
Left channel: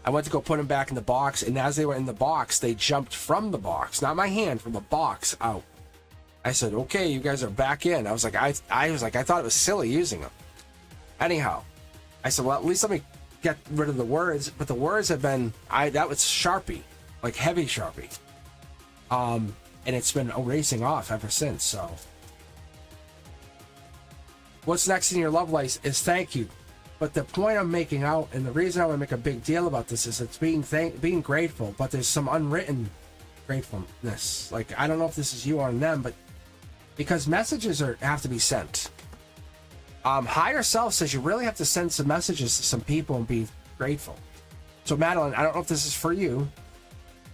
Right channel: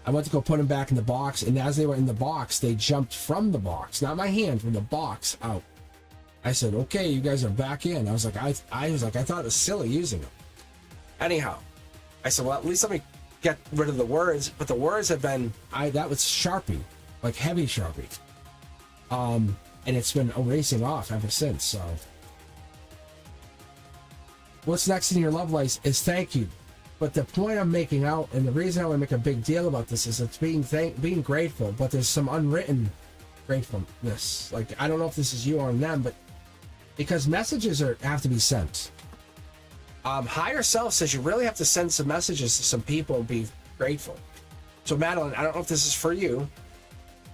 I went to go put them back in the box, and as they were in the box, they jumped from the box, not my hand, from the box out. I said, "Okay, you guys are back in." I was like, I thought it was silly using them. Anyhow, I said, "Well, at least let me get rid of the words." But the words have been, that was Sharpie, like heavy Sharpie, and it's been erasing off ever since. So, what's next in your love life is thank you. But the point I'm making out, and the reason I want to make a big deal about this, is it's being grateful, but there's some unwritten gratefulness. Like, I don't know if this is you or them, but because messages have to be sent. Higher self says you really have to send some messages to some people and be grateful. So Madeline, I don't know if this is for you,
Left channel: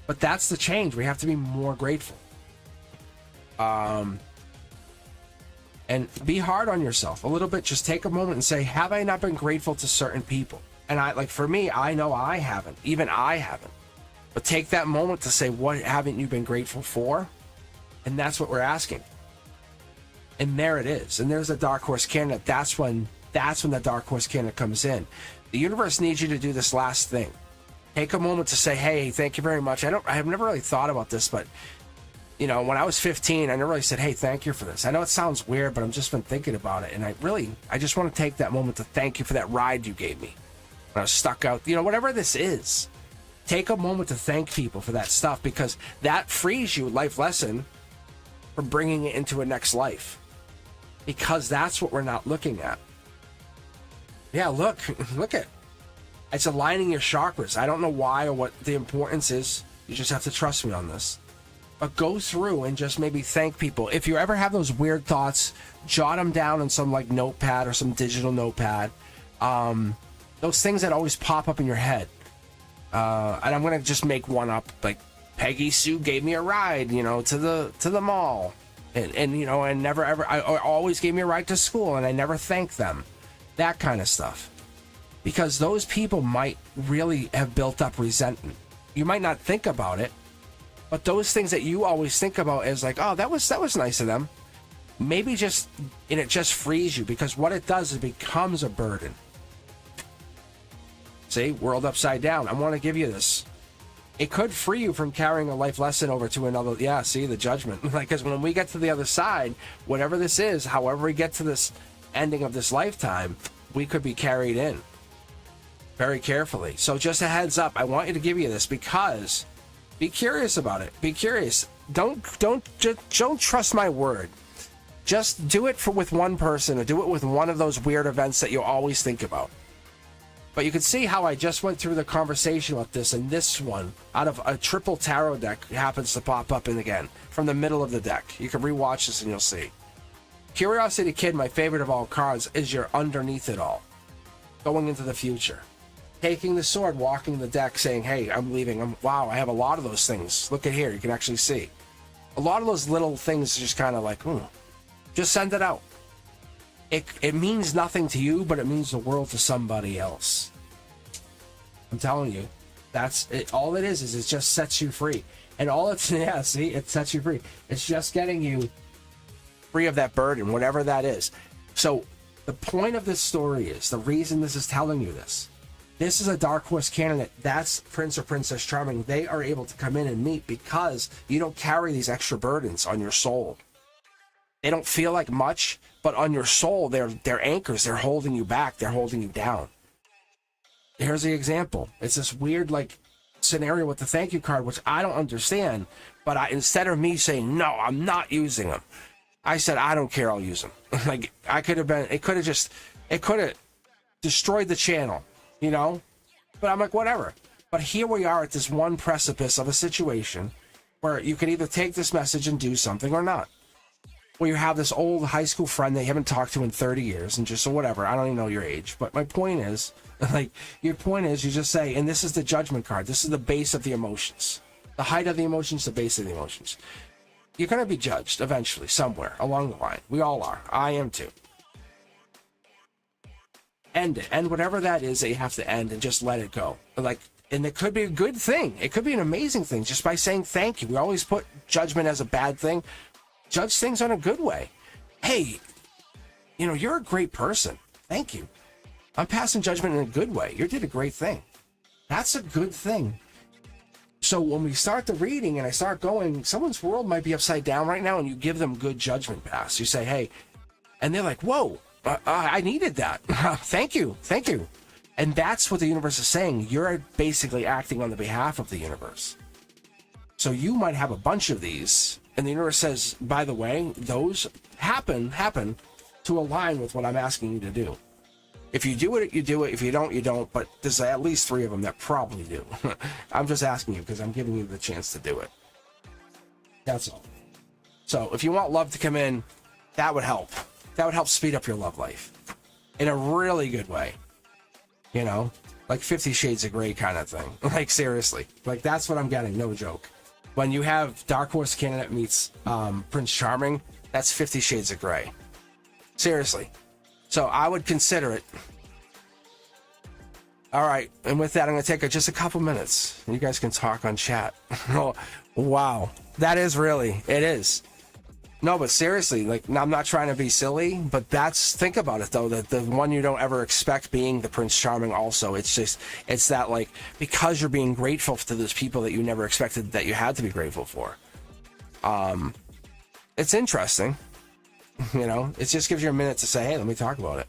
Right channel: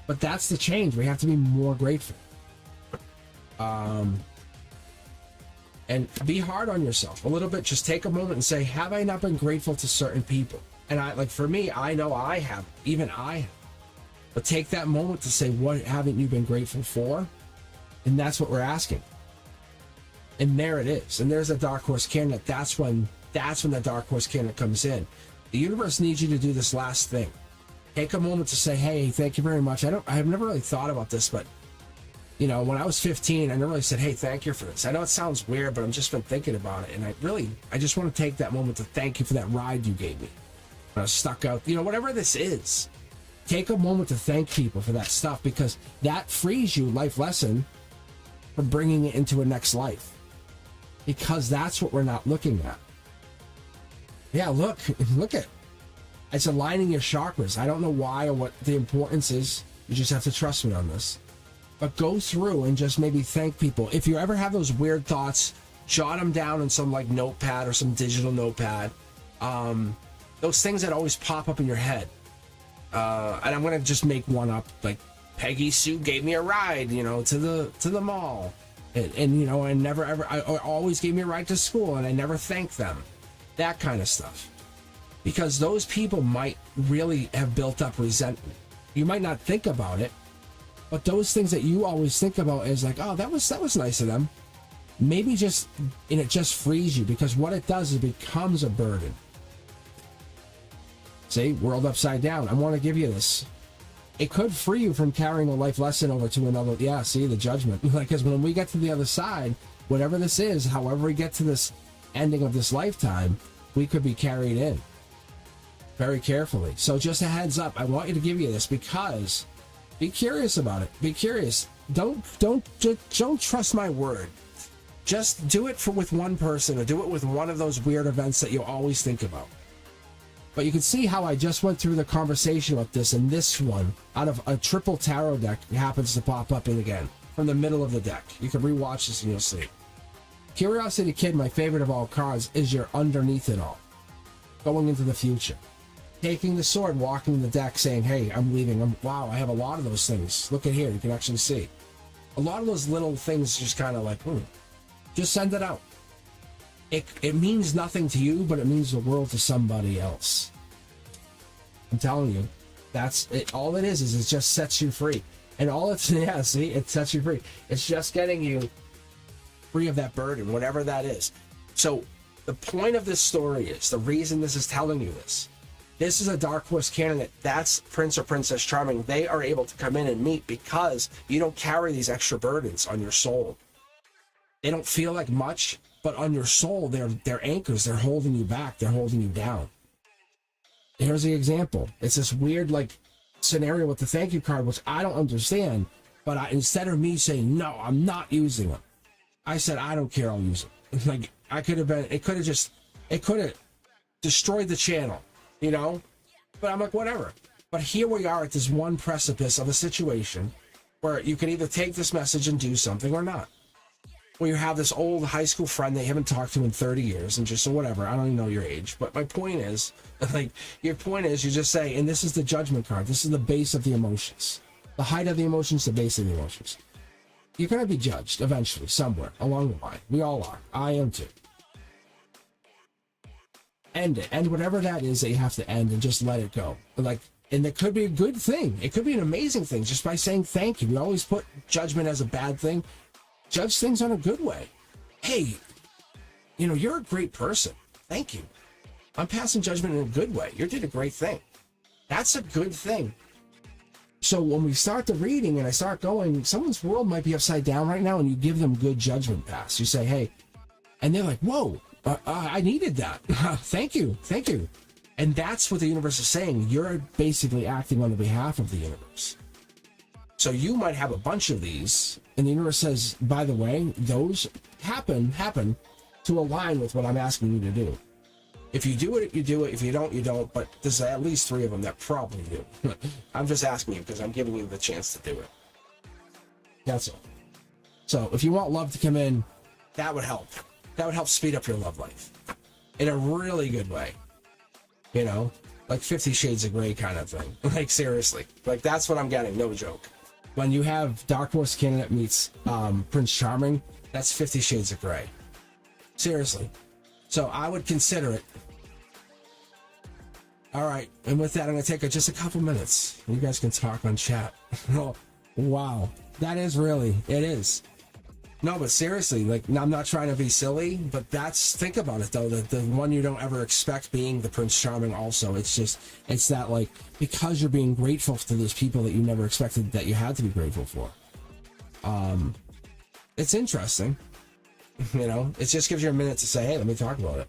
but that's the change. We have to be more grateful. And be hard on yourself a little bit. Just take a moment and say, have I not been grateful to certain people? And for me, I know I haven't. Even I haven't. But take that moment to say, what haven't you been grateful for? And that's what we're asking. And there it is. And there's a dark horse candidate. That's when the dark horse candidate comes in. The universe needs you to do this last thing. Take a moment to say, hey, thank you very much. I have never really thought about this, but when I was 15, I never really said, hey, thank you for this. I know it sounds weird, but I've just been thinking about it. And I just want to take that moment to thank you for that ride you gave me when I was stuck out, whatever this is. Take a moment to thank people for that stuff, because that frees you, life lesson, for bringing it into a next life. Because that's what we're not looking at. Yeah, look at it's aligning your chakras. I don't know why or what the importance is. You just have to trust me on this. But go through and just maybe thank people. If you ever have those weird thoughts, jot them down in some like notepad or some digital notepad. Those things that always pop up in your head. And I'm gonna just make one up, like Peggy Sue gave me a ride, to the mall, and never ever, I always gave me a ride to school, and I never thanked them. That kind of stuff, because those people might really have built up resentment. You might not think about it. But those things that you always think about is like, oh, that was nice of them. Maybe it just frees you, because what it does is it becomes a burden. See, world upside down. I want to give you this. It could free you from carrying a life lesson over to another. Yeah, see, the judgment. Because when we get to the other side, whatever this is, however we get to this ending of this lifetime, we could be carried in very carefully. So just a heads up, I want you to give you this, because be curious about it. Be curious. Don't trust my word. Just do it with one person, or do it with one of those weird events that you'll always think about. But you can see how I just went through the conversation with this, and this one, out of a triple tarot deck, happens to pop up in again from the middle of the deck. You can rewatch this and you'll see. Curiosity Kid, my favorite of all cards, is your underneath it all. Going into the future. Taking the sword, walking the deck, saying, hey, I'm leaving. Wow, I have a lot of those things. Look at here. You can actually see. A lot of those little things just kind of like, just send it out. It means nothing to you, but it means the world to somebody else. I'm telling you. That's it. All it is it just sets you free. And all it's, see, it sets you free. It's just getting you free of that burden, whatever that is. So the point of this story is, the reason this is telling you this is a dark horse candidate. That's Prince or Princess Charming. They are able to come in and meet because you don't carry these extra burdens on your soul. They don't feel like much, but on your soul, they're anchors. They're holding you back. They're holding you down. Here's the example. It's this weird scenario with the thank you card, which I don't understand. But instead of me saying, no, I'm not using them, I said, I don't care. I'll use them. It could have destroyed the channel. But I'm like, whatever. But here we are at this one precipice of a situation where you can either take this message and do something or not. Or you have this old high school friend that you haven't talked to in 30 years and just, or whatever, I don't even know your age, but my point is, like, your point is, you just say, and this is the judgment card, this is the base of the emotions. The height of the emotions, the base of the emotions. You're going to be judged eventually, somewhere along the line. We all are. I am too. End it. End whatever that is that you have to end and just let it go. Like, and it could be a good thing. It could be an amazing thing just by saying thank you. We always put judgment as a bad thing. Judge things in a good way. Hey, you know, you're a great person. Thank you. I'm passing judgment in a good way. You did a great thing. That's a good thing. So when we start the reading and I start going, someone's world might be upside down right now, and you give them good judgment pass. You say, hey, and they're like, whoa, I needed that. Thank you. Thank you. And that's what the universe is saying. You're basically acting on the behalf of the universe. So you might have a bunch of these, and the universe says, by the way, those happen to align with what I'm asking you to do. If you do it, you do it. If you don't, you don't. But there's at least 3 of them that probably do. I'm just asking you because I'm giving you the chance to do it. That's all. So if you want love to come in, that would help. That would help speed up your love life in a really good way. You know, like 50 Shades of Grey kind of thing. Like, seriously. Like, that's what I'm getting. No joke. When you have Dark Horse Candidate meets Prince Charming, that's 50 Shades of Grey. Seriously. So I would consider it. All right. And with that, I'm going to take just a couple minutes. You guys can talk on chat. Oh, wow. That is really, it is. No, but seriously, like, I'm not trying to be silly, but think about it, though, that the one you don't ever expect being the Prince Charming also. It's just, it's that, like, because you're being grateful to those people that you never expected that you had to be grateful for. It's interesting. You know, it just gives you a minute to say, hey, let me talk about it.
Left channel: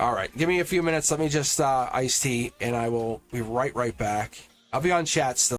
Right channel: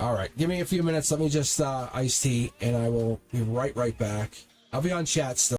All right, give me a few minutes. Let me just iced tea, and I will be right back. I'll be on chat still.